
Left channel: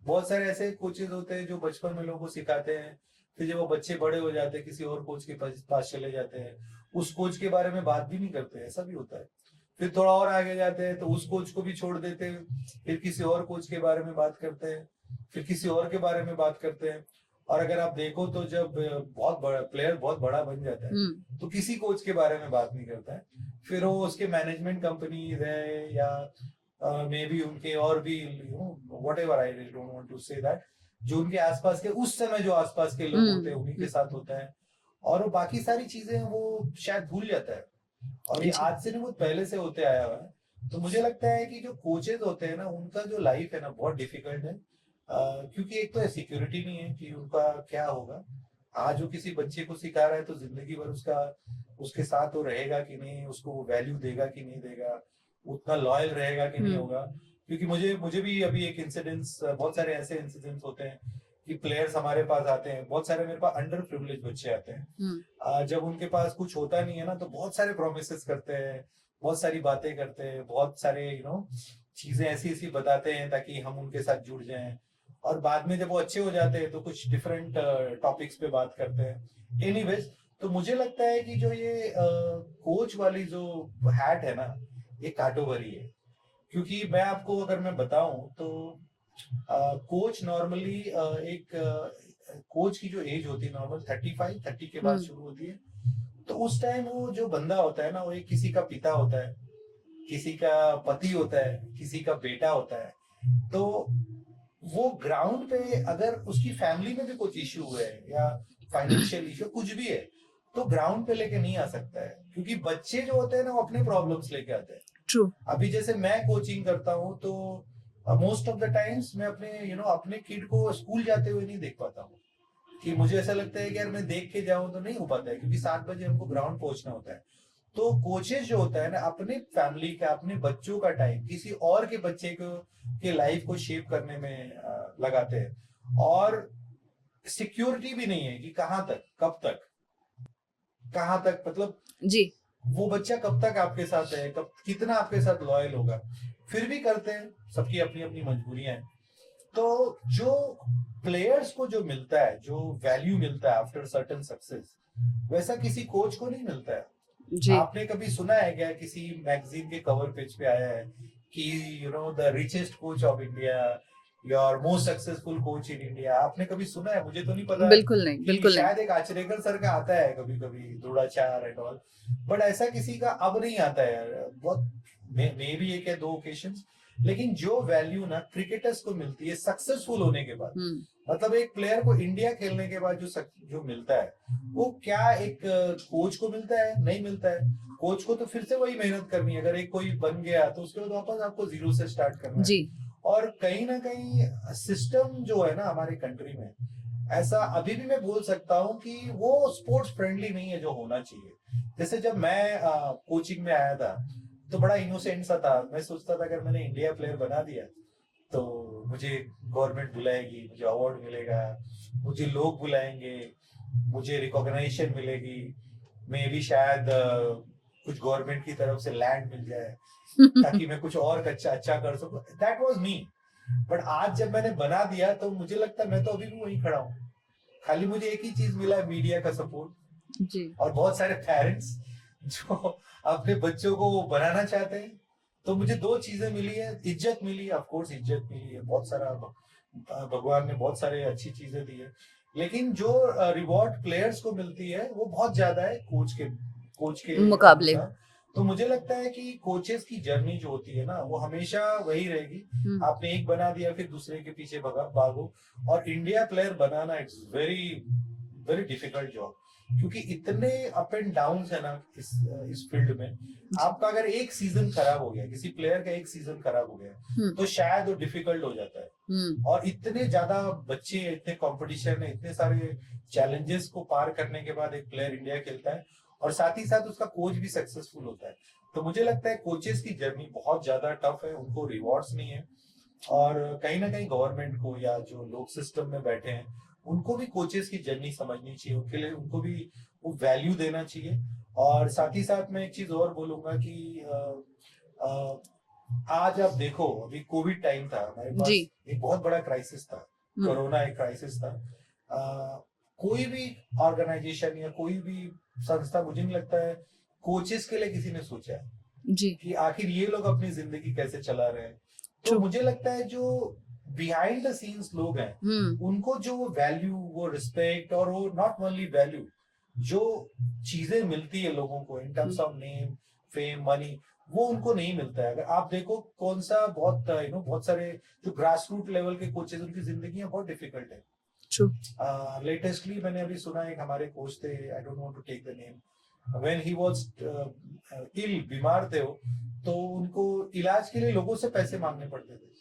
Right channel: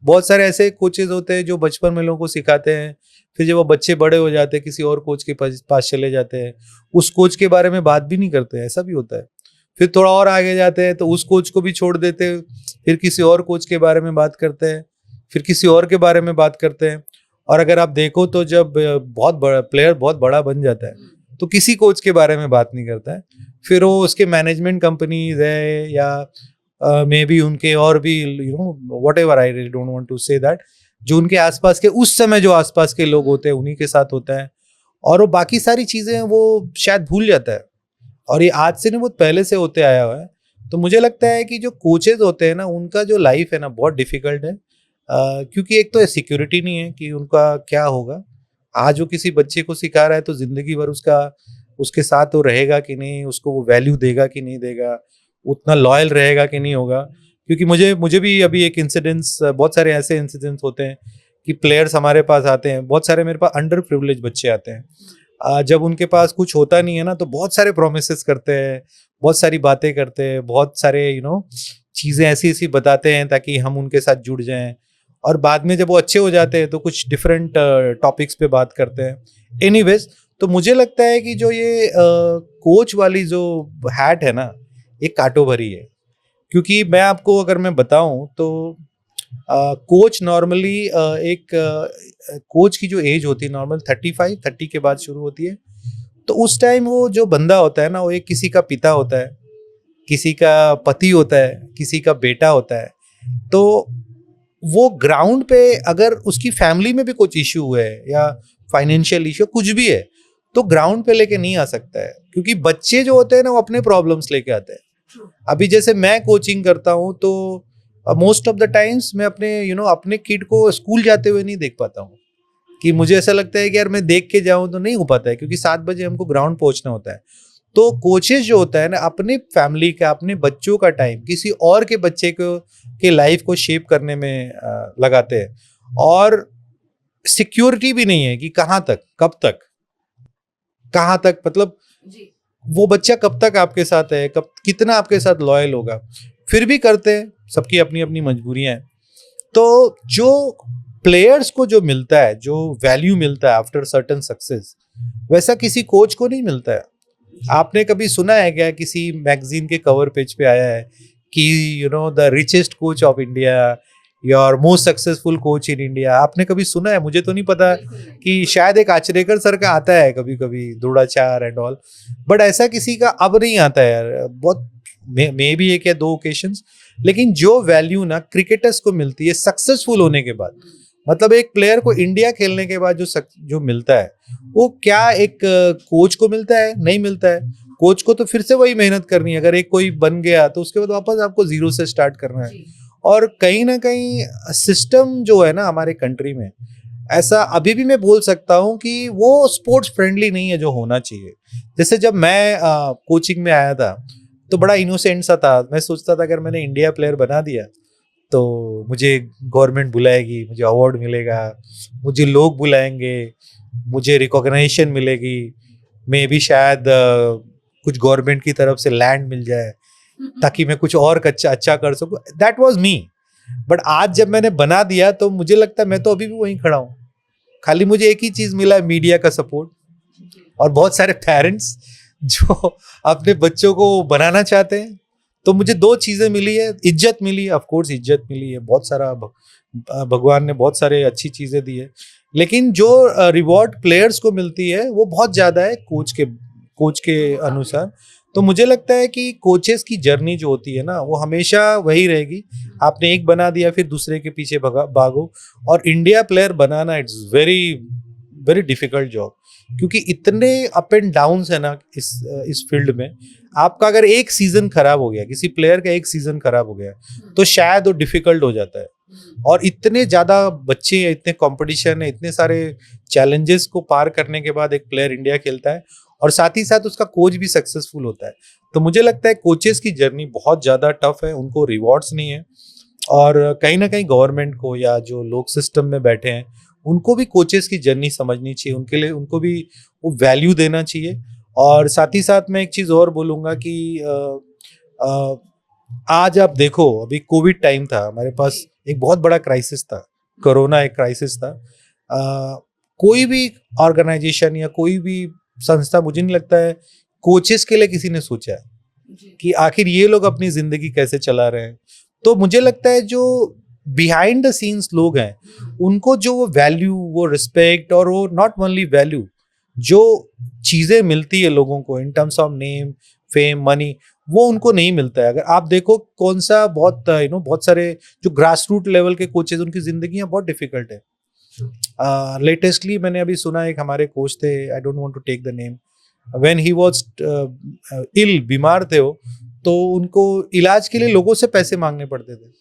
बहुत सारे ऐसे कोचेज होते हैं जो बचपन में लोगों को सिखाते हैं, फिर जब वो बच्चे बड़े हो जाते हैं किसी और कोच के पास चले जाते हैं, उस कोच के बारे में बात भी नहीं करते हैं, ऐसा भी होता है। फिर थोड़ा और आगे जाते हैं तो उस कोच को भी छोड़ देते हैं, फिर किसी और कोच के बारे में बात करते हैं, फिर किसी और के बारे में बात करते हैं। और अगर आप देखो तो जब बहुत बड़ा प्लेयर बहुत बड़ा बन जाता है तो किसी कोच के बारे में बात नहीं करता है, फिर वो उसके मैनेजमेंट कंपनीज है या मे बी उनके और भी whatever, I really don't want to say that, जो उनके आसपास के उस समय जो आसपास के लोग होते हैं उन्हीं के साथ होता है, और वो बाकी सारी चीजें वो शायद भूल जाता है। और ये आज से नहीं, बहुत पहले से होते आया हुआ है। तो मुझे लगता है कि जो कोचेज होते हैं ना, उनका जो लाइफ है ना बहुत डिफिकल्ट है, क्योंकि एक तो सिक्योरिटी नहीं है कि उनका क्या होगा। आज वो किसी बच्चे को सिखा रहा है तो जिंदगी भर उसके साथ वो रहेगा कि नहीं, उसको वो वैल्यू देगा कि नहीं देगा, उतना लॉयल रहेगा कि नहीं होगा। क्योंकि मुझे भी अभी एक इंसिडेंट्स, बहुत सारे ऐसे इंसिडेंट्स होते हैं कि प्लेयर्स हमारे पास आते हैं, बहुत सारे मेरे पास अंडर प्रिविलेज बच्चे आते हैं। जब उनके पास कुछ होता नहीं है ना तो बहुत सारे प्रोमिसेस करते हैं, बहुत सारी बातें करते हैं, बहुत सारे चीज़ें ऐसी ऐसी बताते हैं ताकि हम उनके साथ जुड़ जाएं, और बाद में जब वो अच्छे हो जाते हैं तो कुछ डिफरेंट टॉपिक्स पे बात करते हैं। एनीवेज, तो मुझे लगता है कि जो ये कोच वाली जो हैट है ना, ये कांटो भरी है। क्योंकि मैं आपको अगर मैं बताऊं तो कोच नॉर्मली एक कोच की जो एज होती है नॉर्मल 30 के बाद शुरू होती है। तो उस टाइम वो जो बंदा होता है ना, वो एक किसी का पिता होता है, किसी का पति होता है, किसी का बेटा होता है। तो वो ग्राउंड पे अगर उसकी फैमिली में भी कुछ इश्यू है या फाइनेंशियल इश्यू कुछ भी है तो ग्राउंड पे लेके नहीं आ सकता है, क्योंकि बच्चे जो होते हैं ना वो अपने प्रॉब्लम्स लेके आते हैं। ट्रू। अभी जैसे मैं कोचिंग करता हूँ तो मोस्ट ऑफ द टाइम्स मैं अपने अपने किड को स्कूल जाते हुए नहीं देख पाता हूँ, कि मुझे ऐसा लगता है कि यार मैं देख के जाऊँ तो नहीं हो पाता है, क्योंकि 7 बजे हमको ग्राउंड पहुंचना होता है। तो कोचेस जो होता है ना, अपने फैमिली का, अपने बच्चों का टाइम किसी और के बच्चे को के लाइफ को शेप करने में लगाते हैं, और सिक्योरिटी भी नहीं है कि कहाँ तक, कब तक, कहाँ तक, मतलब जी, वो बच्चा कब तक आपके साथ है, कब कितना आपके साथ लॉयल होगा। फिर भी करते हैं, सबकी अपनी अपनी मजबूरियां हैं। तो जो प्लेयर्स को जो मिलता है, जो वैल्यू मिलता है आफ्टर सर्टेन सक्सेस, वैसा किसी कोच को नहीं मिलता है। आपने कभी सुना है क्या, किसी मैगजीन के कवर पेज पे आया है कि the richest coach of India, your most successful coach in India? आपने कभी सुना है? मुझे तो नहीं पता। बिल्कुल नहीं, कि बिल्कुल शायद एक आचरेकर सर का आता है कभी कभी, द्रोणाचार्य एंड ऑल, बट ऐसा किसी का अब नहीं आता है यार। बहुत मे बी 1 या 2 ओकेशंस, लेकिन जो वैल्यू ना क्रिकेटर्स को मिलती है सक्सेसफुल होने के बाद, मतलब एक प्लेयर को इंडिया खेलने के बाद जो मिलता है, वो क्या एक कोच को मिलता है? नहीं मिलता है। कोच को तो फिर से वही मेहनत करनी है। अगर एक कोई बन गया तो उसके बाद वापस आपको जीरो से स्टार्ट करना है। जी। और कहीं ना कहीं सिस्टम जो है ना हमारे कंट्री में, ऐसा अभी भी मैं बोल सकता हूँ कि वो स्पोर्ट्स फ्रेंडली नहीं है जो होना चाहिए। जैसे जब मैं कोचिंग में आया था तो बड़ा इनोसेंट सा था। मैं सोचता था अगर मैंने इंडिया प्लेयर बना दिया तो मुझे गवर्नमेंट बुलाएगी, मुझे अवार्ड मिलेगा, मुझे लोग बुलाएंगे, मुझे रिकॉग्निशन मिलेगी, मे भी शायद कुछ गवर्नमेंट की तरफ से लैंड मिल जाए ताकि मैं कुछ और अच्छा कर सकूं। That was me. बट आज जब मैंने बना दिया तो मुझे लगता है मैं तो अभी भी वहीं खड़ा हूँ। खाली मुझे एक ही चीज मिला, मीडिया का सपोर्ट, और बहुत सारे पेरेंट्स जो अपने बच्चों को बनाना चाहते हैं। तो मुझे 2 चीजें मिली है। इज्जत मिली है, ऑफ कोर्स इज्जत मिली है, बहुत सारा भगवान ने बहुत सारे अच्छी चीजें दी है, लेकिन जो रिवॉर्ड प्लेयर्स को मिलती है वो बहुत ज्यादा है कोच के अनुसार। तो मुझे लगता है कि कोचेस की जर्नी जो होती है ना, वो हमेशा वही रहेगी। आपने एक बना दिया फिर दूसरे के पीछे भागो। और India player banana it's very very difficult job, क्योंकि इतने अप एंड डाउन्स है ना इस फील्ड में। आपका अगर एक सीजन खराब हो गया, किसी प्लेयर का एक सीजन खराब हो गया तो शायद वो डिफिकल्ट हो जाता है। और इतने ज्यादा बच्चे हैं, इतने कंपटीशन है, इतने सारे चैलेंजेस को पार करने के बाद एक प्लेयर इंडिया खेलता है और साथ ही साथ उसका कोच भी सक्सेसफुल होता है। तो मुझे लगता है कोचेस की जर्नी बहुत ज्यादा टफ है, उनको रिवॉर्ड्स नहीं है। और कहीं ना कहीं गवर्नमेंट को या जो लोग सिस्टम में बैठे हैं उनको भी कोचेस की जर्नी समझनी चाहिए, उनके लिए उनको भी वो वैल्यू देना चाहिए। और साथ ही साथ मैं एक चीज और बोलूंगा कि आज आप देखो, अभी कोविड टाइम था, हमारे पास एक बहुत बड़ा क्राइसिस था, कोरोना एक क्राइसिस था। कोई भी ऑर्गेनाइजेशन या कोई भी संस्था, मुझे नहीं लगता है कोचेस के लिए किसी ने सोचा है कि आखिर ये लोग अपनी जिंदगी कैसे चला रहे हैं। तो मुझे लगता है जो बिहाइंड द सीन्स लोग हैं उनको जो वो वैल्यू, वो रिस्पेक्ट और वो नॉट ओनली वैल्यू, जो चीजें मिलती है लोगों को in terms of name, fame, money, वो उनको नहीं मिलता है। अगर आप देखो कौन सा बहुत बहुत सारे जो ग्रास रूट लेवल के कोचेज, उनकी जिंदगियां बहुत डिफिकल्ट है। लेटेस्टली मैंने अभी सुना, एक हमारे कोच थे, I don't want to take the name, when he was ill, बीमार थे वो, तो उनको इलाज के लिए लोगों से पैसे मांगने पड़ते थे।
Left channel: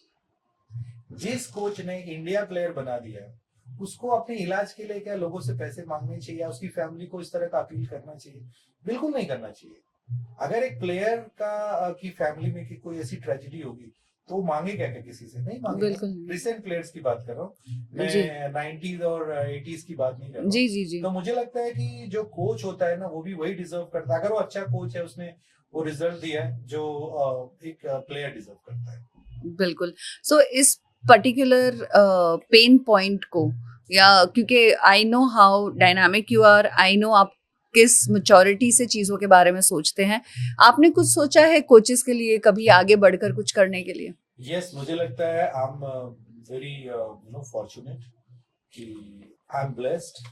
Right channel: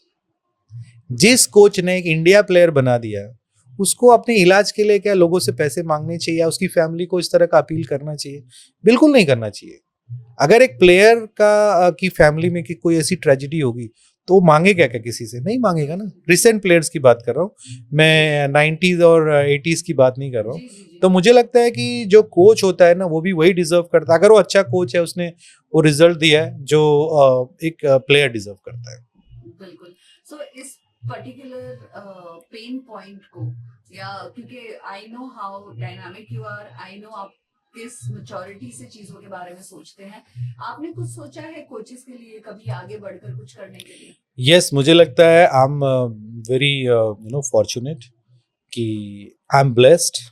जिस कोच ने एक इंडिया प्लेयर बना दिया, उसको अपने इलाज के लिए क्या लोगों से पैसे मांगने चाहिए या उसकी फैमिली को इस तरह का अपील करना चाहिए? बिल्कुल नहीं करना चाहिए। अगर एक प्लेयर का की फैमिली में की कोई ऐसी ट्रेजेडी होगी तो मांगेगा क्या किसी से? नहीं मांगेगा ना। रिसेंट प्लेयर्स की बात कर रहा हूँ मैं, 90s और 80s की बात नहीं कर रहा हूँ। तो मुझे लगता है कि जो कोच होता है ना, वो भी वही डिजर्व करता है। अगर वो अच्छा कोच है, उसने वो रिजल्ट दिया है जो एक प्लेयर डिजर्व करता है। बिल्कुल। सो इस पर्टिकुलर पेन पॉइंट को, या क्योंकि I know how dynamic you are, I know आप किस मैच्योरिटी से चीजों के बारे में सोचते हैं, आपने कुछ सोचा है कोचेस के लिए कभी आगे बढ़कर कुछ करने के लिए? यस, मुझे लगता है आई एम वेरी फॉर्चुनेट कि आई एम ब्लेस्ड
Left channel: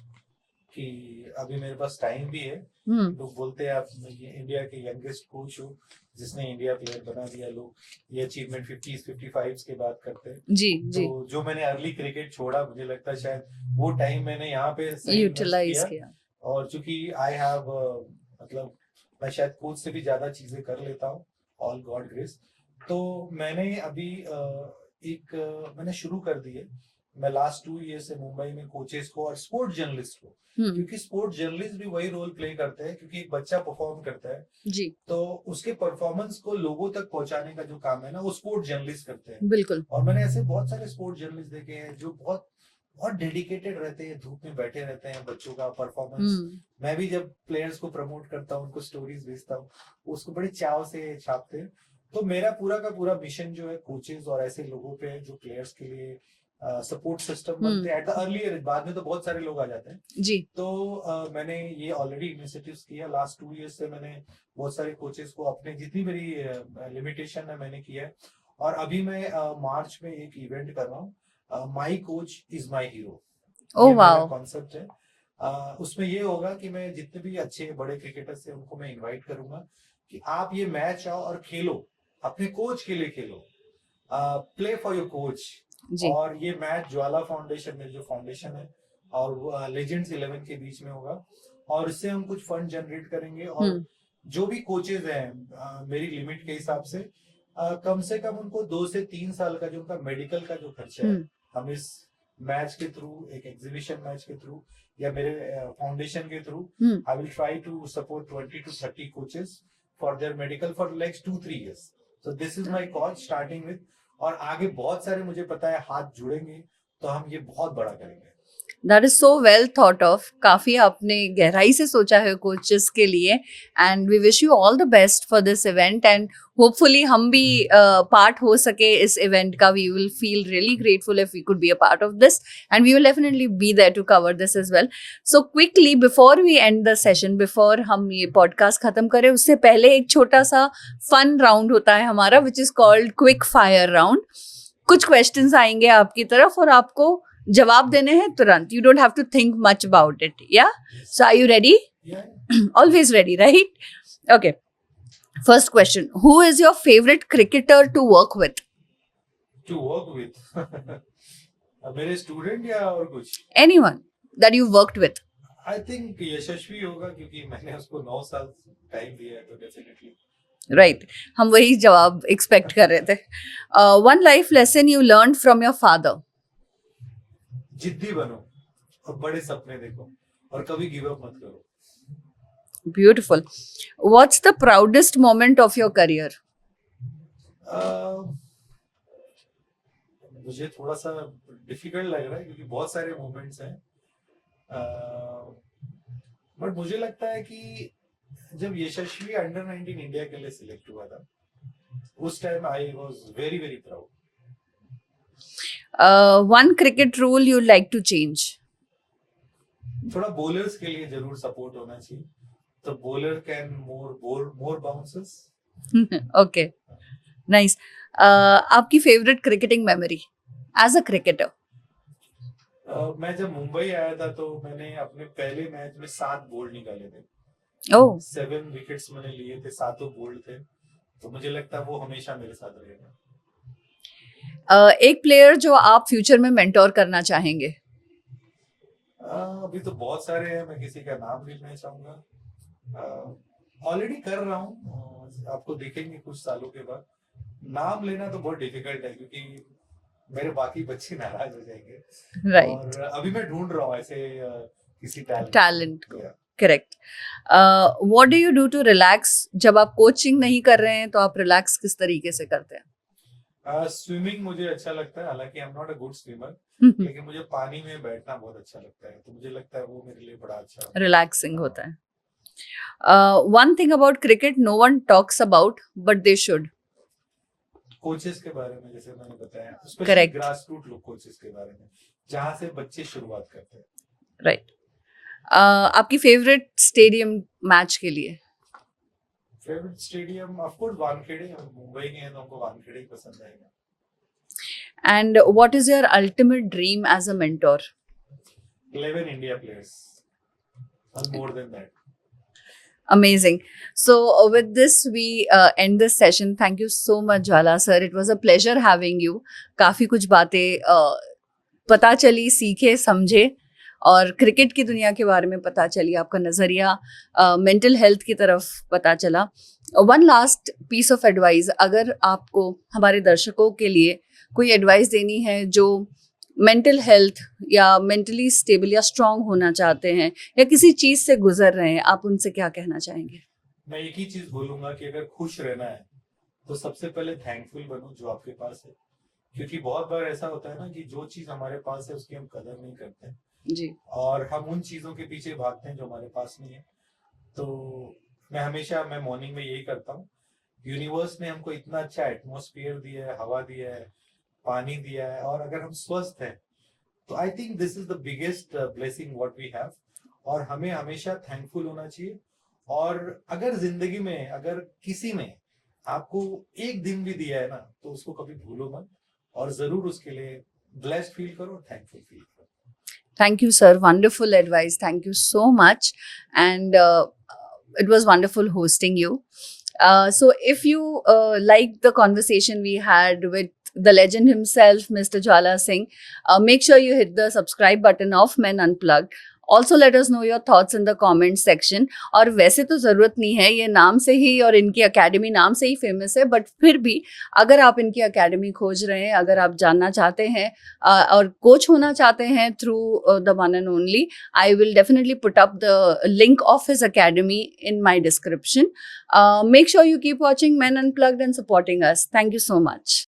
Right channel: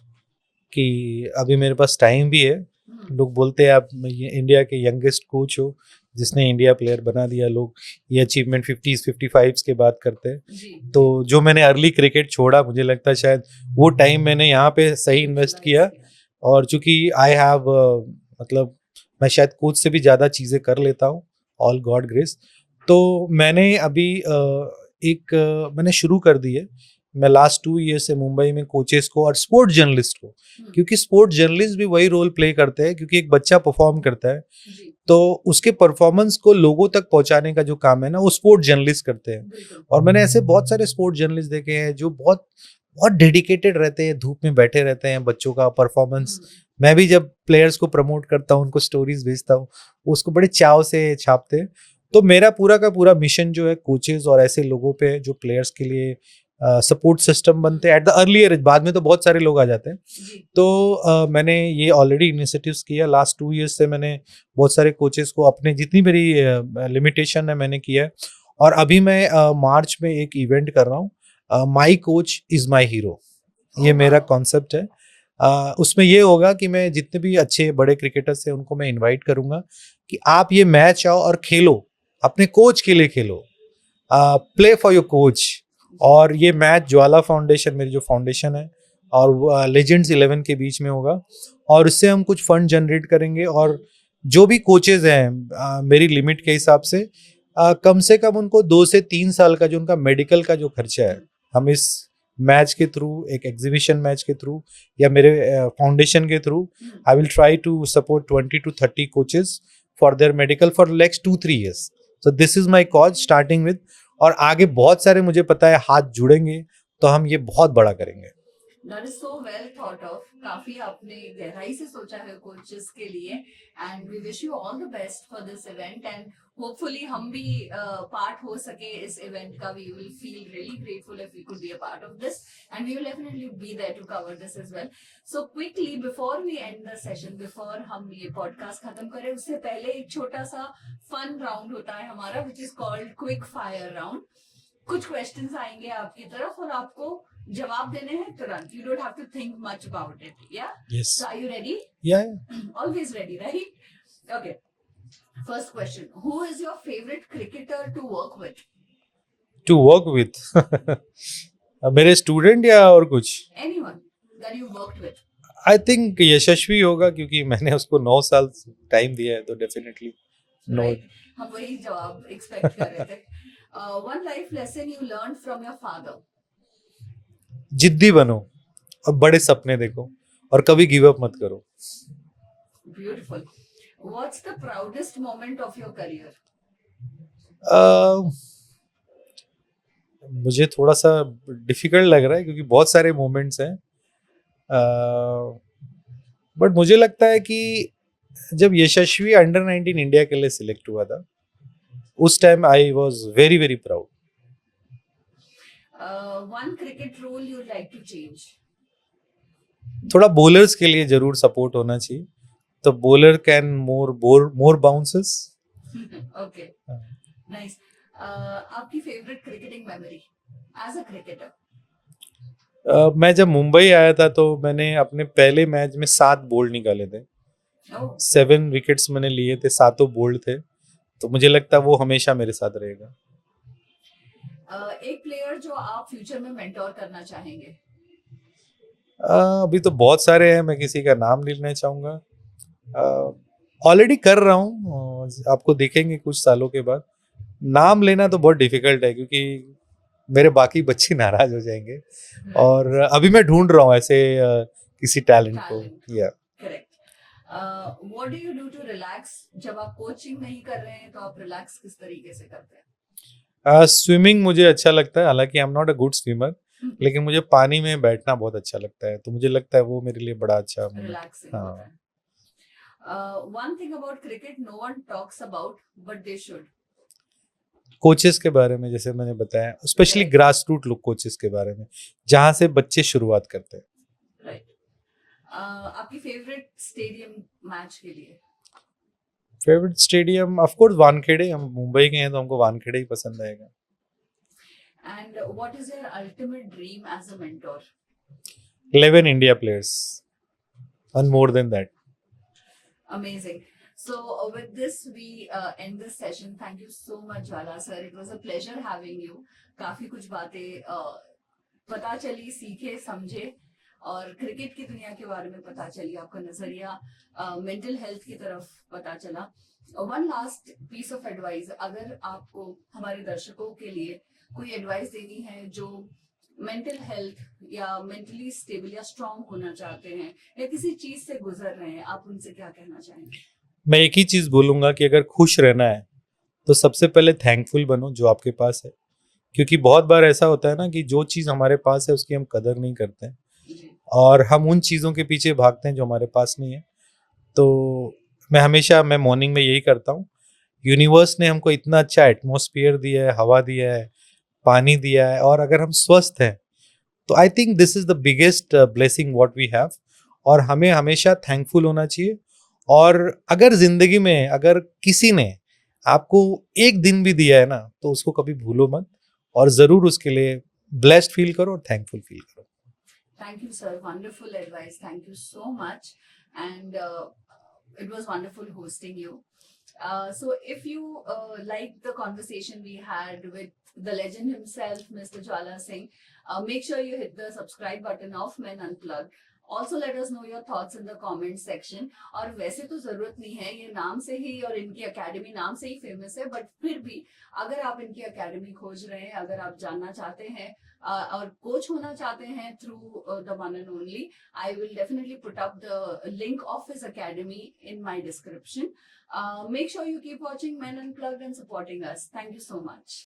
कि अभी मेरे पास टाइम भी है। लोग बोलते हैं आप इंडिया के यंगेस्ट कोच हो जिसने इंडिया प्लेयर बना दिया। लोग ये अचीवमेंट 50s 55s के बात करते हैं। तो जो मैंने अर्ली क्रिकेट छोड़ा, मुझे लगता है शायद वो टाइम मैंने यहाँ पे सही इन्वेस्ट किया। और चूंकि आई हैव मतलब मैं शायद कोच से भी ज़्यादा चीज़ें कर लेता हूँ, ऑल गॉड ग्रेस। तो मैंने अभी मैंने शुरू कर दी है। मैं लास्ट 2 ईयर से मुंबई में कोचेस को और स्पोर्ट्स जर्नलिस्ट को, क्योंकि स्पोर्ट्स जर्नलिस्ट भी वही रोल प्ले करते हैं, क्योंकि एक बच्चा परफॉर्म करता है तो उसके परफॉर्मेंस को लोगों तक पहुंचाने का जो काम है ना, वो स्पोर्ट्स जर्नलिस्ट करते हैं। बिल्कुल। और मैंने ऐसे बहुत सारे स्पोर्ट्स जर्नलिस्ट देखे हैं जो बहुत बहुत डेडिकेटेड रहते हैं, धूप में बैठे रहते हैं, बच्चों का परफॉर्मेंस। मैं भी जब प्लेयर्स को प्रमोट करता हूँ, उनको स्टोरीज भेजता हूँ, उसको बड़े चाव से छापते हैं। तो मेरा पूरा का पूरा मिशन जो है कोचेस और ऐसे लोगों पे जो प्लेयर्स के लिए सपोर्ट सिस्टम बनते हैं एट द अर्लियर एज। बाद में तो बहुत सारे लोग आ जाते हैं जी। तो मैंने ये ऑलरेडी इनिशिएटिव्स किया। लास्ट 2 ईयर्स से मैंने बहुत सारे कोचेस को अपने जितनी मेरी लिमिटेशन है मैंने किया है। और अभी मैं मार्च में एक इवेंट कर रहा हूँ, my coach is my hero. ये मेरा कॉन्सेप्ट है। उसमें ये होगा कि मैं जितने भी अच्छे बड़े क्रिकेटर्स हैं उनको मैं इनवाइट करूंगा कि आप ये मैच आओ और खेलो, अपने कोच के लिए खेलो, प्ले फॉर योर कोच। और ये मैच ज्वाला फाउंडेशन, मेरी जो फाउंडेशन है, और लेजेंड्स 11 के बीच में होगा। और उससे हम कुछ फंड जनरेट करेंगे और जो भी कोचेज हैं मेरी लिमिट के हिसाब से कम उनको 2 से 3 साल का जो उनका मेडिकल का जो खर्चा है, हम इस मैच के थ्रू, एक एग्जीबिशन मैच के थ्रू या मेरे फाउंडेशन के through, I will try to support 20 to 30 coaches for their medical for next 2-3 years। So this is my cause starting with. और आगे बहुत सारे मुझे पता है हाथ जुड़ेंगे तो हम ये बहुत बड़ा करेंगे। That is so well thought of. काफी आपने गहराई से सोचा है कोचेस के लिए, and we wish you all the best for this event, and hopefully हम भी part हो सके इस event का। We will feel really grateful if we could be a part of this, and we will definitely be there to cover this as well. So quickly before we end the session, before हम ये podcast खत्म करें, उससे पहले एक छोटा सा fun round होता है हमारा, which is called quick fire round. कुछ questions आएंगे आपकी तरफ और आपको जवाब देने हैं तुरंत। You don't have to think much about it. Yeah? Yes. So are you ready? Yeah. Always ready, right? Okay. First question. Who is your favorite cricketer to work with? To work with? मेरे स्टूडेंट या और कुछ? Anyone that you worked with. I think Yashasvi होगा, क्योंकि मैंने उसको 9 साल टाइम दिया है, तो डेफिनेटली राइट, हम वही जवाब एक्सपेक्ट कर रहे थे. One life lesson you learn from your father. जिद्दी बनो और बड़े सपने देखो और कभी गिव अप मत करो. Beautiful. What's the proudest moment of your career? मुझे थोड़ा सा डिफिकल्ट लग रहा है क्योंकि बहुत सारे मोमेंट्स हैं, बट मुझे लगता है कि जब यशस्वी अंडर 19 इंडिया के लिए सिलेक्ट हुआ था, उस time I was very very proud. One cricket rule you like to change? थोड़ा बॉलर्स के लिए जरूर सपोर्ट होना चाहिए, तो bowler can more bounces. Okay, nice. आपकी favourite cricketing memory as a cricketer? मैं जब मुंबई आया था तो मैंने अपने पहले मैच में 7 बोल्ड निकाले थे. ओह, 7 विकेट्स मैंने लिए थे, 7 बोल्ड थे, तो मुझे लगता है वो हमेशा मेरे साथ रहेगा. एक प्लेयर जो आप फ्यूचर में मेंटोर करना चाहेंगे? अभी तो बहुत सारे हैं, मैं किसी का नाम नहीं लेना चाहूंगा. ऑलरेडी कर रहा हूँ, आपको देखेंगे कुछ सालों के बाद. नाम लेना तो बहुत डिफिकल्ट है क्योंकि मेरे बाकी बच्चे नाराज हो जाएंगे. राइट, और अभी मैं ढूंढ रहा हूँ ऐसे किसी टैलेंट टैलेंट. या correct. What do you do to relax? जब आप कोचिंग नहीं कर रहे हैं तो आप रिलैक्स किस तरीके से करते हैं? स्विमिंग मुझे अच्छा लगता है, हालांकि I am not a good swimmer, लेकिन मुझे पानी में बैठना बहुत अच्छा लगता है, तो मुझे लगता है वो मेरे लिए बड़ा अच्छा रिलैक्सिंग हाँ. होता है. One thing about cricket no one talks about but they should? Coaches के बारे में, जैसे मैंने बताया, स्पेशली Correct. ग्रास रूट लोग कोचेस के बारे में, जहाँ से बच्चे शुरुआत करते हैं. राइट. आपकी फेवरेट स्टेडियम मैच के लिए? Favourite stadium of course Wankhede. हम मुंबई के हैं तो हमको वानखेड़े ही पसंद आएगा. And what is your ultimate dream as a mentor? 11 India players and more than that. Amazing. So with this we end this session. Thank you so much Jwala sir. It was a pleasure having you. काफी कुछ बातें पता चली, सीखे, समझे और क्रिकेट की दुनिया के बारे में पता चली. आपका नज़रिया मेंटल हेल्थ की तरफ पता चला. One last piece of advice, अगर आपको हमारे दर्शकों के लिए कोई एडवाइस देनी है जो मेंटल हेल्थ या मेंटली स्टेबल या स्ट्रांग होना चाहते हैं या किसी चीज से गुजर रहे हैं, आप उनसे क्या कहना चाहेंगे? मैं एक ही चीज बोलूंगा कि अगर खुश रहना है तो सबसे पहले थैंकफुल बनो जो आपके पास है, क्योंकि बहुत बार ऐसा होता है ना कि जो चीज हमारे पास है उसकी हम कदर नहीं करते हैं जी. और हम उन चीजों के पीछे भागते हैं जो हमारे पास नहीं है. तो मैं मॉर्निंग में यही करता हूँ. यूनिवर्स ने हमको इतना अच्छा एटमॉस्फेयर दिया है, हवा दिया है, पानी दिया है, और अगर हम स्वस्थ हैं तो I think this is the biggest blessing what we have. और हमें हमेशा थैंकफुल होना चाहिए. और अगर जिंदगी में अगर किसी ने आपको एक दिन भी दिया है ना, तो उसको कभी भूलो मत और जरूर उसके लिए ब्लेस्ड फील करो और थैंकफुल फील करो. Thank you, sir. Wonderful advice. Thank you so much. And it was wonderful hosting you. So if you liked the conversation we had with the legend himself, Mr. Jwala Singh, make sure you hit the subscribe button of Men Unplugged. Also let us know your thoughts in the comment section. और वैसे तो ज़रूरत नहीं है, ये नाम से ही और इनकी अकेडमी नाम से ही फेमस है, बट फिर भी अगर आप इनकी अकेडमी खोज रहे हैं, अगर आप जानना चाहते हैं और कोच होना चाहते हैं through the one and only, I will definitely put up the link of his academy in my description. Make sure you keep watching Men Unplugged and supporting us. Thank you so much.